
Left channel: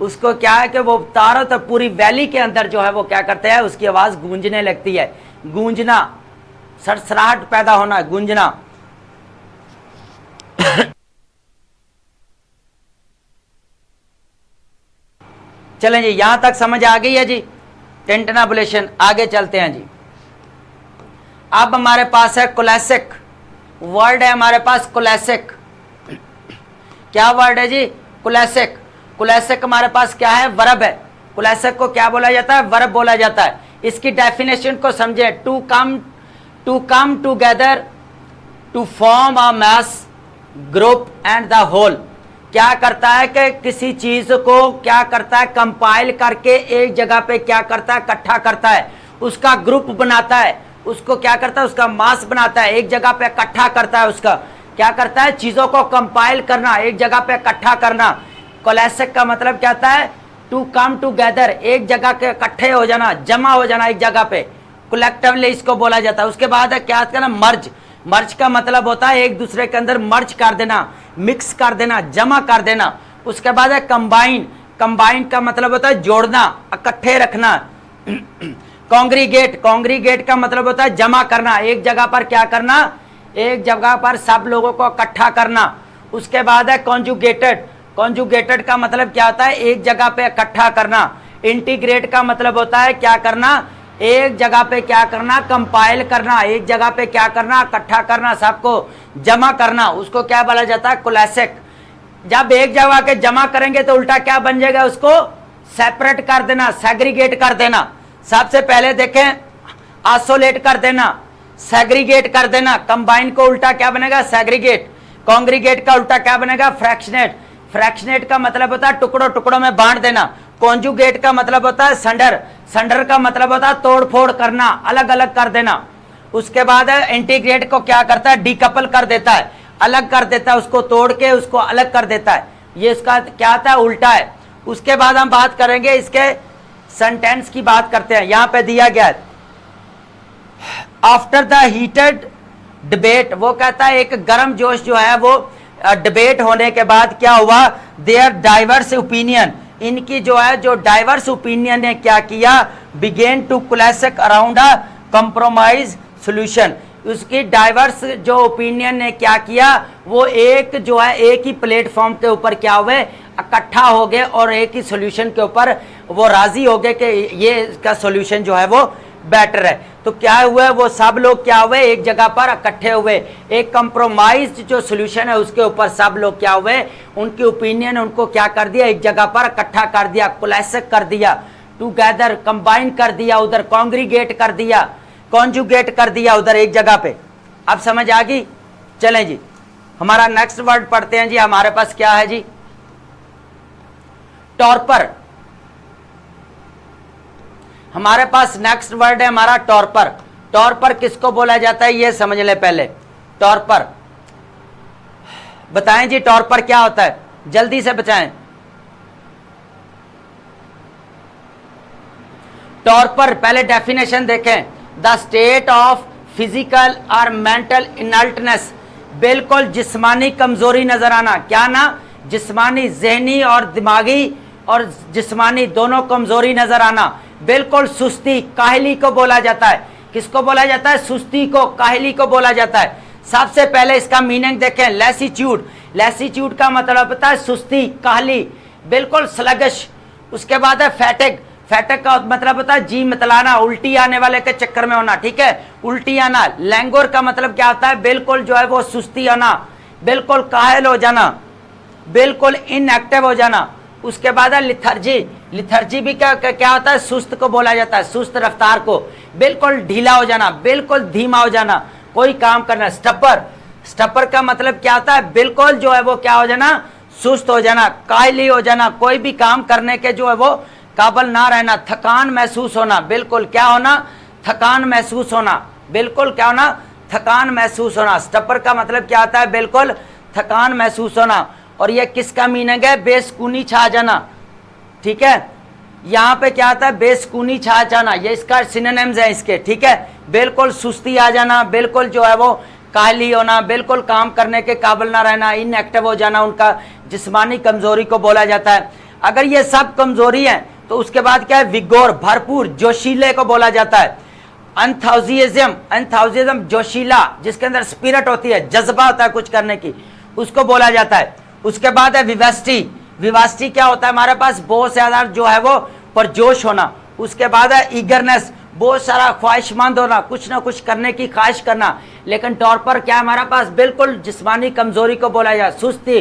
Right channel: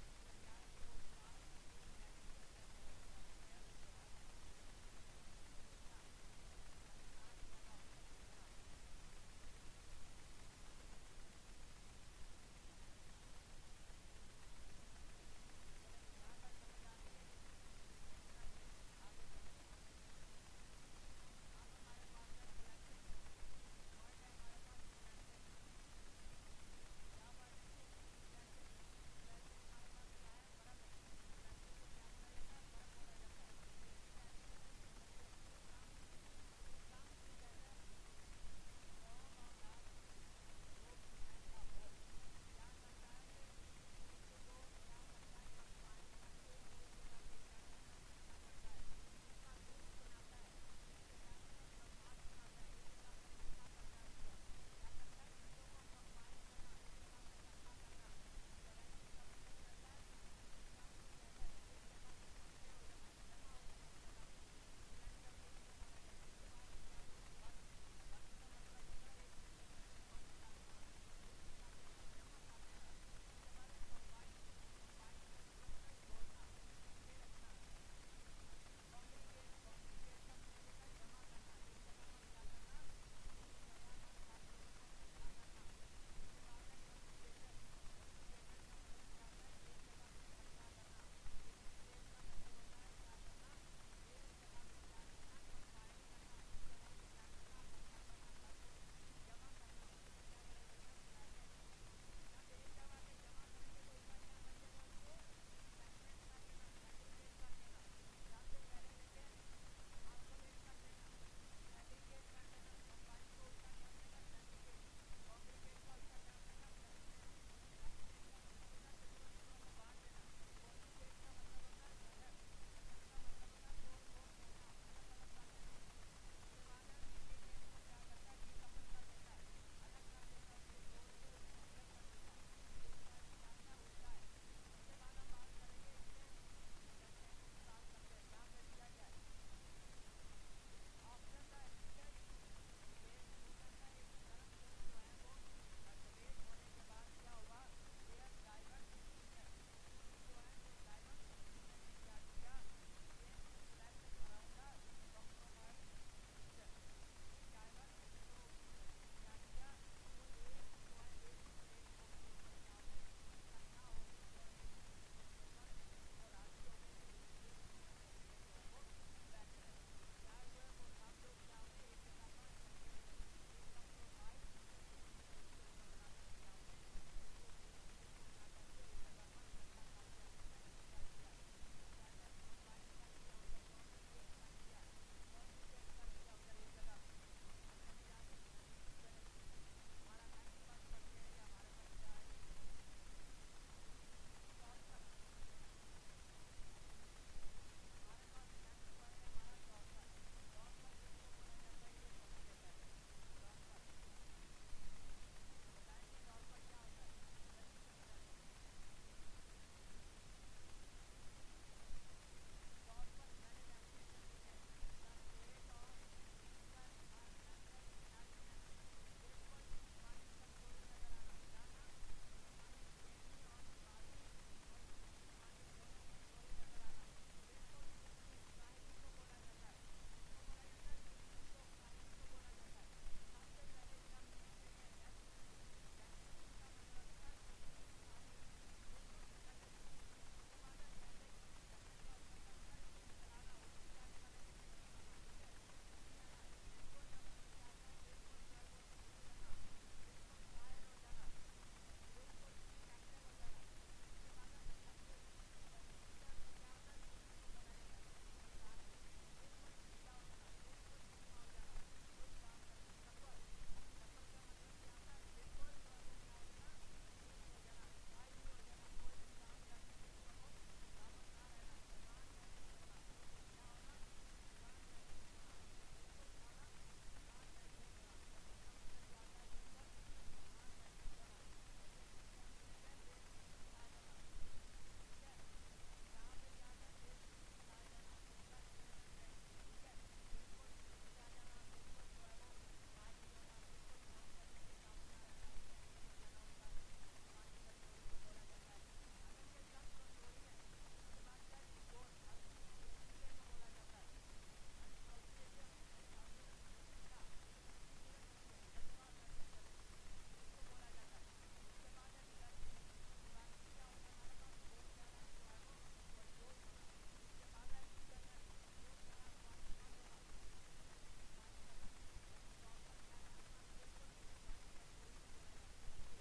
उसको क्या है कि वो तारों तक पूरी वैली के अंदर जो है वो क्या करते हैं, उसकी आवाज गूंजने लगती है, गूंजना, सरसराहट पैदा होना, गूंजना। चलें जी, यहां तक समझ आ गई है जी टेंटनाबुलेशन। आगे चलते हैं जी। अब हमारे पास है कोलेसिक, वर्ड है हमारे पास कोलेसिक। क्या वर्ड है जी, कोलेसिक। कोलेसिक हमारे पास क्या है, वर्ब है। कोलेसिक को क्या बोला जाता है, वर्ब बोला जाता है। इसकी डेफिनेशन को समझे, to come together, to form a mass group and the whole. क्या करता है कि किसी चीज को क्या करता है, कंपाइल करके एक जगह पे क्या करता है, इकट्ठा करता है, उसका ग्रुप बनाता है, उसको क्या करता है, उसका मास बनाता है, एक जगह पे इकट्ठा करता है, उसका क्या करता है, चीजों को कंपाइल करना, एक जगह पे इकट्ठा करना। कोलेसिक का मतलब क्या होता है, टू कम टूगेदर, एक जगह के इकट्ठे हो जाना, जमा हो जाना एक जगह पे, कलेक्टिवली इसको बोला जाता है। उसके बाद है क्या करना, मर्ज। मर्ज का मतलब होता है एक दूसरे के अंदर मर्ज कर देना, मिक्स कर देना, जमा कर देना। उसके बाद है कंबाइन। कंबाइन का मतलब होता है जोड़ना, इकट्ठे रखना। कॉन्ग्रीगेट, कॉन्ग्रीगेट का मतलब होता है जमा करना, एक जगह पर क्या करना, एक जगह पर सब लोगों को इकट्ठा करना। उसके बाद है कॉन्जुगेटेड। कॉन्जुगेटेड का मतलब क्या होता है, एक जगह पे इकट्ठा करना। इंटीग्रेट का मतलब होता है क्या करना, एक जगह पे क्या करना, कंपाइल करना, एक जगह पे क्या करना, इकट्ठा करना, सबको जमा करना, उसको क्या बोला जाता है, कोलेसिक। जब एक जगह के जमा करेंगे तो उल्टा क्या बन जाएगा, उसको सेपरेट कर देना, सेग्रीगेट कर देना। सबसे पहले देखें, आइसोलेट कर देना, सेग्रीगेट कर देना। कंबाइन को उल्टा क्या बनेगा, सेग्रीगेट। कॉन्ग्रीगेट का उल्टा क्या बनेगा, फ्रैक्शनेट। फ्रैक्शनेट का मतलब होता है टुकड़ों टुकड़ों में बांट देना। कॉन्जुगेट का मतलब होता है संडर। संडर का मतलब होता है तोड़ फोड़ करना, अलग अलग कर देना। उसके बाद इंटीग्रेट को क्या करता है, डीकपल कर देता है, अलग कर देता है, उसको तोड़ के उसको अलग कर देता है। ये इसका क्या आता है, उल्टा है। उसके बाद हम बात करेंगे इसके सेंटेंस की बात करते हैं। यहां पे दिया गया है, आफ्टर द हीटेड डिबेट, वो कहता है एक गर्म जोश जो है वो डिबेट होने के बाद क्या हुआ, देयर डाइवर्स ओपिनियन, इनकी जो है जो डाइवर्स ओपिनियन ने क्या किया, began to coalesce around a compromise solution. उसकी डाइवर्स जो ओपिनियन ने क्या किया, वो एक जो है एक ही प्लेटफॉर्म के ऊपर क्या हुए, इकट्ठा हो गए और एक ही सॉल्यूशन के ऊपर वो राजी हो गए कि ये इसका सॉल्यूशन जो है वो बेटर है। तो क्या हुआ, वो सब लोग क्या हुए, एक जगह पर इकट्ठे हुए, एक कंप्रोमाइज जो सॉल्यूशन है उसके ऊपर सब लोग क्या हुए, उनकी ओपिनियन उनको क्या कर दिया, एक जगह पर इकट्ठा कर दिया, कोलेसिक कर दिया, टुगेदर कंबाइन कर दिया, उधर कॉन्ग्रीगेट कर दिया, कॉन्जुगेट कर दिया उधर एक जगह पे। अब समझ आ गई। चलें जी, हमारा नेक्स्ट वर्ड पढ़ते हैं जी। हमारे पास क्या है जी, टॉर्पर। हमारे पास नेक्स्ट वर्ड है हमारा टॉर्पर। टॉर्पर किसको बोला जाता है, ये समझ ले पहले। टॉर्पर बताएं जी, टॉर्पर क्या होता है, जल्दी से बताएं। टॉर्पर पहले डेफिनेशन देखें, द स्टेट ऑफ फिजिकल और मेंटल इनल्टनेस, बिल्कुल जिस्मानी कमजोरी नजर आना। क्या ना, जिस्मानी, जहनी और दिमागी और जिस्मानी दोनों कमजोरी नजर आना, बिल्कुल सुस्ती, काहली को बोला जाता है। किसको बोला जाता है, सुस्ती को, काहली को बोला जाता है। सबसे पहले इसका मीनिंग देखें, लैसीट्यूड। लैसीट्यूड का मतलब होता है सुस्ती, काहली, बिल्कुल स्लगिश। उसके बाद है फैटिग। फैटिग का मतलब होता है जी मतलाना, उल्टी आने वाले के चक्कर में होना, ठीक है, उल्टी आना। लैंगोर का मतलब क्या होता है, बिल्कुल जो है वो सुस्ती आना, बिल्कुल कायल हो जाना, बिल्कुल इनएक्टिव हो जाना। उसके बाद है लिथर्जी। लिथर्जी भी क्या होता है, सुस्त को बोला जाता है, सुस्त रफ्तार को, बिल्कुल ढीला हो जाना, बिल्कुल धीमा हो जाना, कोई काम करना। स्टपर। स्टपर का मतलब क्या होता है, बिल्कुल जो है वो क्या हो जाना, सुस्त हो जाना, कायली हो जाना, कोई भी काम करने के जो है वो काबिल ना रहना, थकान महसूस होना, बिल्कुल क्या होना, थकान महसूस होना, बिल्कुल क्या होना, थकान महसूस होना। स्टपर का मतलब क्या होता है, बिल्कुल थकान महसूस होना। और ये किसका मीनिंग है, बेसुकूनी छा जाना, ठीक है। यहाँ पे क्या आता है, बेसुकूनी छा जाना, ये इसका सिनोनिम्स है इसके, ठीक है। बिल्कुल सुस्ती आ जाना, बिल्कुल जो है वो काहली होना, बिल्कुल काम करने के काबिल ना रहना, इनएक्टिव हो जाना, उनका जिस्मानी कमजोरी को बोला जाता है। अगर ये सब कमजोरी है तो उसके बाद क्या है, विगोर, भरपूर, जोशीले को बोला जाता है। एंथुसियाज्म जोशीला, जिसके अंदर स्पिरिट होती है, जज्बा होता है कुछ करने की, उसको बोला जाता है। उसके बाद है विवेस्टी। विवास्टी क्या होता है, हमारे पास बहुत ज्यादा जो है वो परजोश होना। उसके बाद है ईगरनेस, बहुत सारा ख्वाहिशमंद होना, कुछ ना कुछ करने की ख्वाहिश करना। लेकिन तौर पर क्या हमारे पास बिल्कुल जिस्मानी कमजोरी को बोला जाता है, सुस्ती,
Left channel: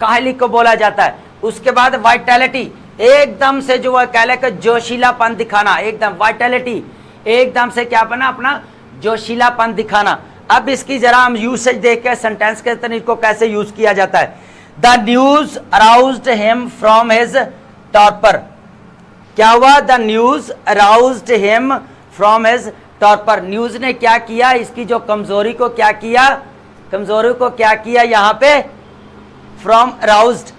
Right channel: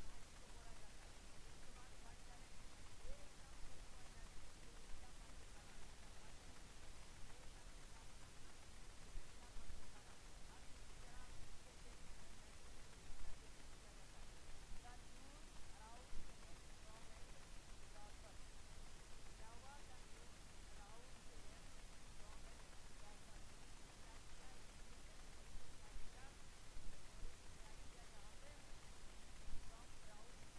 काहली को बोला जाता है। उसके बाद वाइटैलिटी, एकदम से जो है कह ले कि जोशीलापन दिखाना, एकदम वाइटैलिटी, एकदम से क्या बना, अपना जोशीलापन दिखाना। अब इसकी जरा हम यूसेज देख के सेंटेंस के तरीके को कैसे यूज किया जाता है। The news aroused him from his torpor. क्या हुआ, the news aroused him from his torpor. News ने क्या किया, इसकी जो कमजोरी को क्या किया, कमजोरी को क्या किया यहाँ पे, फ्रॉम अराउज्ड,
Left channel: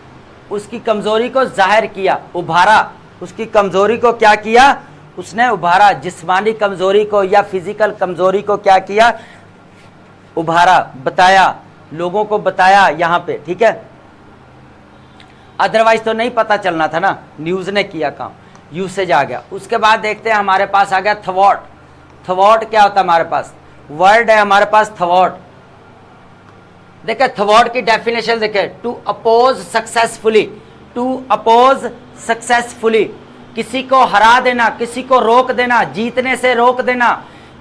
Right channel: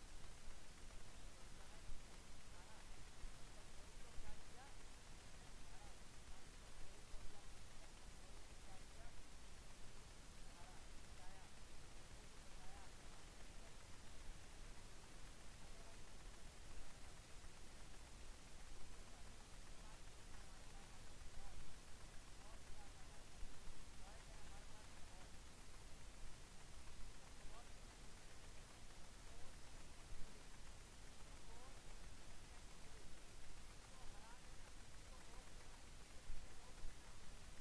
उसकी कमजोरी को जाहिर किया, उभारा। उसकी कमजोरी को क्या किया, उसने उभारा, जिस्मानी कमजोरी को या फिजिकल कमजोरी को क्या किया, उभारा, बताया, लोगों को बताया यहाँ पे, ठीक है। अदरवाइज तो नहीं पता चलना था ना, न्यूज ने किया काम, यूसेज आ गया। उसके बाद देखते हैं हमारे पास आ गया थवॉट। थवॉट क्या होता है, हमारे पास वर्ड है हमारे पास थवॉट। देखे थवॉट की डेफिनेशन देखे, to oppose successfully, to oppose successfully, किसी को हरा देना, किसी को रोक देना, जीतने से रोक देना,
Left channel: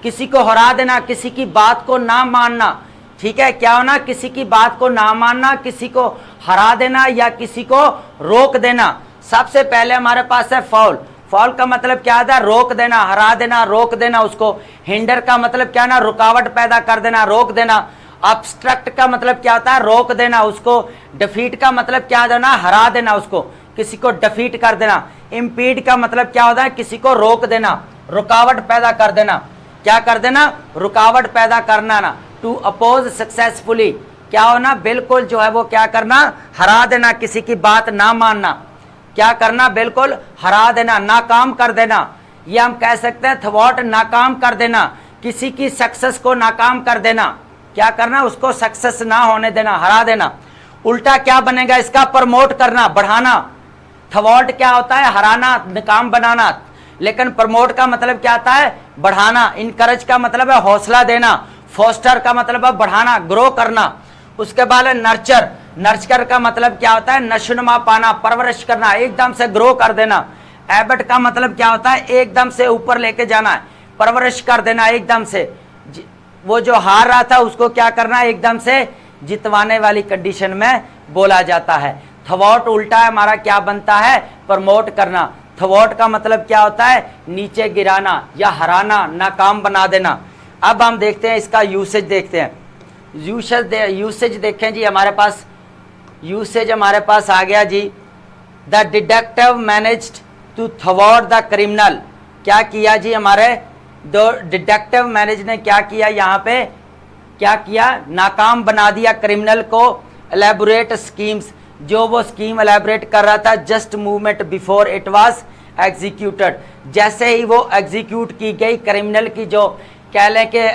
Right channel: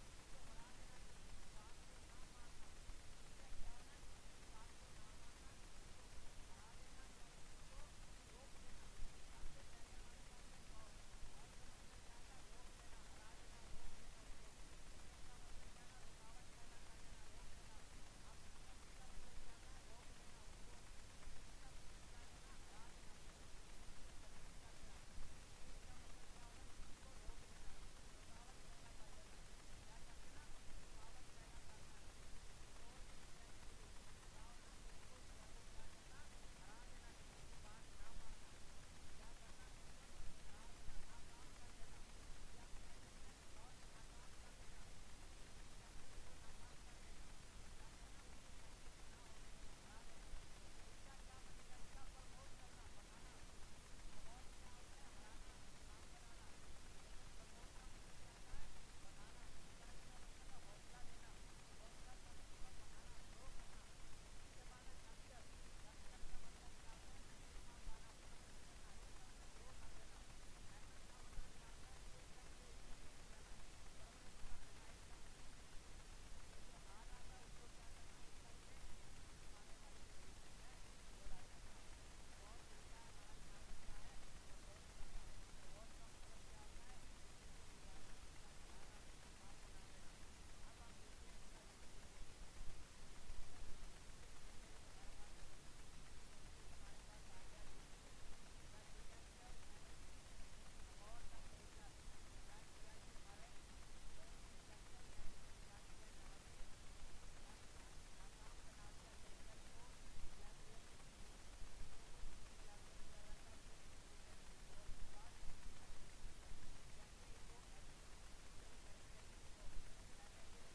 किसी को हरा देना, किसी की बात को ना मानना, ठीक है। क्या होना, किसी की बात को ना मानना, किसी को हरा देना या किसी को रोक देना। सबसे पहले हमारे पास है फॉल। फॉल का मतलब क्या था, रोक देना, हरा देना, रोक देना उसको। हिंडर का मतलब क्या ना, रुकावट पैदा कर देना, रोक देना। ऑब्स्ट्रक्ट का मतलब क्या होता है, रोक देना उसको। डिफीट का मतलब क्या होना, हरा देना उसको, किसी को डिफीट कर देना। इम्पीड का मतलब क्या होता है, किसी को रोक देना, रुकावट पैदा कर देना। क्या कर देना, रुकावट पैदा करना ना। टू अपोज सक्सेसफुली, क्या होना, बिल्कुल जो है वो क्या करना, हरा देना, किसी की बात ना मानना। क्या करना, बिल्कुल हरा देना, नाकाम कर देना। ये हम कह सकते हैं थवॉट, नाकाम कर देना, किसी की सक्सेस को नाकाम कर देना। क्या करना, उसको सक्सेस ना होने देना, हरा देना। उल्टा क्या बनेगा इसका, प्रमोट करना, बढ़ाना। थवॉट क्या होता है, हराना, नाकाम बनाना। लेकिन प्रमोट का मतलब क्या आता है, बढ़ाना। इनकरेज का मतलब है हौसला देना। फोस्टर का मतलब है बढ़ाना, ग्रो करना। उसके बाद है नर्चर। नर्चर का मतलब क्या होता है, नशोनुमा पाना, परवरिश करना, एकदम से ग्रो कर देना। एबट का मतलब क्या होता है, एकदम से ऊपर लेके जाना है, परवरिश कर देना एकदम से। वो जो हार रहा था उसको क्या करना, एकदम से जितवाने वाली कंडीशन में बोला जाता है। थवॉट उल्टा है हमारा क्या बनता है, प्रमोट करना। थवॉट का मतलब क्या होता है, नीचे गिराना या हराना, नाकाम बना देना। अब हम देखते हैं इसका यूसेज देखते हैं। यूसेज देखें जी, हमारे पास यूसेज हमारे पास आ गया जी। द डिटेक्टिव मैनेज्ड टू थवॉट द क्रिमिनल। क्या किया जी, हमारे दो डिटेक्टिव मैनेज ने क्या किया, यहाँ पे क्या किया, नाकाम बना दिया क्रिमिनल को। एलेबोरेट स्कीम्स, जो वो स्कीम एलेबोरेट कर रहा था, just movement before it was executed, जैसे ही वो एग्जीक्यूट की गई, क्रिमिनल की जो कह लें कि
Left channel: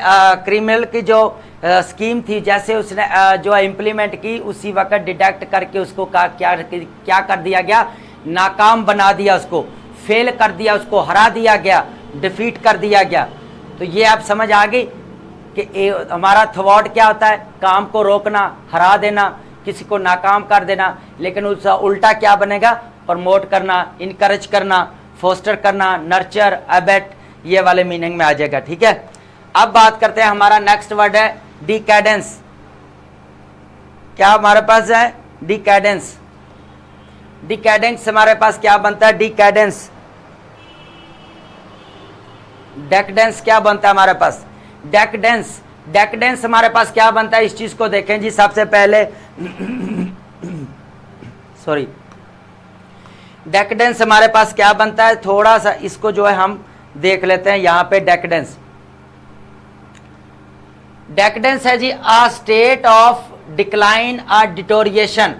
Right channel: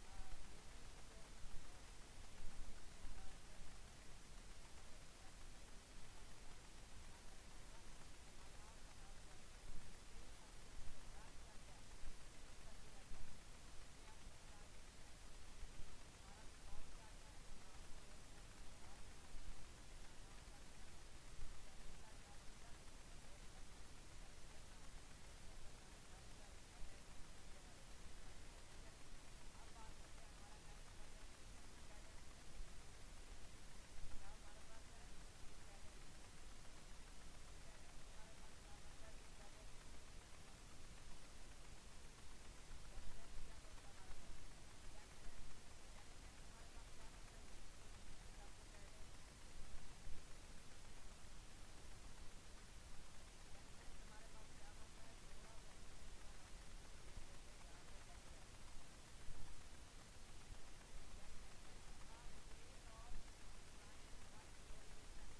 क्रिमिनल की जो स्कीम थी, जैसे उसने जो इम्प्लीमेंट की, उसी वक्त डिटेक्ट करके उसको क्या कर दिया गया, नाकाम बना दिया, उसको फेल कर दिया, उसको हरा दिया गया, डिफीट कर दिया गया। तो ये आप समझ आ गई कि हमारा थवॉट क्या होता है, काम को रोकना, हरा देना, किसी को नाकाम कर देना। लेकिन उसका उल्टा क्या बनेगा, प्रमोट करना, इनकरेज करना, फोस्टर करना, नर्चर, अबेट, ये वाले मीनिंग में आ जाएगा, ठीक है। अब बात करते हैं, हमारा नेक्स्ट वर्ड है डिकैडेंस। क्या हमारे पास है, डिकैडेंस। डिकैडेंस हमारे पास क्या बनता है, डिकैडेंस। डेकडेंस क्या बनता है हमारे पास, डेकडेंस। डेकडेंस हमारे पास क्या बनता है, इस चीज को देखें जी। सबसे पहले सॉरी, डेकडेंस हमारे पास क्या बनता है, थोड़ा सा इसको जो है हम देख लेते हैं यहाँ पे। डेकडेंस, डेकडेंस है जी, a state of decline, a deterioration,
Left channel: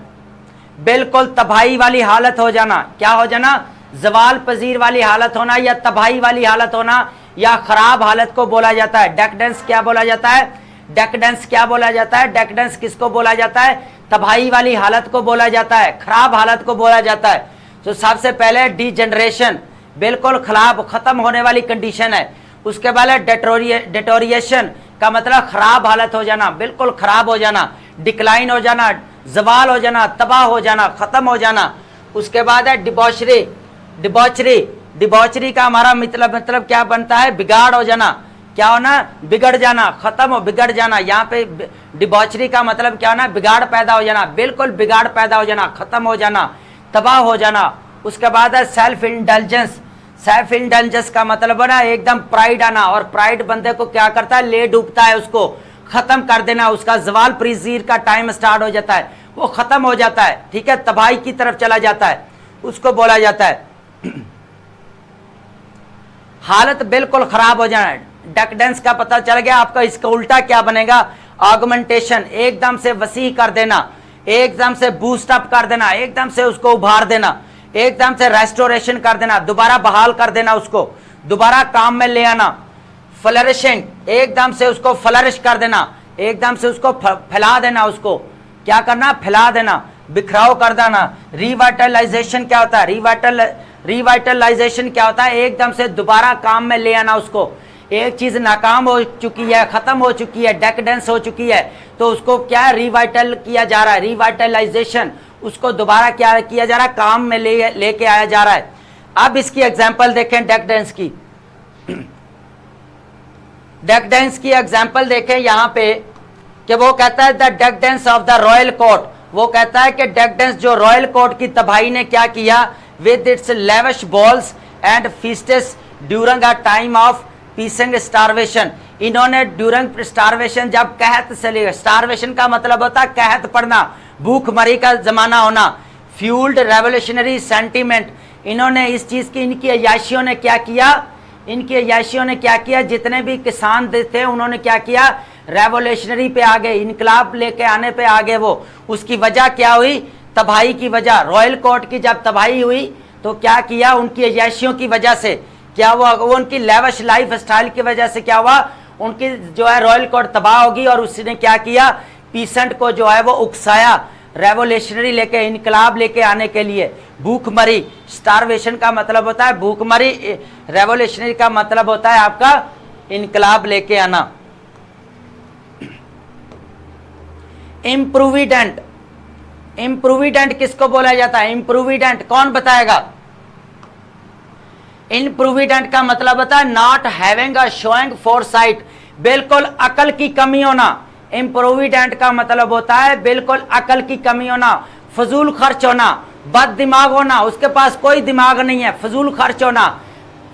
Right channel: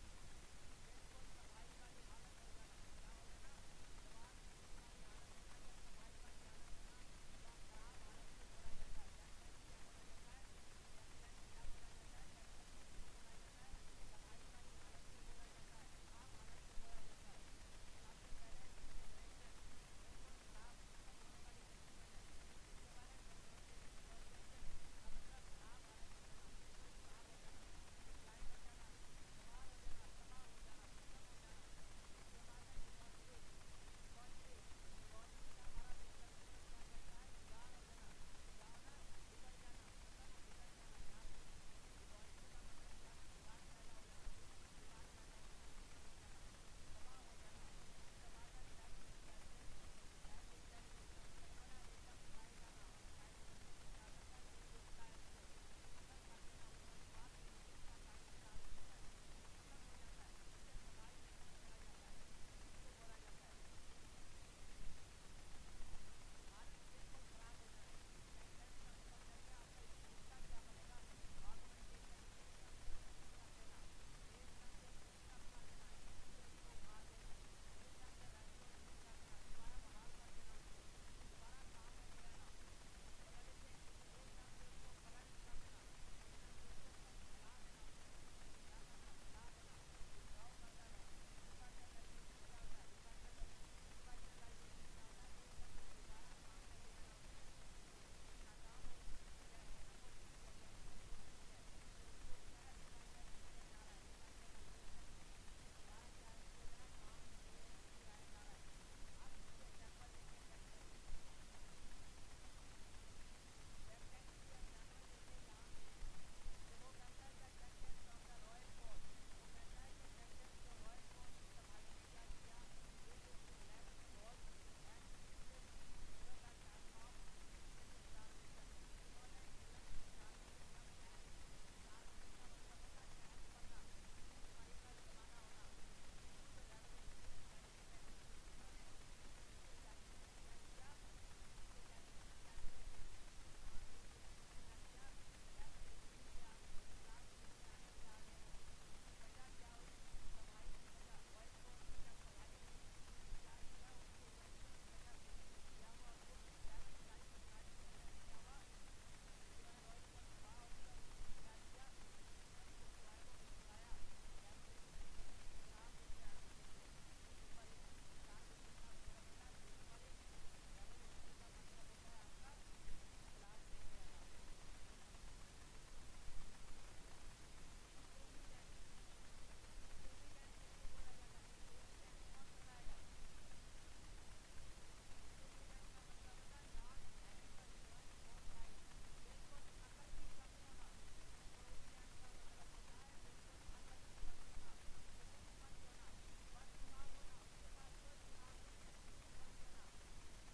बिल्कुल तबाही वाली हालत हो जाना। क्या हो जाना, जवाल पजीर वाली हालत होना या तबाही वाली हालत होना, या खराब हालत को बोला जाता है। डेकडेंस क्या बोला जाता है? डेकडेंस क्या बोला जाता है? डेकडेंस किसको बोला जाता है? तबाही वाली हालत को बोला जाता है, खराब हालत को बोला जाता है। तो सबसे पहले डिजनरेशन, बिल्कुल खराब खत्म होने वाली कंडीशन है। उसके बाद डेटोरिएशन का मतलब खराब हालत हो जाना, बिल्कुल खराब हो जाना, डिक्लाइन हो जाना, जवाल हो जाना, तबाह हो जाना, खत्म हो जाना। उसके बाद है डिबॉचरी। डिबॉचरी, डिबॉचरी का हमारा मतलब क्या बनता है? बिगाड़ हो जाना। क्या होना? बिगड़ जाना, खत्म हो, बिगड़ जाना। यहाँ पे डिबॉचरी का मतलब क्या होना? बिगाड़ पैदा हो जाना, बिल्कुल बिगाड़ पैदा हो जाना, खत्म हो जाना, तबाह हो जाना। उसके बाद है सेल्फ इंडल्जेंस। सेल्फ इंडल्जेंस का मतलब है ना एकदम प्राइड आना, और प्राइड बंदे को क्या करता है? ले डूबता है, उसको खत्म कर देना, उसका जवाल प्रीजीर का टाइम स्टार्ट हो जाता है, वो खत्म हो जाता है, ठीक है, तबाही की तरफ चला जाता है, उसको बोला जाता है हालत बिल्कुल खराब हो जाना। डेकडेंस का पता चल गया आपका। इसका उल्टा क्या बनेगा? ऑगमेंटेशन, एकदम से वसी कर देना, एकदम से बूस्ट अप कर देना, एकदम से उसको उभार देना, एकदम से रेस्टोरेशन कर देना, दोबारा बहाल कर देना, उसको दोबारा काम में ले आना। फ्लरिशिंग, एकदम से उसको फ्लरिश कर देना, एकदम से उसको फैला देना, उसको क्या करना? फैला देना, बिखराव कर देना। रिवाइटलाइजेशन क्या होता है? रिवाइटलाइजेशन क्या होता है? एकदम से दोबारा काम में ले आना उसको। एक चीज नाकाम हो चुकी है, खत्म हो चुकी है, डेकडेंस हो चुकी है, तो उसको क्या रिवाइटल किया जा रहा है? रिवाइटलाइजेशन, उसको दोबारा क्या किया जा रहा है? काम में लेके आया जा रहा है। अब इसकी एग्जांपल देखें डेकडेंस की। डेकडेंस की एग्जांपल देखें यहां पे कि वो कहता है the decadence of the royal court. वो कहता है कि डेकडेंस जो रॉयल कोर्ट की तबाही ने क्या किया? With its lavish balls and feasts during a time of pressing starvation. इन्होंने ड्यूरिंग स्टारवेशन, जब कहत चली, स्टारवेशन का मतलब होता है कहत पड़ना, भूखमरी का जमाना होना, फ्यूल्ड रेवोल्यूशनरी सेंटीमेंट। इन्होंने इस चीज की, इनकी अयाशियों ने क्या किया? इनकी अयाशियों ने क्या किया? जितने भी किसान थे उन्होंने क्या किया? रेवोल्यूशनरी पे आ गए, इनकलाब लेके आने पे आ गए। वो उसकी वजह क्या हुई? तबाही की वजह। रॉयल कोर्ट की जब तबाही हुई तो क्या किया? उनकी अयाशियों की वजह से क्या हुआ? वो उनकी लेविश लाइफ स्टाइल की वजह से क्या हुआ? उनकी जो है रॉयल कोर्ट तबाह होगी, और उसने क्या किया? पीसेंट को जो है वो उकसाया, रेवोल्यूशनरी लेके, इनकलाब लेके आने के लिए। भूखमरी, स्टारवेशन का मतलब होता है भूखमरी, रेवोल्यूशनरी का मतलब होता है आपका इनकलाब लेके आना। इम्प्रूविडेंट, इम्प्रूविडेंट किसको बोला जाता है? इम्प्रूविडेंट कौन बताएगा? इम्प्रूविडेंट का मतलब होता है not having a showing foresight, बिल्कुल अकल की कमी होना। इम्प्रूविडेंट का मतलब होता है बिल्कुल अकल की कमी होना, फजूल खर्च होना, बद दिमाग होना, उसके पास कोई दिमाग नहीं है, फजूल खर्च होना।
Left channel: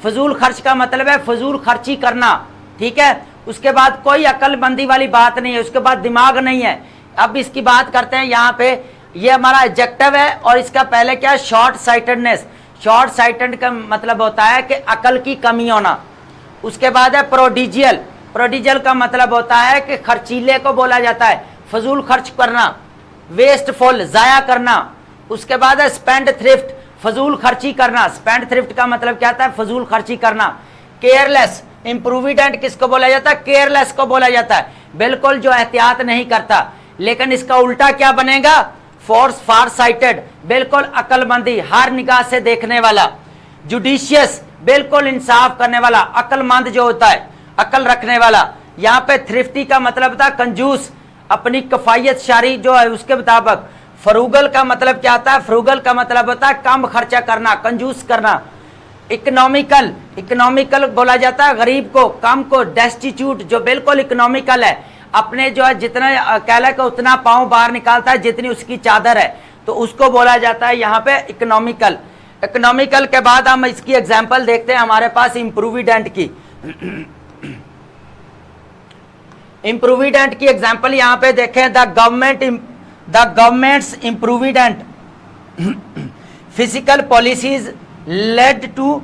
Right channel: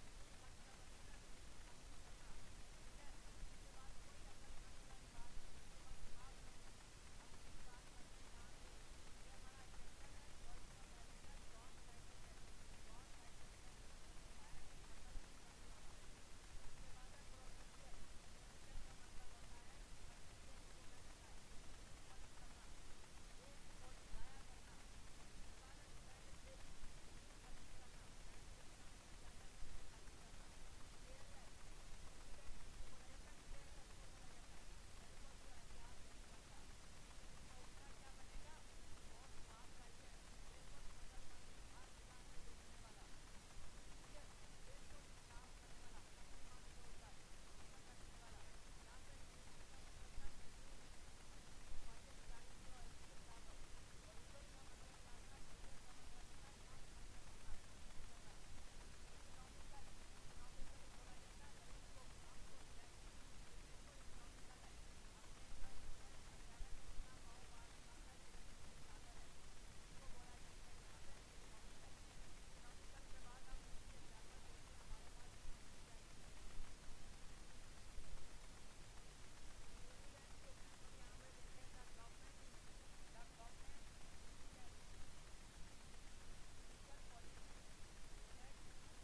फजूल खर्च का मतलब है फजूल खर्ची करना, ठीक है। उसके बाद कोई अक्लमंदी वाली बात नहीं है, उसके बाद दिमाग नहीं है। अब इसकी बात करते हैं यहाँ पे, ये हमारा एडजेक्टिव है, और इसका पहले क्या है? Short sightedness. शॉर्ट साइटेड का मतलब होता है कि अकल की कमी होना। उसके बाद है प्रोडिजियल। प्रोडिजियल का मतलब होता है कि खर्चीले को बोला जाता है, फजूल खर्च करना, वेस्टफुल, जाया करना। उसके बाद है स्पेंड थ्रिफ्ट, फजूल खर्ची करना। स्पेंड थ्रिफ्ट का मतलब क्या होता है? फजूल खर्ची करना। केयरलेस, इम्प्रूविडेंट किसको बोला जाता है? केयरलेस को बोला जाता है, बिल्कुल जो एहतियात नहीं करता। लेकिन इसका उल्टा क्या बनेगा? फार साइटेड, बिल्कुल अकलमंदी, हर निगाह से देखने वाला। जुडिशियस, बिल्कुल इंसाफ करने वाला, अकलमंद जो होता है, अकल रखने वाला। यहाँ पे थ्रिफ्टी का मतलब होता है कंजूस, अपनी कफायत शारी जो है उसके मुताबिक। फ्रूगल का मतलब क्या होता है? फ्रूगल का मतलब होता है कम खर्चा करना, कंजूस करना। इकोनॉमिकल, इकोनॉमिकल बोला जाता है गरीब को, कम को। डेस्टिट्यूट, जो बिल्कुल इकोनॉमिकल है, अपने जो है जितना कहला का उतना पाँव बाहर निकालता है जितनी उसकी चादर है, तो उसको बोला जाता है यहाँ पे इकोनॉमिकल। इकोनॉमिकल के बाद हम इसकी एग्जांपल देखते हैं हमारे पास इम्प्रूविडेंट की। इम्प्रूविडेंट की एग्जांपल यहाँ पे देखें, the government's improvident physical policies led to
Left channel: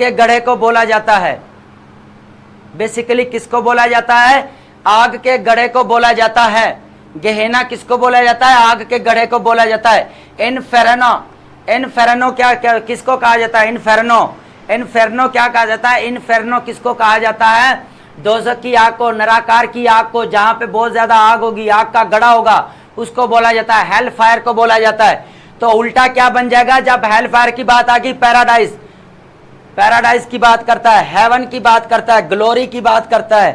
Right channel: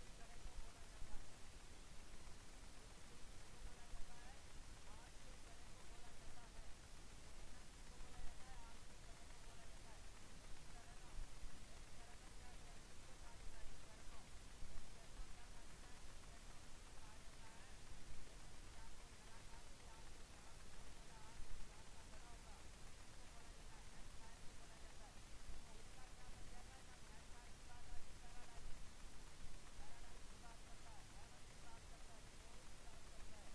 के गड्ढे को बोला जाता है? बेसिकली किसको बोला जाता है? आग के गड्ढे को बोला जाता है। गेहेना किसको बोला जाता है? आग के गड्ढे को बोला जाता है। इनफेरनो, इनफेरनो क्या किसको कहा जाता है? इनफेरनो, इनफेरनो क्या कहा जाता है? इनफेरनो किसको कहा जाता है? दोज़ख की आग को, नराकार की आग को, जहां पे बहुत ज्यादा आग होगी, आग का गड़ा होगा, उसको बोला जाता है। हेल फायर को बोला जाता है। तो उल्टा क्या बन जाएगा जब हेल फायर की बात आ गई? पैराडाइज, पैराडाइज की बात करता है, हेवन की बात करता है, ग्लोरी की बात करता है,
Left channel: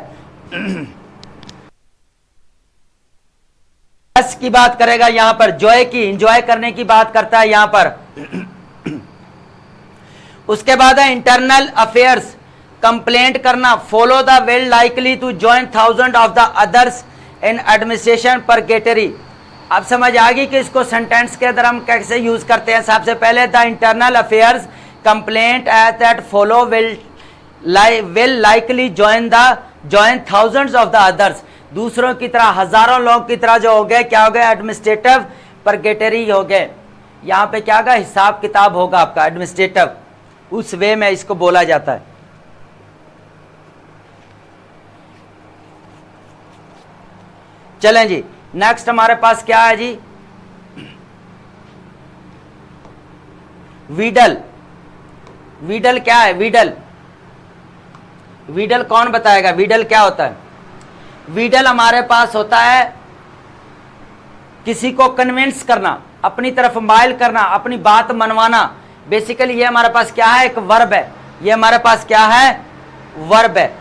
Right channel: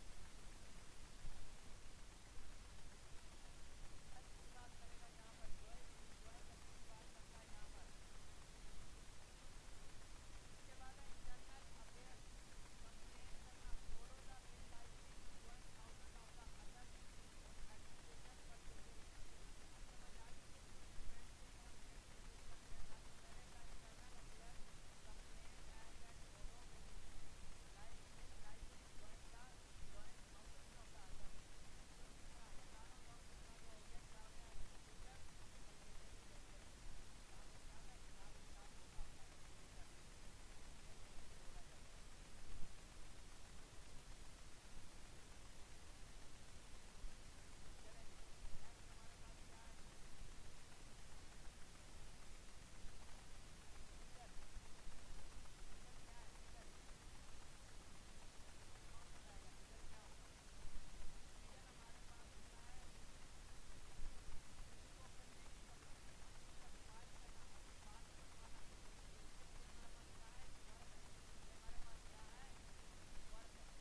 की बात करेगा यहां पर, जॉय की, इंजॉय करने की बात करता है यहां पर। उसके बाद है इंटरनल अफेयर्स, कंप्लेंट करना, follow the well likely to join thousand of the others in administration purgatory. अब समझ आ गई कि इसको सेंटेंस के अंदर हम कैसे यूज करते हैं। सबसे पहले the internal affairs complaint as that follow will likely join thousands of the others. दूसरों की तरह, हजारों लोगों की तरह जो हो गए, क्या हो गए? एडमिनिस्ट्रेटिव परगेटरी हो गए। यहाँ पे क्या होगा? हिसाब किताब होगा आपका एडमिनिस्ट्रेटिव, उस वे में इसको बोला जाता है। चलें जी, नेक्स्ट हमारे पास क्या है जी? वीडल। वीडल क्या है? वीडल, वीडल कौन बताएगा? वीडल क्या होता है? वीडल हमारे पास होता है किसी को कन्विंस करना, अपनी तरफ माइल करना, अपनी बात मनवाना। बेसिकली ये हमारे पास क्या है? एक वर्ब है। ये हमारे पास क्या है? वर्ब है।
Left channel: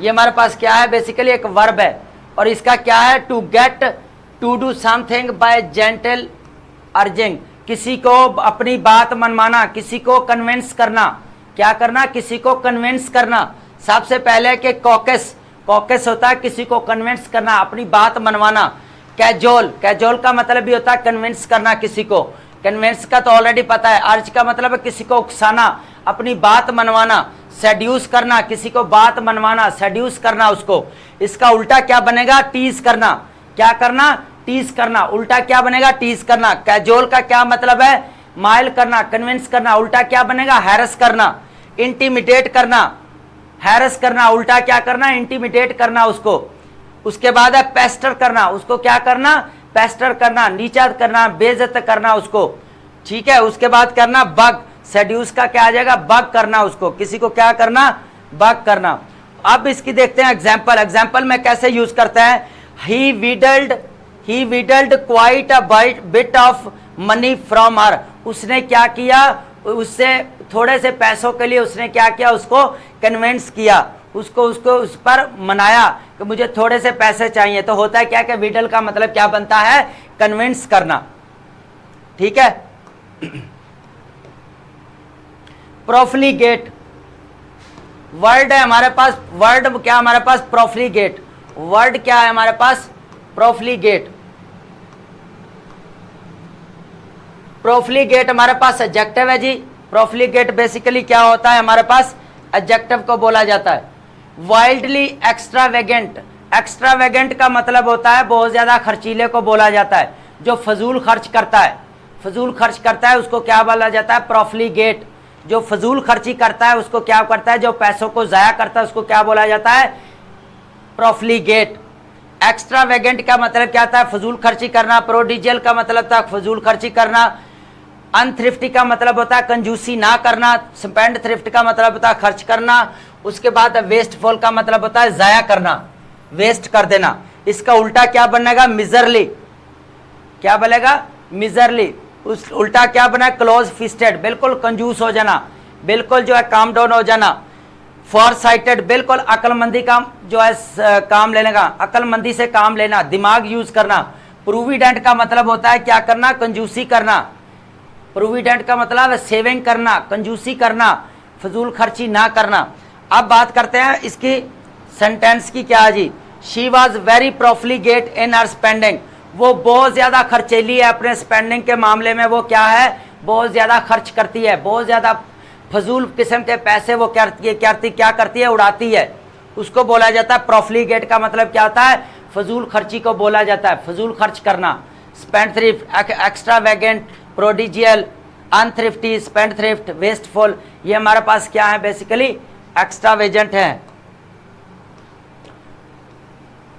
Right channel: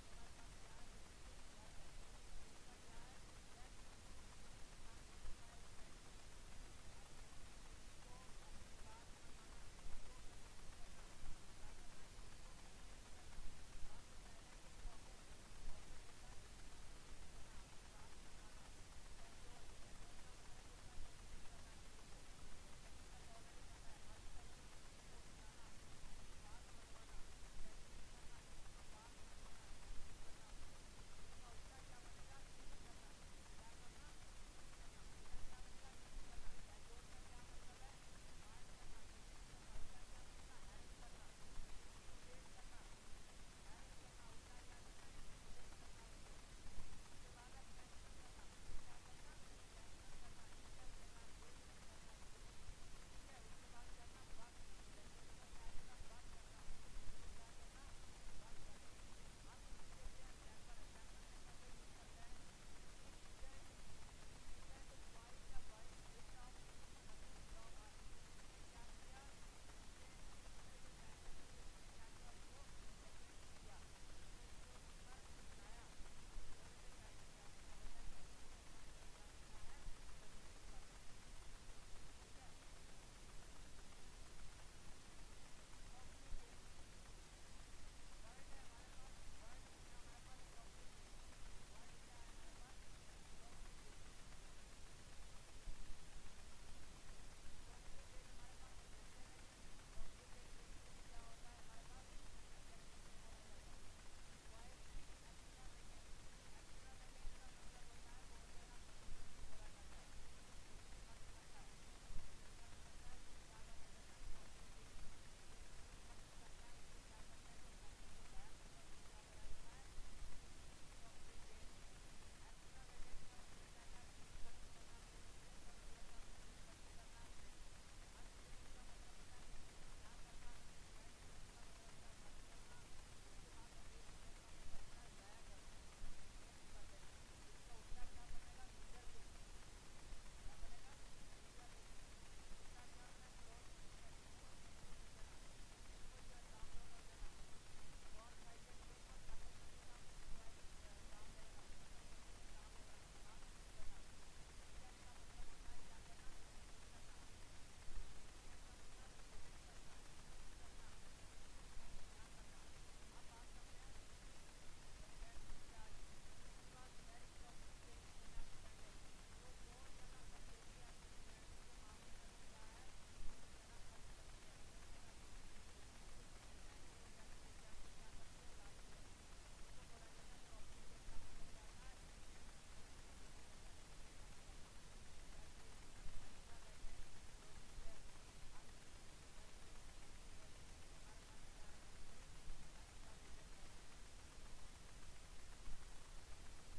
ये हमारे पास क्या है? बेसिकली एक वर्ब है। और इसका क्या है? To get to do something by gentle urging, किसी को अपनी बात मनवाना, किसी को कन्विंस करना। क्या करना? किसी को कन्विंस करना। सबसे पहले कि कॉकस, कॉकस होता है किसी को कन्विंस करना, अपनी बात मनवाना। कैजोल, कैजोल का मतलब भी होता है कन्विंस करना किसी को। कन्विंस का तो ऑलरेडी पता है। अर्ज का मतलब है किसी को उकसाना, अपनी बात मनवाना। सेड्यूस करना, किसी को बात मनवाना, सेड्यूस करना उसको। इसका उल्टा क्या बनेगा? टीज करना। क्या करना? टीज करना। उल्टा क्या बनेगा? टीज करना। कैजोल का क्या मतलब है? माइल करना, कन्विंस करना। उल्टा क्या बनेगा? हैरस करना, इंटीमिडेट करना। हैरस करना, उल्टा क्या करना? इंटीमिडेट करना उसको। उसके बाद है पेस्टर करना, उसको क्या करना? पेस्टर करना, नीचा करना, बेइज्जत करना उसको। ठीक है। उसके बाद करना बग, सेड्यूस का क्या आ जाएगा? बग करना उसको। किसी को क्या करना? बग करना। अब इसकी देखते हैं एग्जाम्पल। एग्जाम्पल में कैसे यूज करते हैं? He wheedled quite a bit of money from her. उसने क्या किया? उससे थोड़े से पैसों के लिए उसने क्या किया? उसको कन्विंस किया, उसको उस पर मनाया कि मुझे थोड़े से पैसे चाहिए। तो होता है क्या कि विडल का मतलब क्या बनता है? कन्विंस करना। ठीक है। प्रोफ्लीगेट वर्ड है हमारे पास। वर्ड क्या हमारे पास? प्रोफ्लीगेट। वर्ड क्या है हमारे पास? प्रोफ्लीगेट। प्रोफ्लीगेट हमारे पास एडजेक्टिव है जी। प्रोफ्लीगेट बेसिकली क्या होता है हमारे पास? एडजेक्टिव को बोला जाता है। वाइल्डली एक्स्ट्रावेगेंट, एक्स्ट्रावेगेंट का मतलब होता है बहुत ज्यादा खर्चीले को बोला जाता है, जो फजूल खर्च करता है। फजूल खर्च करता है उसको क्या बोला जाता है? प्रोफ्लीगेट। जो फजूल खर्ची करता है उसको क्या करता है? जो पैसों को जाया करता है उसको क्या बोला जाता है? प्रोफ्लीगेट। एक्स्ट्रावेगेंट का मतलब क्या था? फजूल खर्ची करना। प्रोडिजियल का मतलब था फजूल खर्ची करना। अनथ्रिफ्टी का मतलब होता है कंजूसी ना करना। स्पेंड थ्रिफ्ट का मतलब होता है खर्च करना। उसके बाद वेस्टफुल का मतलब होता है जाया करना, वेस्ट कर देना। इसका उल्टा क्या बनेगा? मिजरली। क्या बनेगा? मिजरली। उस उल्टा क्या बना? क्लोज फिस्टेड, बिल्कुल कंजूस हो जाना, बिल्कुल जो है काम डाउन हो जाना। फॉर साइटेड, बिल्कुल अक्लमंदी का जो है काम लेने का, अक्लमंदी से काम लेना, दिमाग यूज करना। प्रोविडेंट का मतलब होता है क्या करना? कंजूसी करना। प्रोविडेंट का मतलब है सेविंग करना, कंजूसी करना, फजूल खर्ची ना करना। अब बात करते हैं इसकी सेंटेंस की। क्या है जी? She was very profligate in her spending. वो बहुत ज्यादा खर्चीली है अपने स्पेंडिंग के मामले में। वो क्या है? बहुत ज्यादा खर्च करती है, बहुत ज्यादा फजूल किस्म के पैसे वो क्या करती है? उड़ाती है। उसको बोला जाता है प्रोफ्लीगेट का मतलब क्या होता है? फजूल खर्ची को बोला जाता है, फजूल खर्च करना। Spend thrift, extravagant, प्रोडिजियल, अनथ्रिफ्टी, spendthrift, wasteful, ये हमारे पास क्या है बेसिकली एक्स्ट्रावेजेंट है।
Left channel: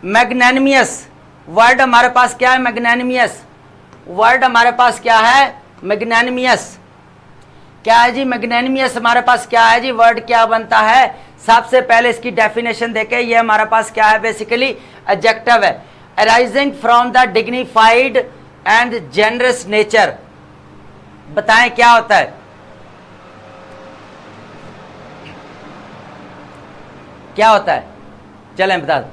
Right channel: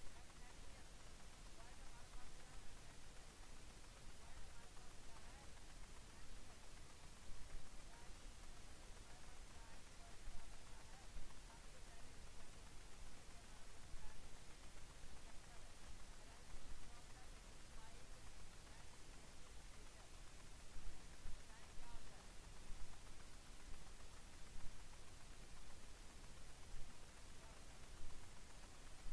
मैग्नैनिमियस वर्ड हमारे पास क्या है, मैग्नैनिमियस वर्ड हमारे पास क्या है, मैग्नैनिमियस क्या है जी, मैग्नैनिमियस हमारे पास क्या है जी, वर्ड क्या बनता है। सबसे पहले इसकी डेफिनेशन देखें, ये हमारे पास क्या है बेसिकली एडजेक्टिव है, arising from the dignified and generous nature. बताएं क्या होता है, क्या होता है, चलें बता दें।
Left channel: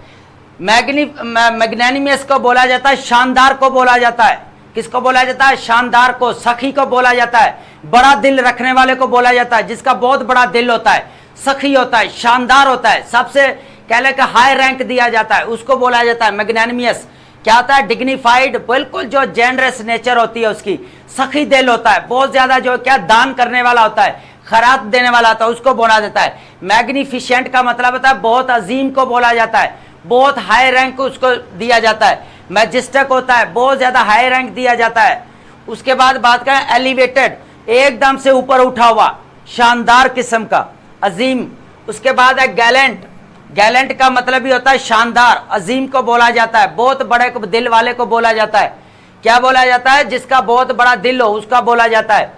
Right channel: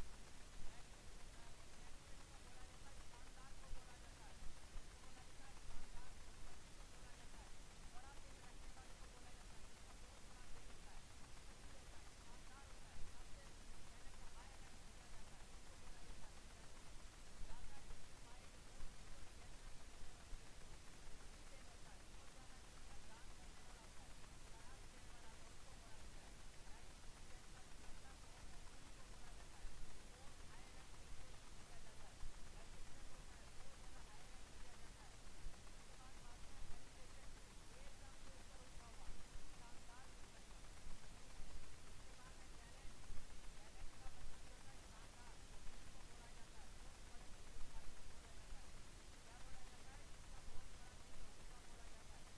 मैग्नैनिमियस को बोला जाता है, शानदार को बोला जाता है। किसको बोला जाता है, शानदार को, सखी को बोला जाता है, बड़ा दिल रखने वाले को बोला जाता है, जिसका बहुत बड़ा दिल होता है, सखी होता है, शानदार होता है, सबसे कहले का हाई रैंक दिया जाता है, उसको बोला जाता है मैग्नैनिमियस। क्या होता है, डिग्निफाइड, बिल्कुल जो जेनरस नेचर होती है उसकी, सखी दिल होता है, बहुत ज्यादा जो क्या दान करने वाला होता है, खैरात देने वाला होता है, उसको बोला जाता है। मैग्निफिशेंट का मतलब होता है बहुत अजीम को बोला जाता है, बहुत हाई रैंक उसको दिया जाता है। मैजेस्टिक होता है, बहुत ज्यादा हाई रैंक दिया जाता है। उसके बाद बात करें एलिवेटेड, एकदम से ऊपर उठा हुआ, शानदार किस्म का, अजीम। उसके बाद है गैलेंट, गैलेंट का मतलब भी होता है शानदार, अजीम को बोला जाता है, बहुत बड़े दिल वाले को बोला जाता है। क्या बोला जाता है, जिसका बहुत बड़ा दिल हो उसका बोला जाता है।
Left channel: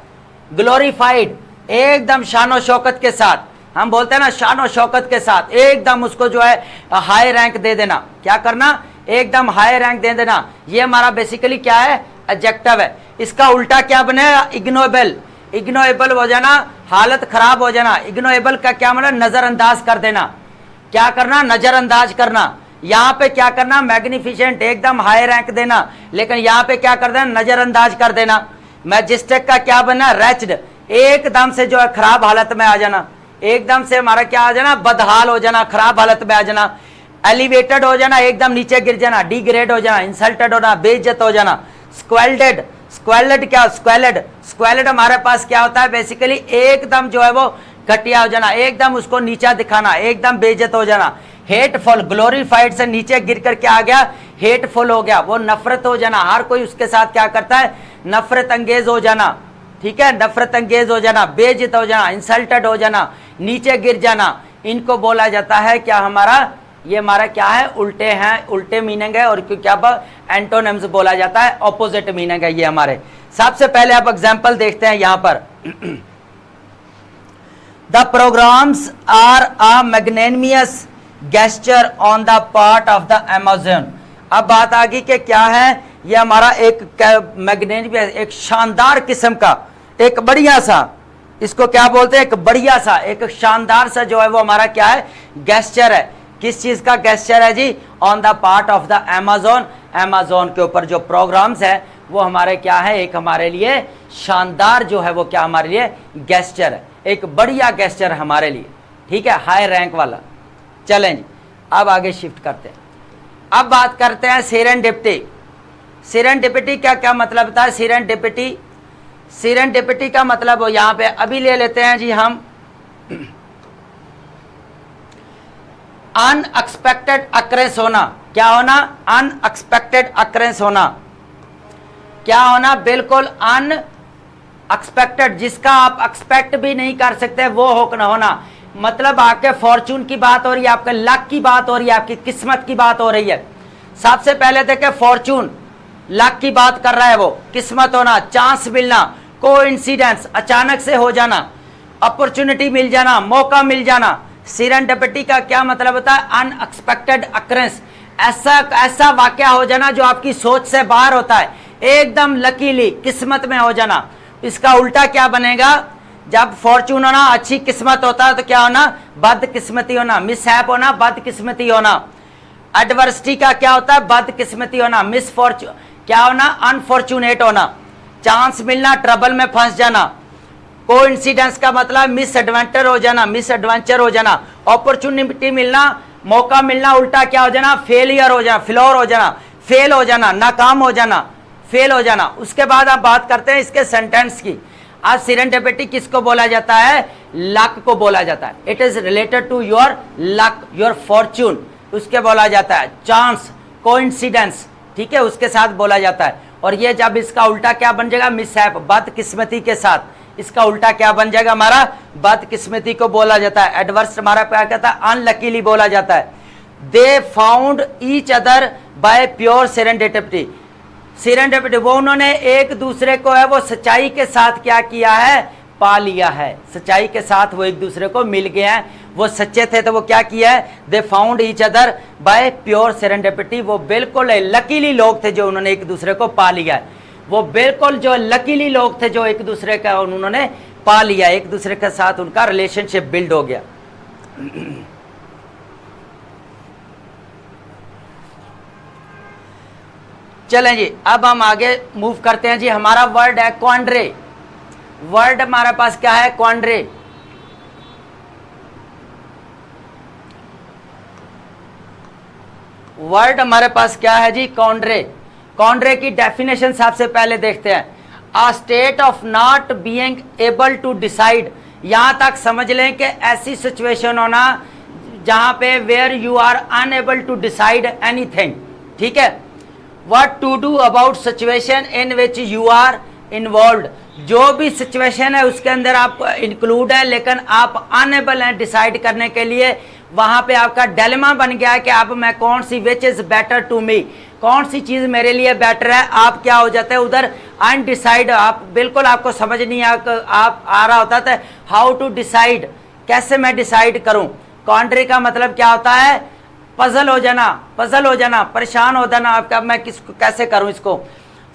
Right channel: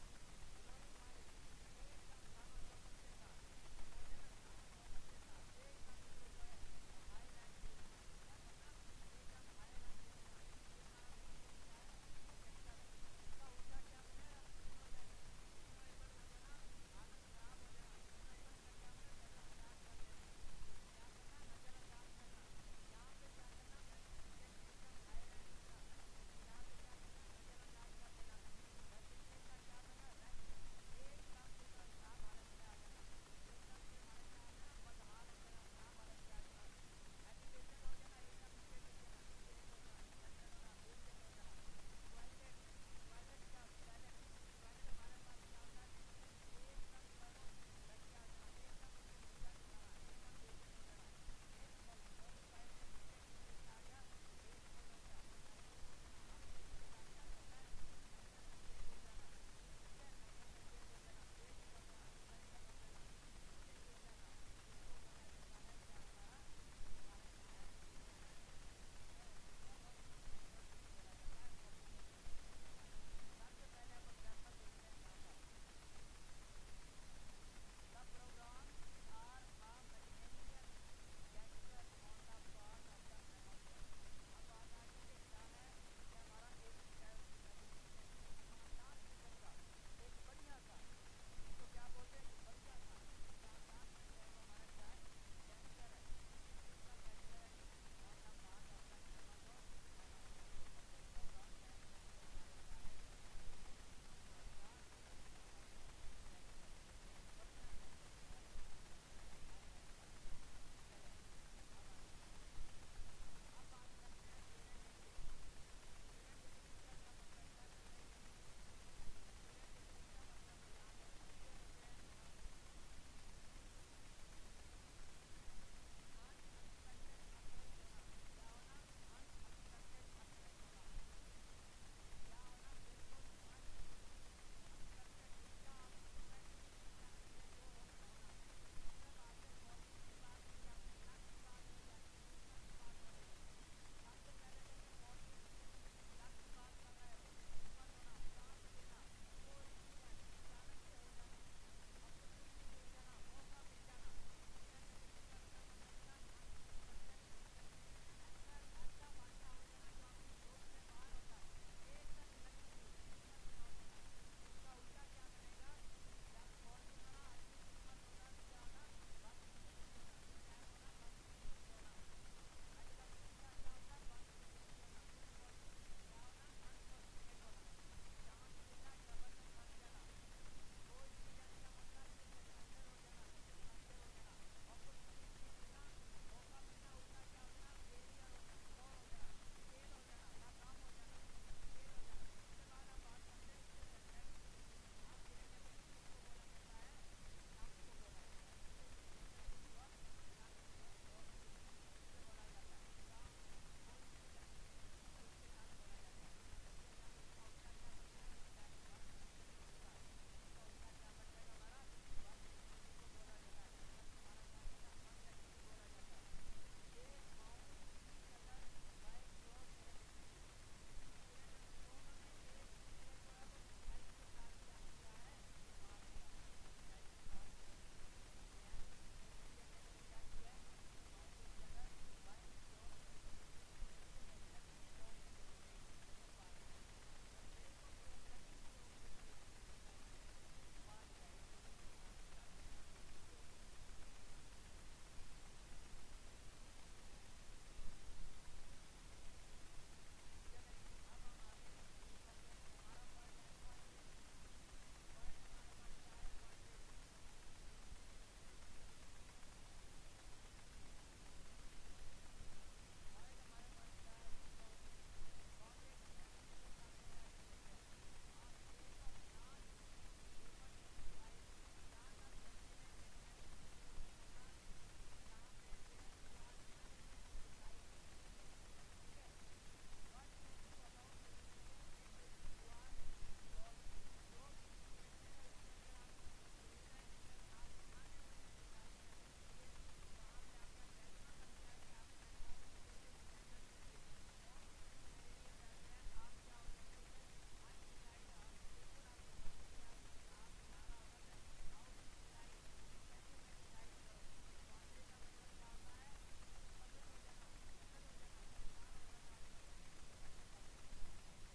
ग्लोरीफाइड, एकदम शानो शौकत के साथ, हम बोलते हैं ना शानो शौकत के साथ, एकदम उसको जो है हाई रैंक दे देना। क्या करना, एकदम हाई रैंक दे देना। ये हमारा बेसिकली क्या है, एडजेक्टिव है। इसका उल्टा क्या बनेगा, इग्नोएबल, इग्नोएबल हो जाना, हालत खराब हो जाना। इग्नोएबल का क्या मतलब, नजरअंदाज कर देना। क्या करना, नजरअंदाज करना। यहाँ पे क्या करना, मैग्निफिसेंट, एकदम हाई रैंक देना, लेकिन यहाँ पे क्या कर देना, नजरअंदाज कर देना। मैजेस्टिक का क्या बनना, रैच्ड, एकदम से जो है खराब हालत में आ जाना, एकदम से हमारा क्या आ जाना, बदहाल हो जाना, खराब हालत में आ जाना। एलिवेटेड हो जाना, एकदम नीचे गिर जाना, डिग्रेड हो जाना, इंसल्टेड होना, बेइज्जत हो जाना। स्क्वेल्डेड, स्क्वेल्ड क्या, स्क्वेल्ड, स्क्वेल्ड हमारे पास क्या होता है बेसिकली, एकदम जो है वो घटिया हो जाना, एकदम उसको नीचा दिखाना, एकदम बेइज्जत हो जाना। हेटफुल, ग्लोरीफाइड से नीचे गिर कर क्या आ गया, हेटफुल हो गया, वो नफरत हो जाना, हर कोई उसके साथ क्या करता है, नफरत अंगेज हो जाना। ठीक है, नफरत अंगेज हो जाना, बेइज्जत हो जाना, इंसल्टेड हो जाना, नीचे गिर जाना, इनको बोला जाता है क्या, हमारा ये हमारा क्या है, उल्टे हैं, उल्टे मीनिंग है। और क्या एंटोनिम्स बोला जाता है, ऑपोजिट मीनिंग है ये हमारे। सबसे पहले आप एग्जांपल देखते हैं यहां पर। The programmes are a magnanimous gesture on the part of the Amazon. अब बात आ गई कि क्या है, ये हमारा एक मैग्नेनिमियस, एक शानदार किस्म का, एक बढ़िया सा, इसको क्या बोलते हैं, एक बढ़िया सा, एक शानदार सा जो है वो हमारा क्या है, गेस्चर है। किस चीज का गेस्चर है जी, on the part of the Amazon, Amazon के ऊपर जो प्रोग्राम्स है वो हमारे क्या है, एक हमारे लिए शानदार जो है वो क्या हमारे लिए गेस्चर है, एक बढ़िया गेस्चर हमारे लिए। ठीक है, हाई रैंक वाला। चलें जी, अब आगे शिफ्ट करते हैं। अब बात करते हैं सेरेंडिपिटी। सेरेंडिपिटी का क्या मतलब होता है, सेरेंडिपिटी, सेरेंडिपिटी का मतलब हो यहां पे अभी ले लेते हैं जी हम, अनएक्सपेक्टेड अक्रेंस होना। क्या होना, अनएक्सपेक्टेड अक्रेंस होना। क्या होना, बिल्कुल अनएक्सपेक्टेड, जिसका आप एक्सपेक्ट भी नहीं कर सकते वो होना। मतलब आपके फॉर्चून की बात हो रही है, आपके लक की बात हो रही है, आपकी किस्मत की बात हो रही है। सबसे पहले देखे फॉर्चून, लक की बात कर रहा है वो, किस्मत होना, चांस मिलना, कोइंसिडेंस, अचानक से हो जाना, अपॉर्चुनिटी मिल जाना, मौका मिल जाना। सेरेंडिपिटी का क्या मतलब होता है, अनएक्सपेक्टेड अक्रेंस, ऐसा वाकया हो जाना जो आपकी सोच से बाहर होता है, एकदम लकीली किस्मत में हो जाना। इसका उल्टा क्या बनेगा, जब फॉर्चून होना अच्छी किस्मत होता है तो क्या होना, बदकिस्मती होना, मिसहैप होना, बदकिस्मती होना। एडवर्सिटी का क्या होता है, बदकिस्मती होना, मिसफॉर्चून क्या होना, अनफॉर्चुनेट होना, चांस मिलना, ट्रबल में फंस जाना। कोइंसिडेंस का मतलब मिसएडवेंचर हो जाना, मिसएडवेंचर हो जाना। अपॉर्चुनिटी मिलना, मौका मिलना, उल्टा क्या हो जाना, फेलियर हो जाना, फ्लोर हो जाना, फेल हो जाना, नाकाम हो जाना, फेल हो जाना। उसके बाद आप बात करते हैं इसके सेंटेंस की। आज सेरेंडिपिटी किसको बोला जाता है, लक को बोला जाता है। It is related to your luck, your fortune, उसके बोला जाता है। चांस, कोइंसिडेंस, ठीक है, उसके साथ बोला जाता है। और ये जब इसका उल्टा क्या बन जाएगा, मिसहैप, बदकिस्मती के साथ। इसका उल्टा क्या बन जाएगा हमारा, बदकिस्मती को बोला जाता है। एडवर्स हमारा क्या कहता है, अनलकीली बोला जाता है। They found each other by pure serendipity. Serendipity, वो उन्होंने एक दूसरे को है वो सच्चाई के साथ क्या किया है, पा लिया है। सच्चाई के साथ वो एक दूसरे को मिल गए हैं, वो सच्चे थे तो वो क्या किया है, they found each other by pure serendipity. वो बिल्कुल लकीली लोग थे जो उन्होंने एक दूसरे को पा लिया है। वो बिल्कुल जो लकीली लोग थे जो एक दूसरे का उन्होंने पा लिया, एक दूसरे के साथ उनका रिलेशनशिप बिल्ड हो गया। चलें जी, अब हम आगे मूव करते हैं जी। हमारा वर्ड है क्वांड्रे। वर्ड हमारे पास क्या है, क्वांड्रे। वर्ड हमारे पास क्या है जी, क्वांड्रे। क्वांड्रे की डेफिनेशन सबसे पहले देखते हैं। A state of not being able to decide. यहां तक समझ लें कि ऐसी सिचुएशन होना जहां पे where you are unable to decide anything, ठीक है। What to do about situation in which you are involve. जो भी सिचुएशन है उसके अंदर आप इंक्लूड है, लेकिन आप अनएबल हैं डिसाइड करने के लिए। वहां पे आपका डिलेमा बन गया है कि अब मैं कौन सी, which is better to me, कौन सी चीज मेरे लिए बेटर है। आप क्या हो जाते हैं उधर अनडिसाइड, आप बिल्कुल आपको समझ नहीं आप आ रहा होता था हाउ टू डिसाइड, कैसे मैं डिसाइड करूं। क्वांड्री का मतलब क्या होता है, पजल हो जाना, पजल हो जाना, परेशान हो जाना, आपका मैं किसको कैसे करूं इसको।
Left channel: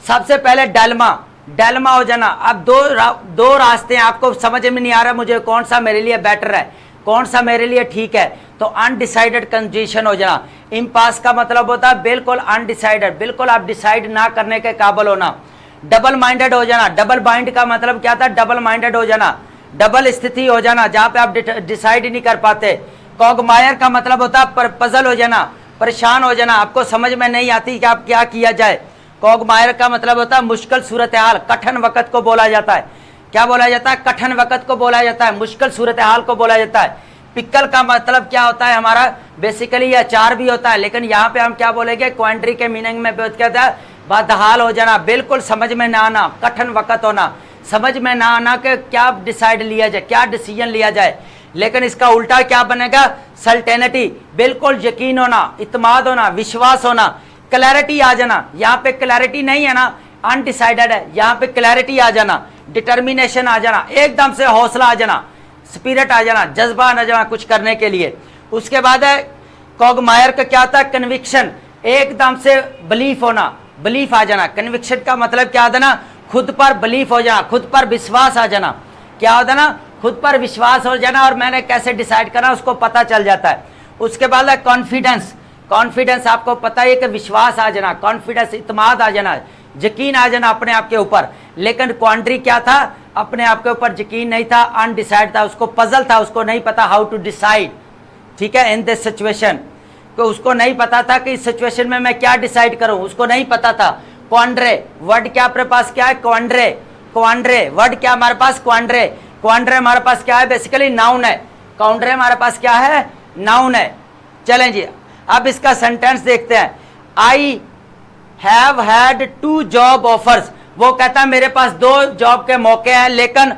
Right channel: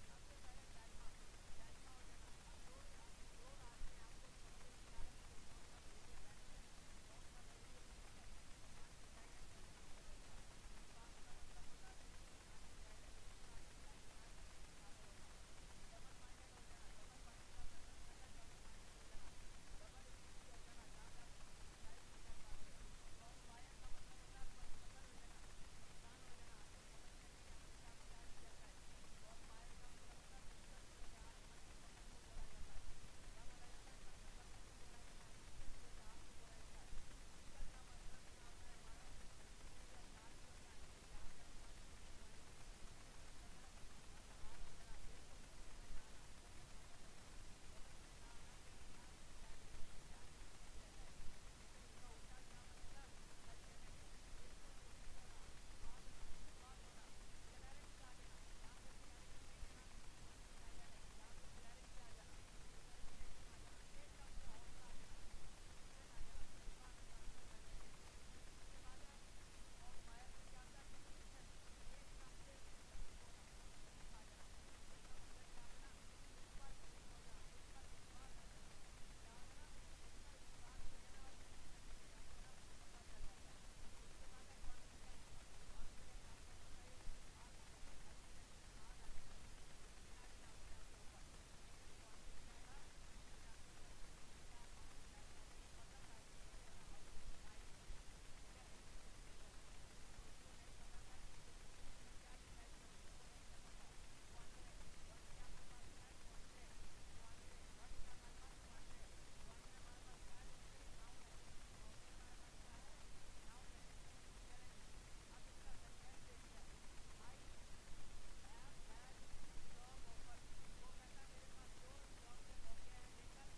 सबसे पहले डेलमा, डेलमा हो जाना। अब दो रास्ते हैं, आपको समझ में नहीं आ रहा मुझे कौन सा मेरे लिए बेटर है, कौन सा मेरे लिए ठीक है, तो अनडिसाइडेड कंडीशन हो जाना। इम्पास का मतलब होता है बिल्कुल अनडिसाइडेड, बिल्कुल आप डिसाइड ना करने के काबिल होना। डबल माइंडेड हो जाना। डबल माइंड का मतलब क्या था, डबल माइंडेड हो जाना, डबल स्थिति हो जाना जहां पे आप डिसाइड ही नहीं कर पाते। कॉगमायर का मतलब होता है पजल हो जाना, परेशान हो जाना, आपको समझ में नहीं आती कि आप क्या किया जाए। कॉगमायर का मतलब होता है मुश्किल सूरत हाल, कठिन वक्त को बोला जाता है। क्या बोला जाता है, कठिन वक्त को बोला जाता है, मुश्किल सूरत हाल को बोला जाता है। पिकल का मतलब क्या होता है हमारा, बेसिकली अचार भी होता है, लेकिन यहाँ पे हम क्या बोलेंगे, क्वांट्री के मीनिंग में क्या था, बदहाल हो जाना, बिल्कुल समझ में ना आना, कठिन वक्त होना, समझ में ना आना कि क्या डिसाइड लिया जाए, क्या डिसीजन लिया जाए। लेकिन इसका उल्टा क्या बनेगा, सर्टेनिटी, बिल्कुल यकीन होना, इत्मीनान होना, विश्वास होना, क्लैरिटी आ जाना। यहाँ पे क्लैरिटी नहीं है ना, अनडिसाइडेड है, यहाँ पे क्लैरिटी आ जाना, डिटर्मिनेशन आ जाना, एकदम से हौसला आ जाना, स्पिरिट आ जाना, जज्बा आ जाना कुछ करने के लिए। उसके बाद है कॉगमायर का क्या था, कन्विक्शन, एकदम से बिलीफ होना, बिलीफ आ जाना। कन्विक्शन का मतलब क्या होता ना, खुद पर बिलीफ हो जाना, खुद पर विश्वास आ जाना। क्या होता ना, खुद पर विश्वास हो जाना, और मैंने कैसे डिसाइड करना उसको पता चल जाता है। उसके बाद है कॉन्फिडेंस। कॉन्फिडेंस आपको पता है कि विश्वास आ जाना, कॉन्फिडेंस, इत्मीनान आ जाना, यकीन आ जाना अपने आप के ऊपर। लेकिन क्वांट्री क्या था, अपने आप के ऊपर यकीन नहीं था, अनडिसाइड था, उसको पजल था, उसको नहीं पता हाउ टू डिसाइड, ठीक है, इन दिस सिचुएशन। तो उसको नहीं पता था कि इस सिचुएशन में मैं क्या डिसाइड करूं, उसको नहीं पता था। क्वांड्रे वर्ड क्या अपने पास क्या है, क्वांड्रे, क्वांड्रे वर्ड क्या हमारे पास, क्वांड्रे। क्वांड्रे हमारे पास क्या है, बेसिकली नाउन है। क्वांड्रे हमारे पास क्या है, नाउन है। चलें जी, अब इसका सेंटेंस देखते हैं। I have had 2 job offers. वो कहता है मेरे पास 2 जॉब के मौके हैं, लेकिन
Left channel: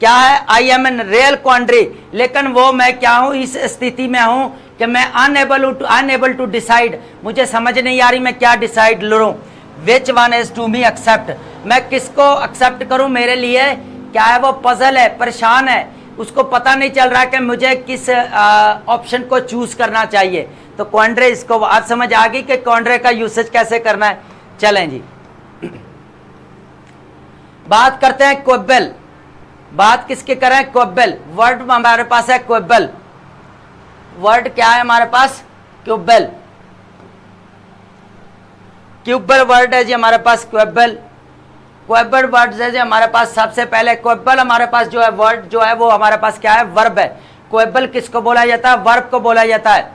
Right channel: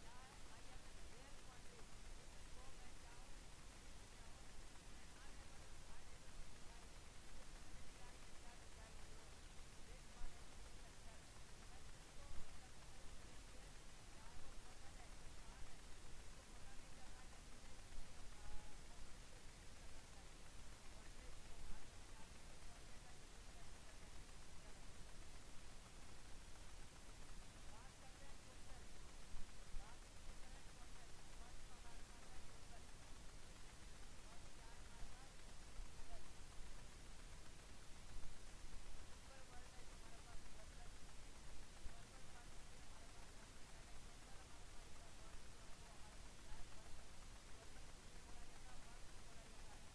क्या है, आई एम इन रियल क्वांड्री, लेकिन वो मैं क्या हूं, इस स्थिति में हूं कि मैं अनएबल टू डिसाइड, मुझे समझ नहीं आ रही मैं क्या डिसाइड लूं। Which one is to me accept, मैं किसको एक्सेप्ट करूं, मेरे लिए क्या है, वो पजल है, परेशान है, उसको पता नहीं चल रहा कि मुझे किस ऑप्शन को चूज करना चाहिए। तो क्वांड्रे, इसको आज समझ आ गई कि क्वांड्रे का यूसेज कैसे करना है। चलें जी, बात करते हैं क्वेबल। बात किसके करें, क्वेबल। वर्ड हमारे पास है क्वेबल। वर्ड क्या है हमारे पास, क्वेबल। क्वेबल वर्ड है जी हमारे पास, क्वेबल। क्वेबल वर्ड है जी हमारे पास। सबसे पहले क्वेबल हमारे पास जो है वर्ड जो है वो हमारे पास क्या है, वर्ब है। क्वेबल किसको बोला जाता है, वर्ब को बोला जाता है।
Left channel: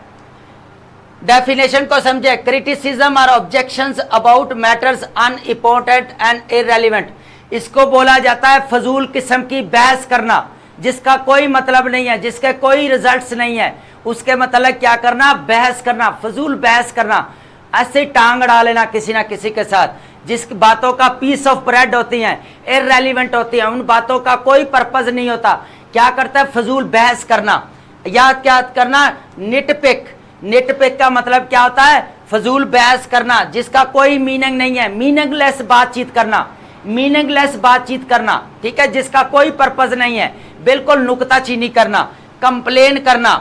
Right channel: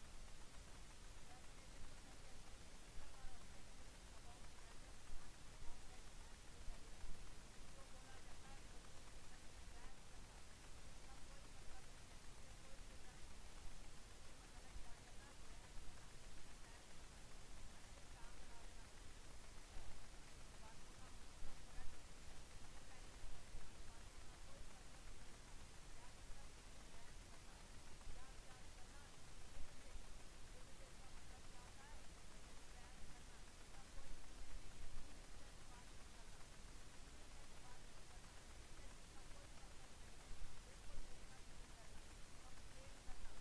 डेफिनेशन को समझे, क्रिटिसिज्म और objections about matters unimportant and irrelevant. इसको बोला जाता है फजूल किस्म की बहस करना, जिसका कोई मतलब नहीं है, जिसके कोई रिजल्ट्स नहीं है, उसके मतलब क्या करना, बहस करना, फजूल बहस करना, ऐसे टांग अड़ा लेना किसी ना किसी के साथ, जिस बातों का पीस ऑफ ब्रेड होती हैं, इररेलेवेंट होती हैं, उन बातों का कोई पर्पज नहीं होता। क्या करता है? फजूल बहस करना। या क्या करना? निटपिक। निटपिक का मतलब क्या होता है? फजूल बहस करना जिसका कोई मीनिंग नहीं है, मीनिंगलेस बातचीत करना, मीनिंगलेस बातचीत करना, ठीक है, जिसका कोई पर्पज नहीं है, बिल्कुल नुक्ताचीनी करना, कंप्लेन करना,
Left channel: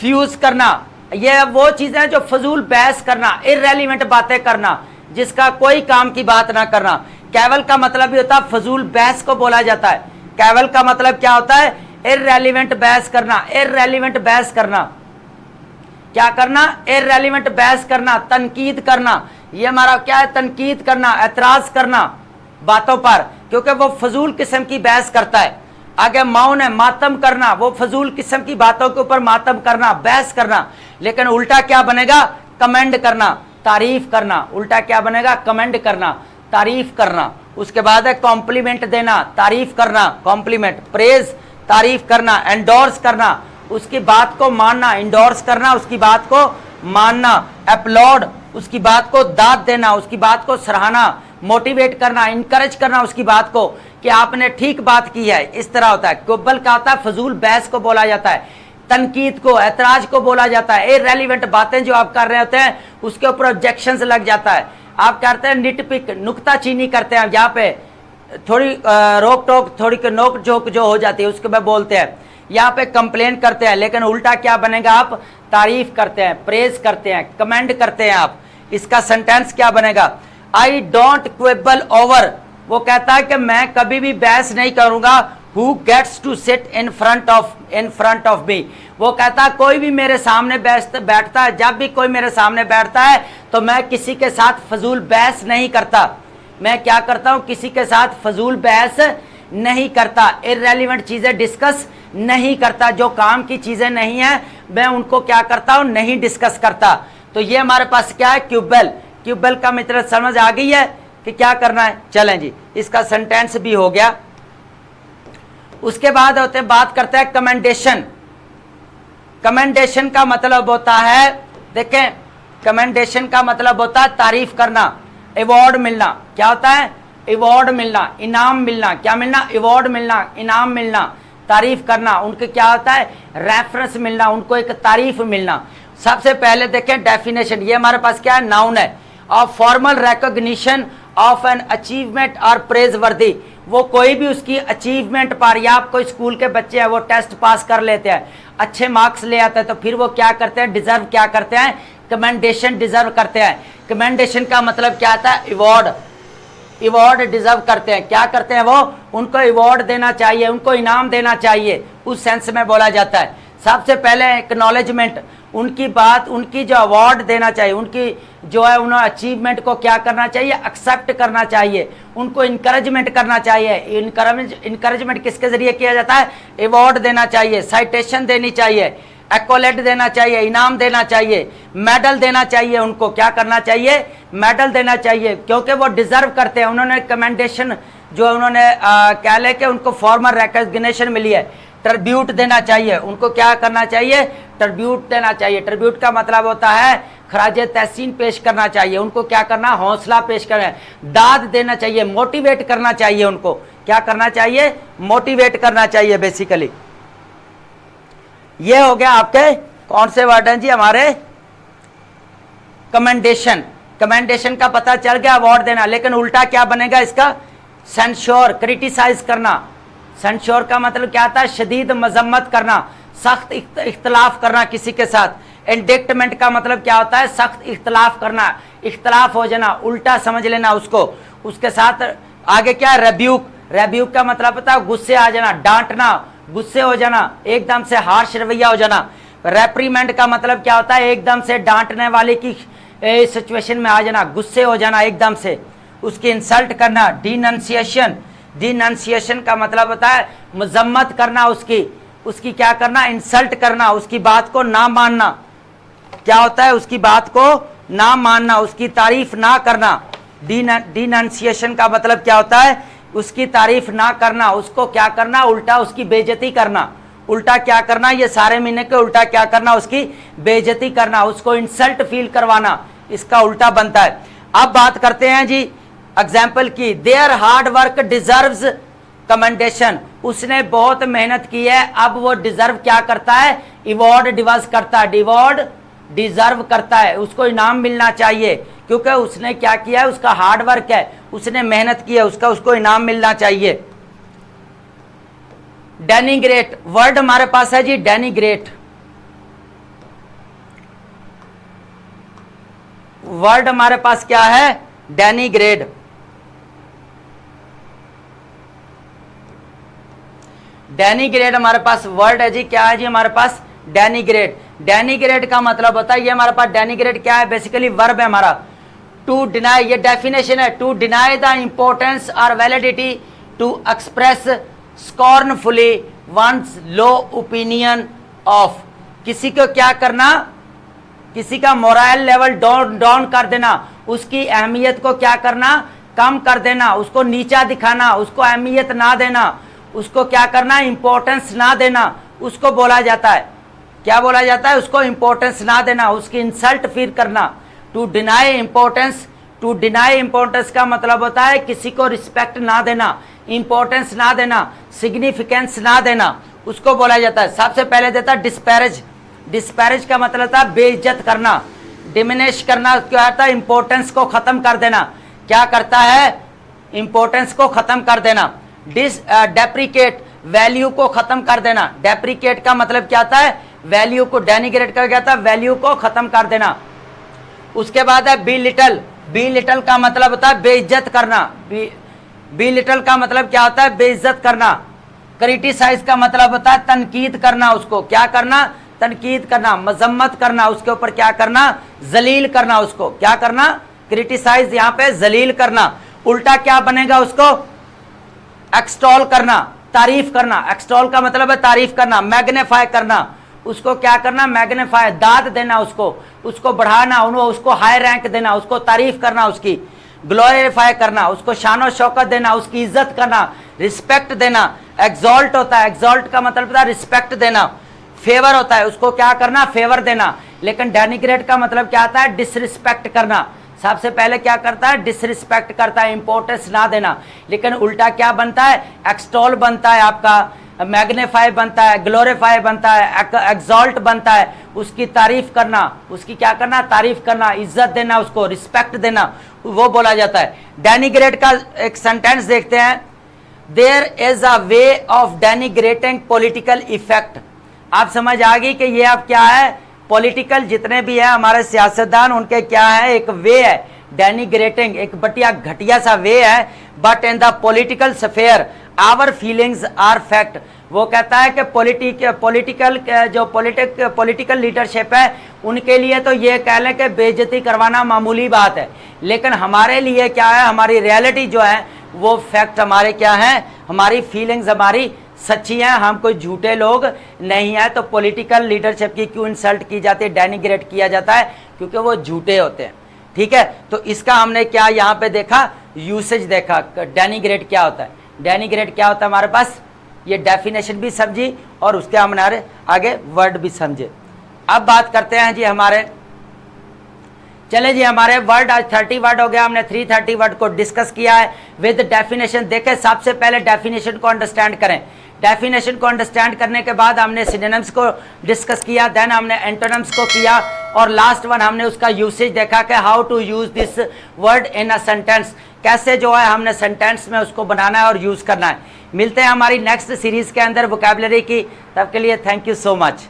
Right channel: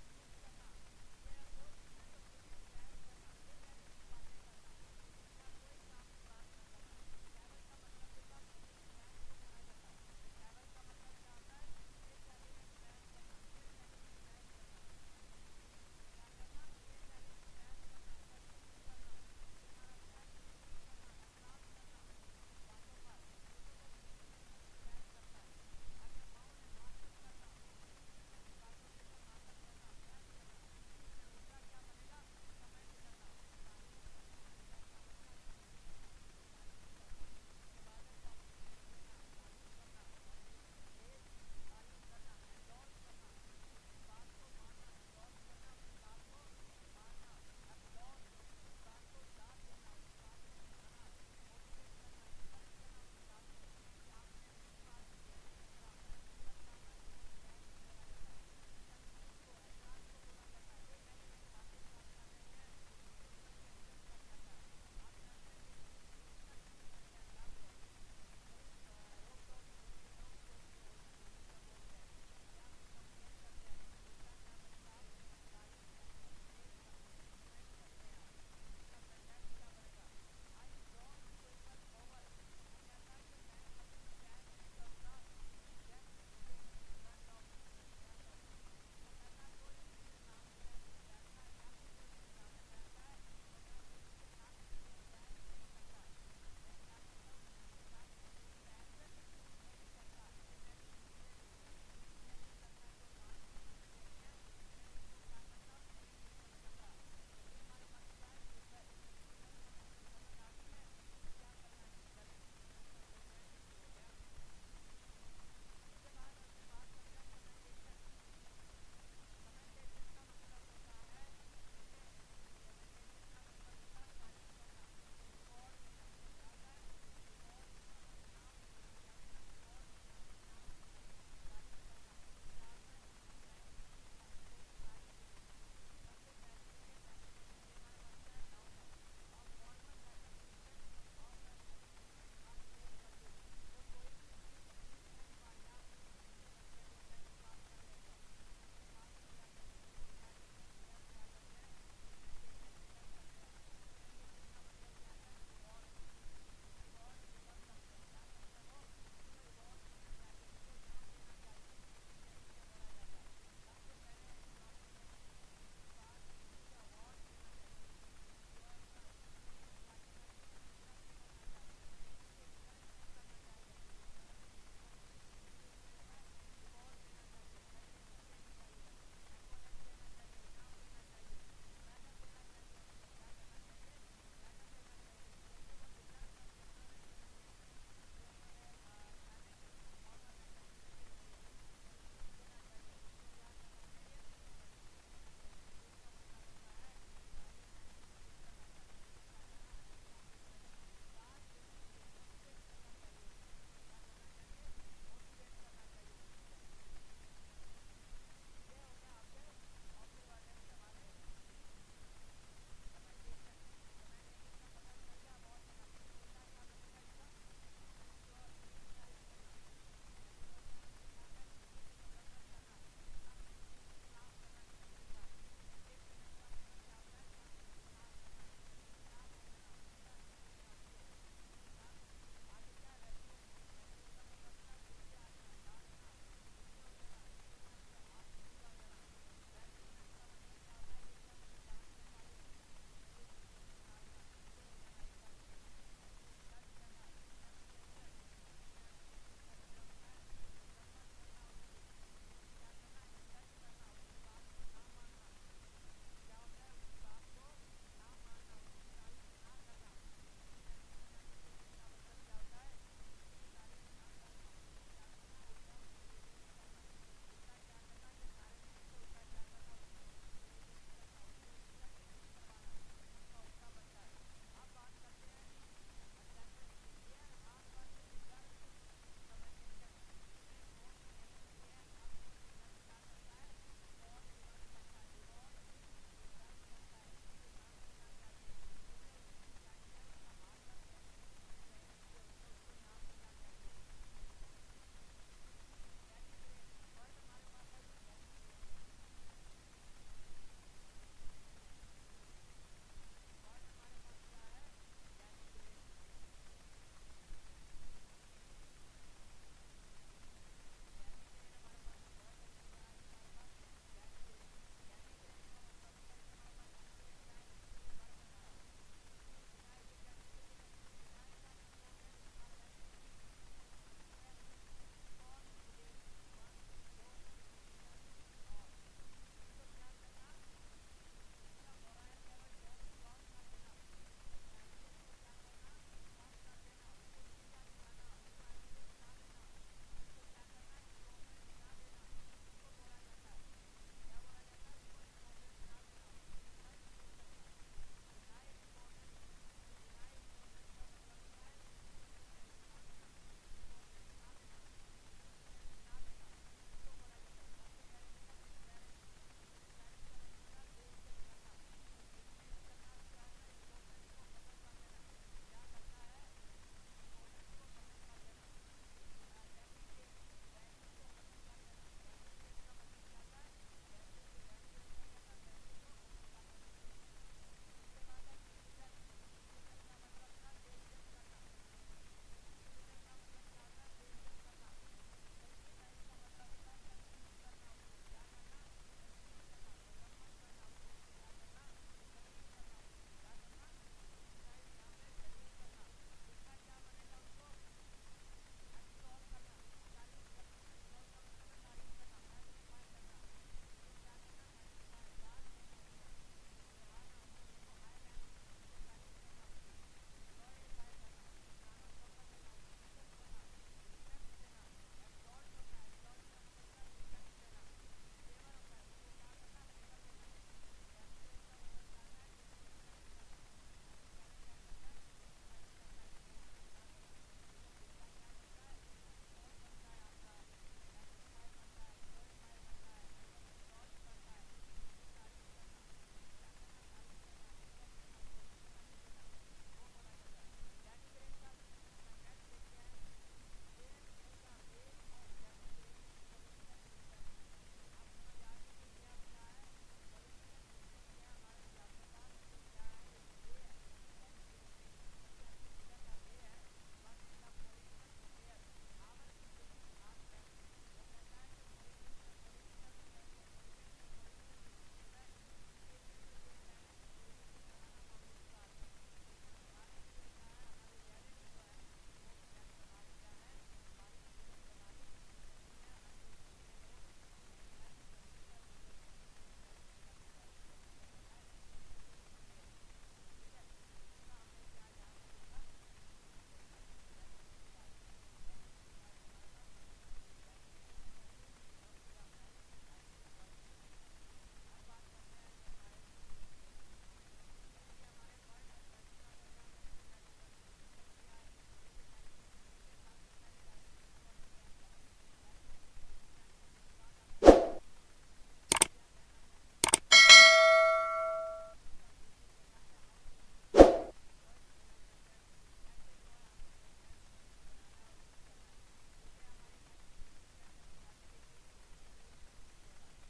फ्यूज करना, ये वो चीजें जो फजूल बहस करना, इररेलेवेंट बातें करना, जिसका कोई काम की बात ना करना। कैवल का मतलब भी होता है फजूल बहस को बोला जाता है। कैवल का मतलब क्या होता है? इररेलेवेंट बहस करना। इररेलेवेंट बहस करना, क्या करना? इररेलेवेंट बहस करना, तनकीद करना। ये हमारा क्या है? तनकीद करना, एतराज करना बातों पर, क्योंकि वो फजूल किस्म की बहस करता है। आगे मौन है, मातम करना, वो फजूल किस्म की बातों के ऊपर मातम करना, बहस करना। लेकिन उल्टा क्या बनेगा? कमेंड करना, तारीफ करना। उल्टा क्या बनेगा? कमेंड करना, तारीफ करना। उसके बाद है कॉम्प्लीमेंट देना, तारीफ करना, कॉम्प्लीमेंट, प्रेज, तारीफ करना, एंडोर्स करना, उसकी बात को मानना, इंडोर्स करना, उसकी बात को मानना, अपलॉड, उसकी बात को दाद देना, उसकी बात को सराहना, मोटिवेट करना, इनकरेज करना उसकी बात को कि आपने ठीक बात की है। इस तरह होता है। कुब्बल का होता है फजूल बहस को बोला जाता है, तनकीद को, ऐतराज को बोला जाता है। इररेलेवेंट बातें जो आप कर रहे होते हैं उसके ऊपर ऑब्जेक्शंस लग जाता है। आप करते हैं निटपिक, नुक्ताचीनी करते हैं, यहाँ पे थोड़ी रोक टोक, थोड़ी नोक झोंक जो हो जाती है उसके बाद बोलते हैं। यहाँ पे कंप्लेन करते हैं, लेकिन उल्टा क्या बनेगा? आप तारीफ करते हैं, प्रेज करते हैं, कमेंड करते हैं आप। इसका सेंटेंस क्या बनेगा? आई डोंट क्वेबल ओवर, वो कहता है कि मैं कभी भी बहस नहीं करूंगा। Who gets to sit in front of me, वो कहता है कोई भी मेरे सामने बैठता है, जब भी कोई मेरे सामने बैठता है तो मैं किसी के साथ फजूल बहस नहीं करता। मैं क्या करता हूं? किसी के साथ फजूल बहस नहीं करता, इररेलेवेंट चीजें डिस्कस नहीं करता। जो काम की चीजें नहीं है मैं उनको क्या करता हूं? नहीं डिस्कस करता। तो ये हमारे पास क्या है? क्यूबल। क्यूबल का मित्र समझ आ गई है कि क्या करना है? चलें जी, इसका सेंटेंस भी हो गया। उसके बाद होते बात करते हैं कमेंडेशन। कमेंडेशन का मतलब होता है, देखें, कमेंडेशन का मतलब होता है तारीफ करना, अवार्ड मिलना। क्या होता है? अवार्ड मिलना, इनाम मिलना। क्या मिलना? अवार्ड मिलना, इनाम मिलना, तारीफ करना। उनके क्या होता है? रेफरेंस मिलना, उनको एक तारीफ मिलना। सबसे पहले देखें डेफिनेशन, ये हमारे पास क्या है? नाउन है। Of formal recognition of an achievement और प्रेज वर्दी, वो कोई भी उसकी अचीवमेंट पर, या आप कोई स्कूल के बच्चे हैं वो टेस्ट पास कर लेते हैं, अच्छे मार्क्स ले आते हैं, तो फिर वो क्या करते हैं? डिजर्व क्या करते हैं? कमेंडेशन डिजर्व करते हैं। कमेंडेशन का मतलब क्या आता है? अवार्ड। अवार्ड डिजर्व करते हैं। क्या करते हैं वो? उनको अवार्ड देना चाहिए, उनको इनाम देना चाहिए, उस सेंस में बोला जाता है। सबसे पहले एक्नॉलेजमेंट, उनकी बात, उनकी जो अवार्ड देना चाहिए, उनकी जो है उन्होंने अचीवमेंट को क्या करना चाहिए? एक्सेप्ट करना चाहिए, उनको इनकरेजमेंट करना चाहिए। इनकरेजमेंट किसके जरिए किया जाता है? अवार्ड देना चाहिए, साइटेशन देनी चाहिए, एक्कोलेट देना चाहिए, इनाम देना चाहिए, मेडल देना चाहिए। उनको क्या करना चाहिए? मेडल देना चाहिए, क्योंकि वो डिजर्व करते हैं। उन्होंने कमेंडेशन जो उन्होंने कह ले कि उनको फॉर्मल रिकॉग्निशन मिली है, ट्रिब्यूट देना चाहिए। उनको क्या करना चाहिए? ट्रिब्यूट देना चाहिए। ट्रिब्यूट का मतलब होता है खराज तहसीन पेश करना चाहिए। उनको क्या करना? हौसला पेश करना, दाद देना चाहिए, मोटिवेट करना चाहिए। उनको क्या करना चाहिए? मोटिवेट करना चाहिए बेसिकली। ये हो गया आपके कौन से वर्ड हैं जी? हमारे कमेंडेशन। कमेंडेशन का पता चल गया, अवार्ड देना। लेकिन उल्टा क्या बनेगा इसका? सेंश्योर, क्रिटिसाइज करना। सेंश्योर का मतलब क्या आता है? शदीद मजम्मत करना, सख्त इख्तलाफ करना किसी के साथ। इंडिक्टमेंट का मतलब क्या होता है? सख्त इख्तलाफ करना, इख्तलाफ हो जाना, उल्टा समझ लेना उसको। उसके साथ आगे क्या है? रेब्यूक। रेब्यूक का मतलब होता है गुस्से आ जाना, डांटना, गुस्से हो जाना, एकदम से हार्श रवैया हो जाना। रेप्रीमेंट का मतलब क्या होता है? एकदम से डांटने वाले की सिचुएशन में आ जाना, गुस्से हो जाना एकदम से, उसकी इंसल्ट करना। डिनंसिएशन, डिनंसिएशन का मतलब होता है मजम्मत करना, उसकी क्या करना? इंसल्ट करना, उसकी बात को ना मानना। क्या होता है? उसकी बात को ना मानना, उसकी तारीफ ना करना। डिनंसिएशन का मतलब क्या होता है? उसकी तारीफ ना करना, उसको क्या करना? उल्टा उसकी बेइज्जती करना। उल्टा क्या करना? ये सारे महीने के उल्टा क्या करना? उसकी बेइज्जती करना, उसको इंसल्ट फील करवाना, इसका उल्टा बनता है। अब बात करते हैं जी एग्जाम्पल की, there hard work deserves commendation, उसने बहुत मेहनत की है, अब वो डिजर्व क्या करता है, अवार्ड डिवर्स करता है, अवार्ड डिजर्व करता है, उसको इनाम मिलना चाहिए क्योंकि उसने क्या किया है, उसका हार्ड वर्क है, उसने मेहनत की है, उसको इनाम मिलना चाहिए। डेनिग्रेट वर्ड हमारे पास है जी, डेनिग्रेट वर्ड हमारे पास क्या है, डेनिग्रेड। डेनिग्रेड हमारे पास वर्ड है जी, क्या है जी हमारे पास, डेनिग्रेड। डेनिग्रेड का मतलब होता है, ये हमारे पास डेनिग्रेड क्या है, बेसिकली वर्ब है हमारा, टू डिनाई, ये डेफिनेशन है, टू डिनाई द इंपॉर्टेंस और validity, to express scornfully one's low opinion of, किसी को क्या करना, किसी का मोरल लेवल डाउन कर देना, उसकी अहमियत को क्या करना, कम कर देना, उसको नीचा दिखाना, उसको अहमियत ना देना, उसको क्या करना, इंपॉर्टेंस ना देना, उसको बोला जाता है, क्या बोला जाता है, उसको इंपॉर्टेंस ना देना, उसकी इंसल्ट फील करना। To deny importance, to deny importance का मतलब होता है किसी को रिस्पेक्ट ना देना, इंपॉर्टेंस ना देना, सिग्निफिकेंस ना देना, उसको बोला जाता है। सबसे पहले देता है डिस्पैरेज, डिस्पैरेज का मतलब था बेइज्जत करना, डिमिनिश करना, क्या होता है, इंपॉर्टेंस को खत्म कर देना, क्या करता है, इंपॉर्टेंस को खत्म कर देना। डेप्रिकेट वैल्यू को खत्म कर देना, डेप्रिकेट का मतलब क्या होता है, वैल्यू को, डेनिग्रेट का क्या होता है, वैल्यू को खत्म कर देना। उसके बाद है बी लिटल, बी लिटल का मतलब होता है बेइज्जत करना, बी लिटल का मतलब क्या होता है, बेइज्जत करना। क्रिटिसाइज का मतलब होता है तनकीद करना, उसको क्या करना, तनकीद करना, मजम्मत करना, उसके ऊपर क्या करना, जलील करना, उसको क्या करना, क्रिटिसाइज, यहाँ पे जलील करना। उल्टा क्या बनेगा उसको, एक्सटॉल करना, तारीफ करना, एक्सटॉल का मतलब है तारीफ करना, मैग्नीफाई करना, उसको क्या करना, मैग्नीफाई, दाद देना, उसको बढ़ाना, उसको हाई रैंक देना, उसको तारीफ करना, उसकी ग्लोरीफाई करना, उसको शान शौकत देना, उसकी इज्जत करना, रिस्पेक्ट देना। एग्जॉल्ट होता है, एग्जॉल्ट का मतलब होता है रिस्पेक्ट देना। फेवर होता है, उसको क्या करना, फेवर देना। लेकिन डेनिग्रेट का मतलब क्या आता है, डिसरिस्पेक्ट करना। सबसे पहले क्या करता है, डिसरिस्पेक्ट करता है, इंपॉर्टेंस ना देना। लेकिन उल्टा क्या बनता है, एक्सटॉल बनता है, आपका मैग्नीफाई बनता है, ग्लोरीफाई बनता है, एग्जॉल्ट बनता है, उसकी तारीफ करना, उसकी क्या करना, तारीफ करना, इज्जत देना, उसको रिस्पेक्ट देना, वो बोला जाता है। डेनिग्रेट का एक सेंटेंस देखते हैं, there is a way of denigrating political effect. आप समझ आ गई कि ये अब क्या है, पॉलिटिकल जितने भी है हमारे सियासतदान, उनके क्या है, एक वे है डेनिग्रेटिंग, एक बटिया घटिया सा वे है। But in the political sphere our feelings are fact. वो कहता है कि पॉलिटिकल लीडरशिप है, उनके लिए तो ये कह लें कि बेइज्जती करवाना मामूली बात है, लेकिन हमारे लिए क्या है, हमारी रियलिटी जो है वो फैक्ट हमारे क्या है, हमारी फीलिंग्स हमारी सच्ची हैं, हम कोई झूठे लोग नहीं है। तो पॉलिटिकल लीडरशिप की क्यों इंसल्ट की जाती है, डेनिग्रेट किया जाता है, क्योंकि वो झूठे होते हैं। ठीक है, तो इसका हमने क्या यहाँ पे देखा, यूसेज देखा, डेनिग्रेट क्या होता है। डेनिग्रेट क्या होता है हमारे पास, ये डेफिनेशन भी समझी और उसके हमारे आगे वर्ड भी समझे। अब बात करते हैं जी हमारे, चले जी हमारे वर्ड, आज 30 वर्ड हो गया, हमने 330 वर्ड को डिस्कस किया है विद डेफिनेशन। देखें सबसे पहले डेफिनेशन को अंडरस्टैंड करें। डेफिनेशन को अंडरस्टैंड करने के बाद हमने सिनोनिम्स को डिस्कस किया, देन हमने एंटोनिम्स को किया, और लास्ट वन हमने उसका यूसेज देखा कि how to use this word in a sentence, कैसे जो है हमने सेंटेंस में उसको बनाना है और यूज करना है। मिलते हैं हमारी नेक्स्ट सीरीज के अंदर वोकैबुलरी की, तब के लिए थैंक यू सो मच।